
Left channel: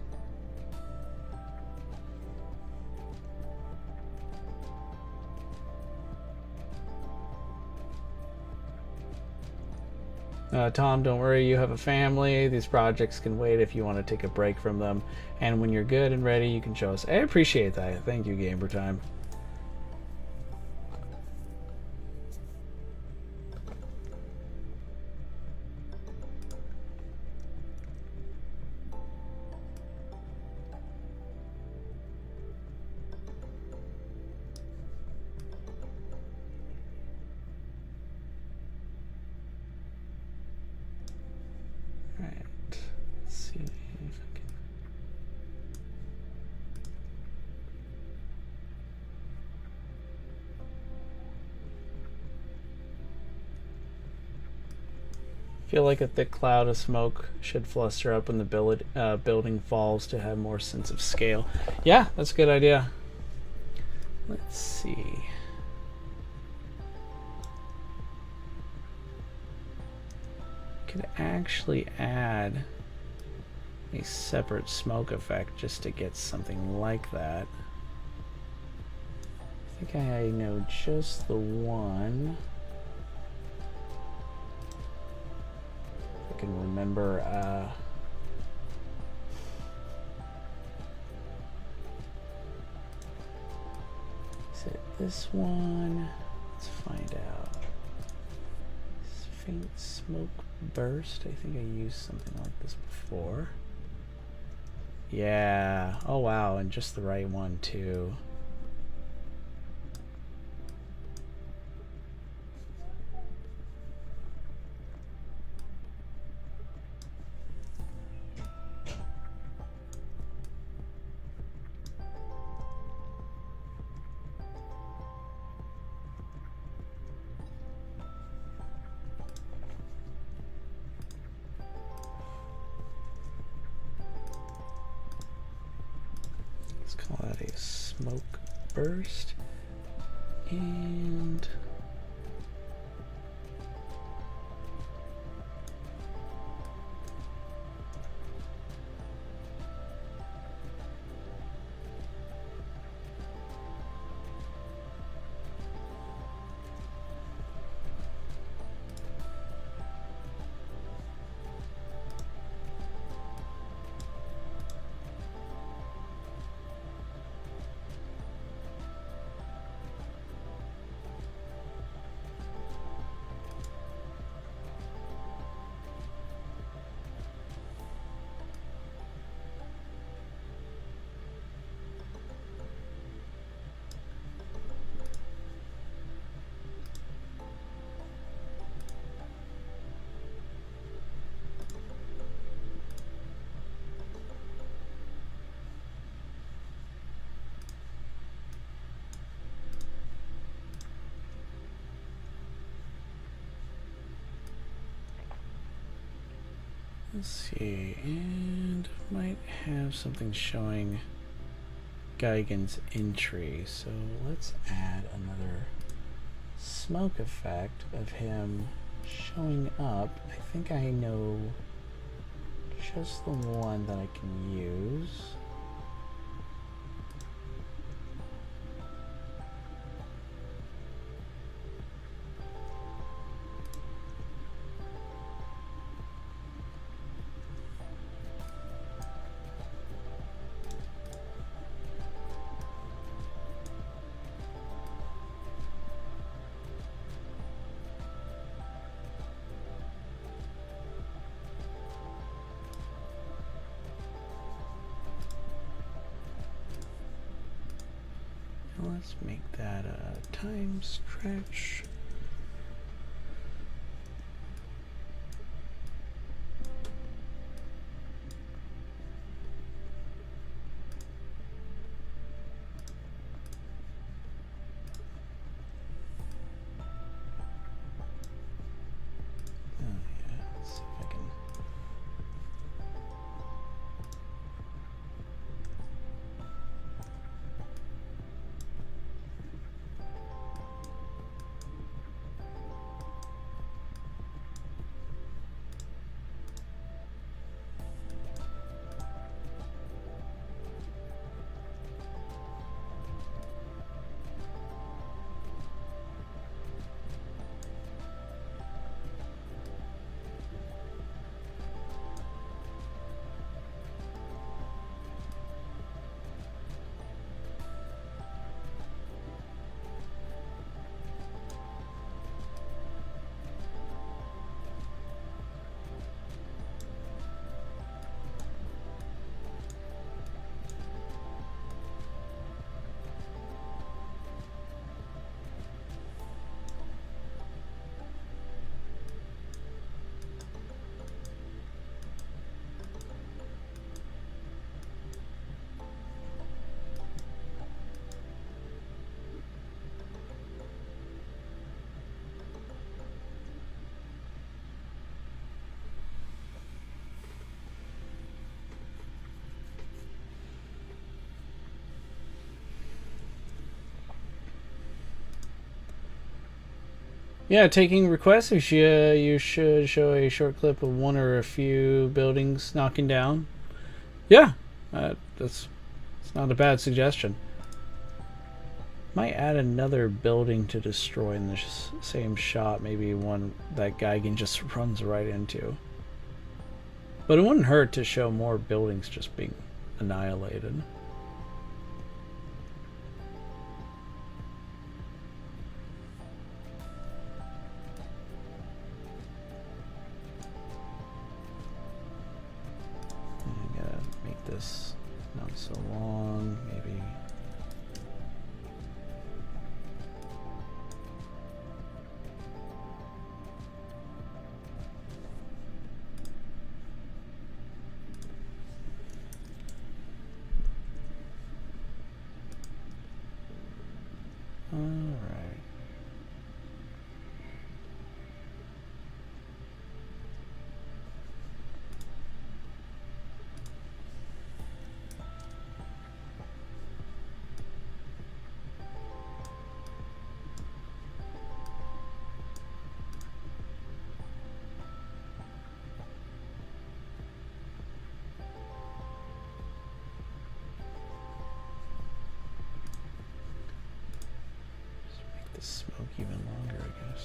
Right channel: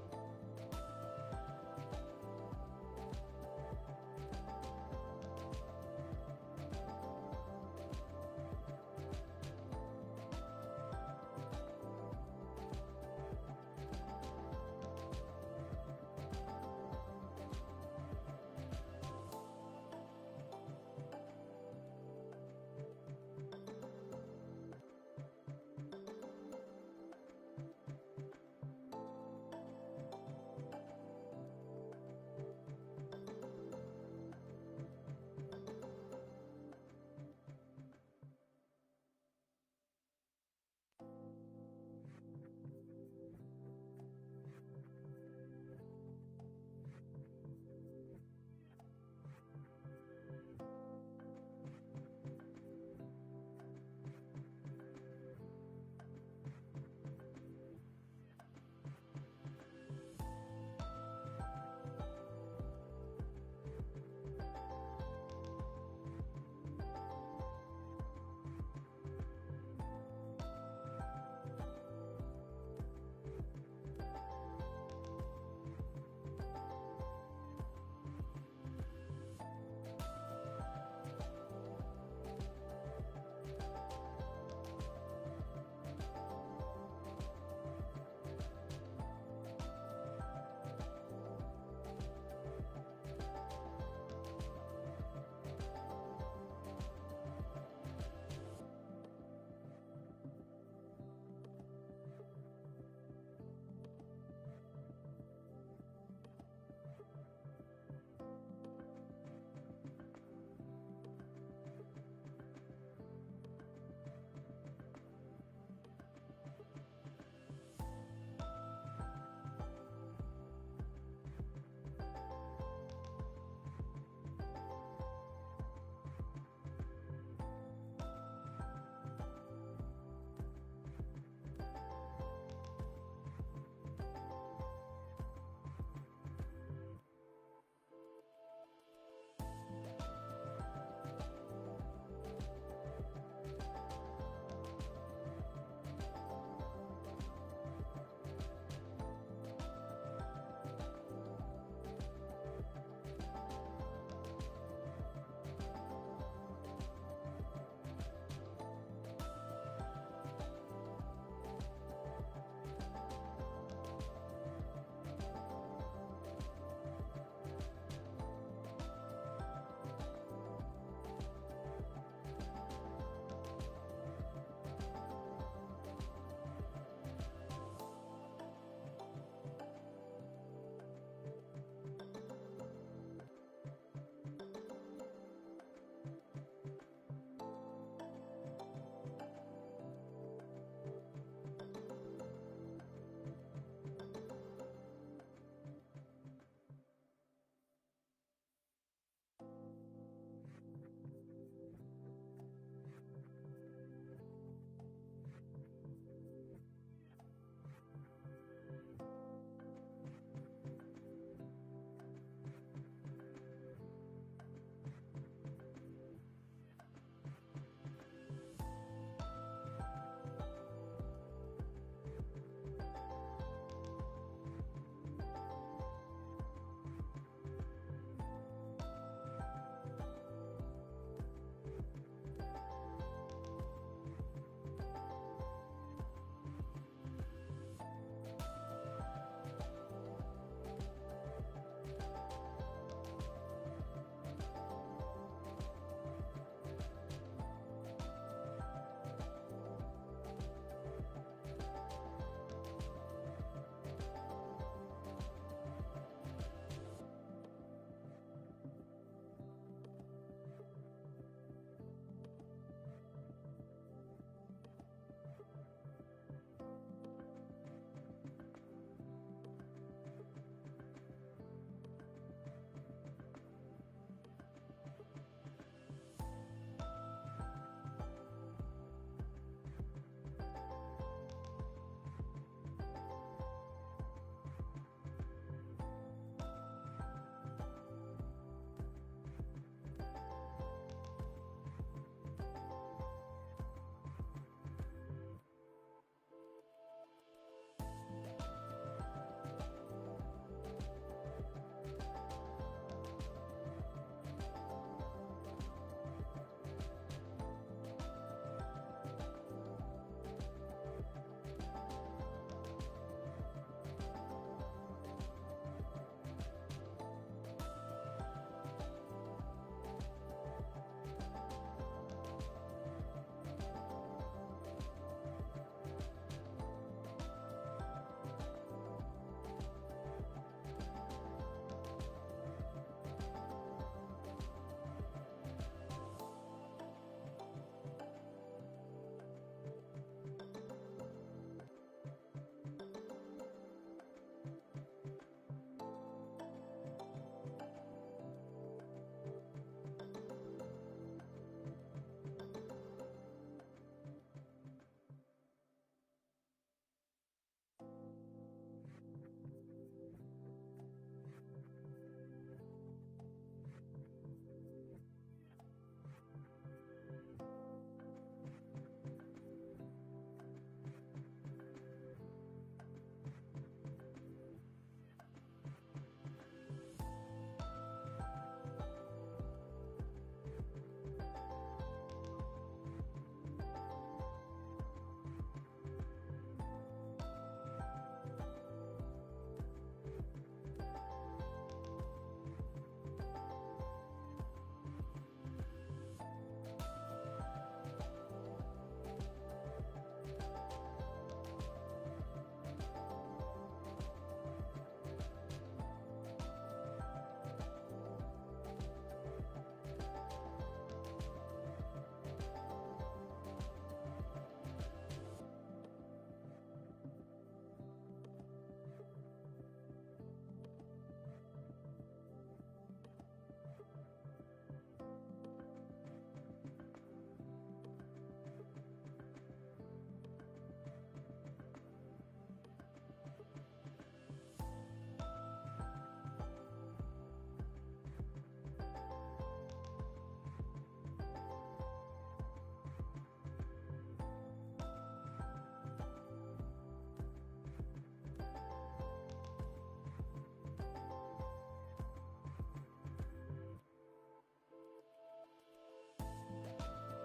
Tom, don't worry, you have a family. These projects can wait if you want to take a break from them. And when you're good and ready, you can show us. I appreciate that. Thank you, Gamer Time. Feel like a thick cloud of smoke should fluster up when the building falls to have more sense of scale. Yeah, that's a good idea. Let's see. could actually add a separate smoke effect just to get something like that. I think I know just the one. I can remember, is it this one? Let's find out. Faint smoke burst. I think I used something like this before. Yeah. Oh wow, and just the right one too. Call that a smoke burst, and let's see, and might have something showing Geigen's entry, so let's add another smoke effect of him showing up. I think I know just the one that I can use. Let's make that a time stretch. Yeah, taking requests. You should show a short clip of one or a few buildings knocking down. Yeah, that's not a bad suggestion. Might add another building to destroy in the same shot. Maybe one that Geigen just runs right into. But it wouldn't hurt to show more buildings just being annihilated. I gotta make this not so long, maybe. Alright. Smoke even longer, I guess.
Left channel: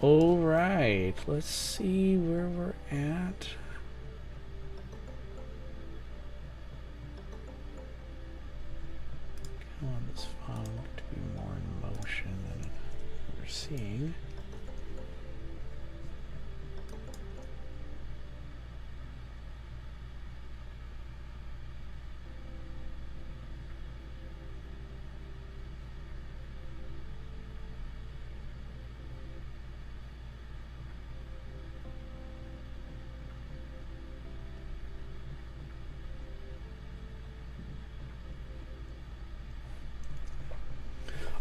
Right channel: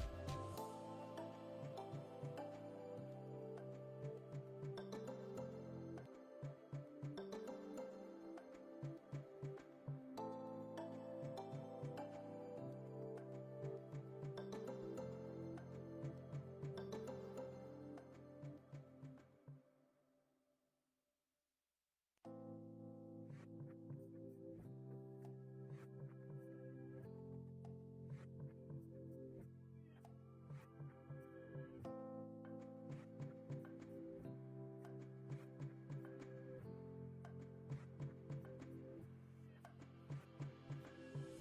All right, let's see where we're at. I want this font to be more in motion than we're seeing.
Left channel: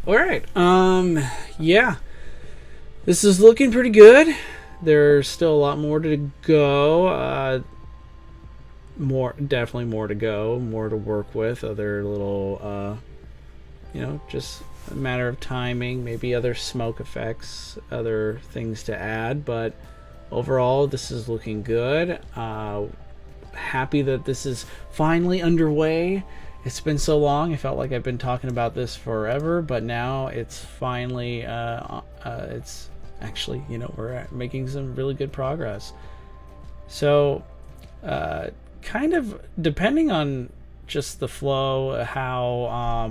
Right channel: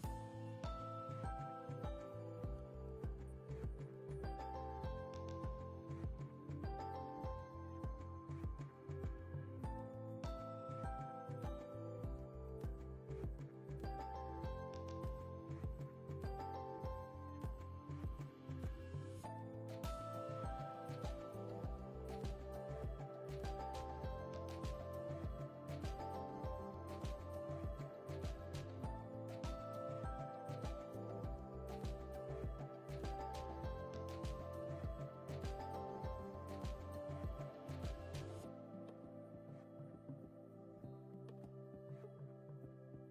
All right. Yeah, this is looking pretty good. There's still a lot more to go. Definitely more to go, more to work with. Other little, just a matter of timing. Maybe other smoke effects, other things to add. But overall, this is looking good. Happy that this is finally underway. It's been so long. I felt like I've been talking about this forever, but now it's finally, it's actually, we're making some really good progress. So, kind of depending on just the flow, how,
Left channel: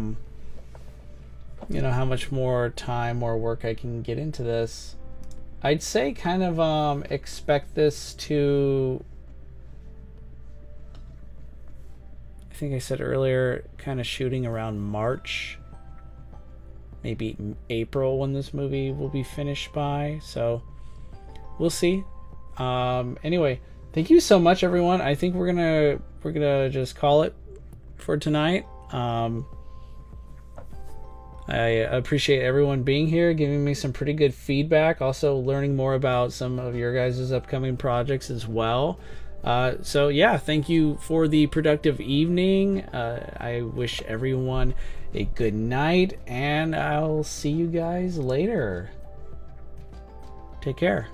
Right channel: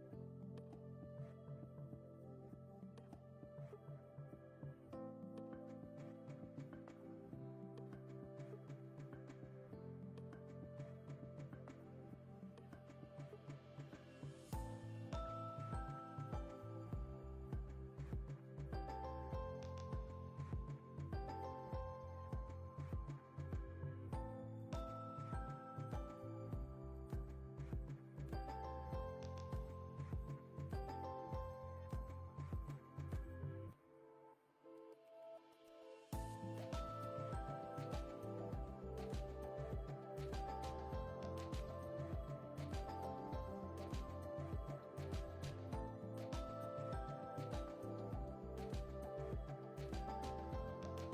how much more time or work I can get into this, I'd say kind of, expect this to, I think I said earlier, kind of shooting around March, maybe April when this movie will be finished by. So we'll see. Anyway, thank you so much, everyone. I think we're gonna just call it for tonight. I appreciate everyone being here, giving me some pretty good feedback, also learning more about some of your guys' upcoming projects as well. So yeah, thank you for the productive evening. I wish everyone a good night, and I'll see you guys later. Take care.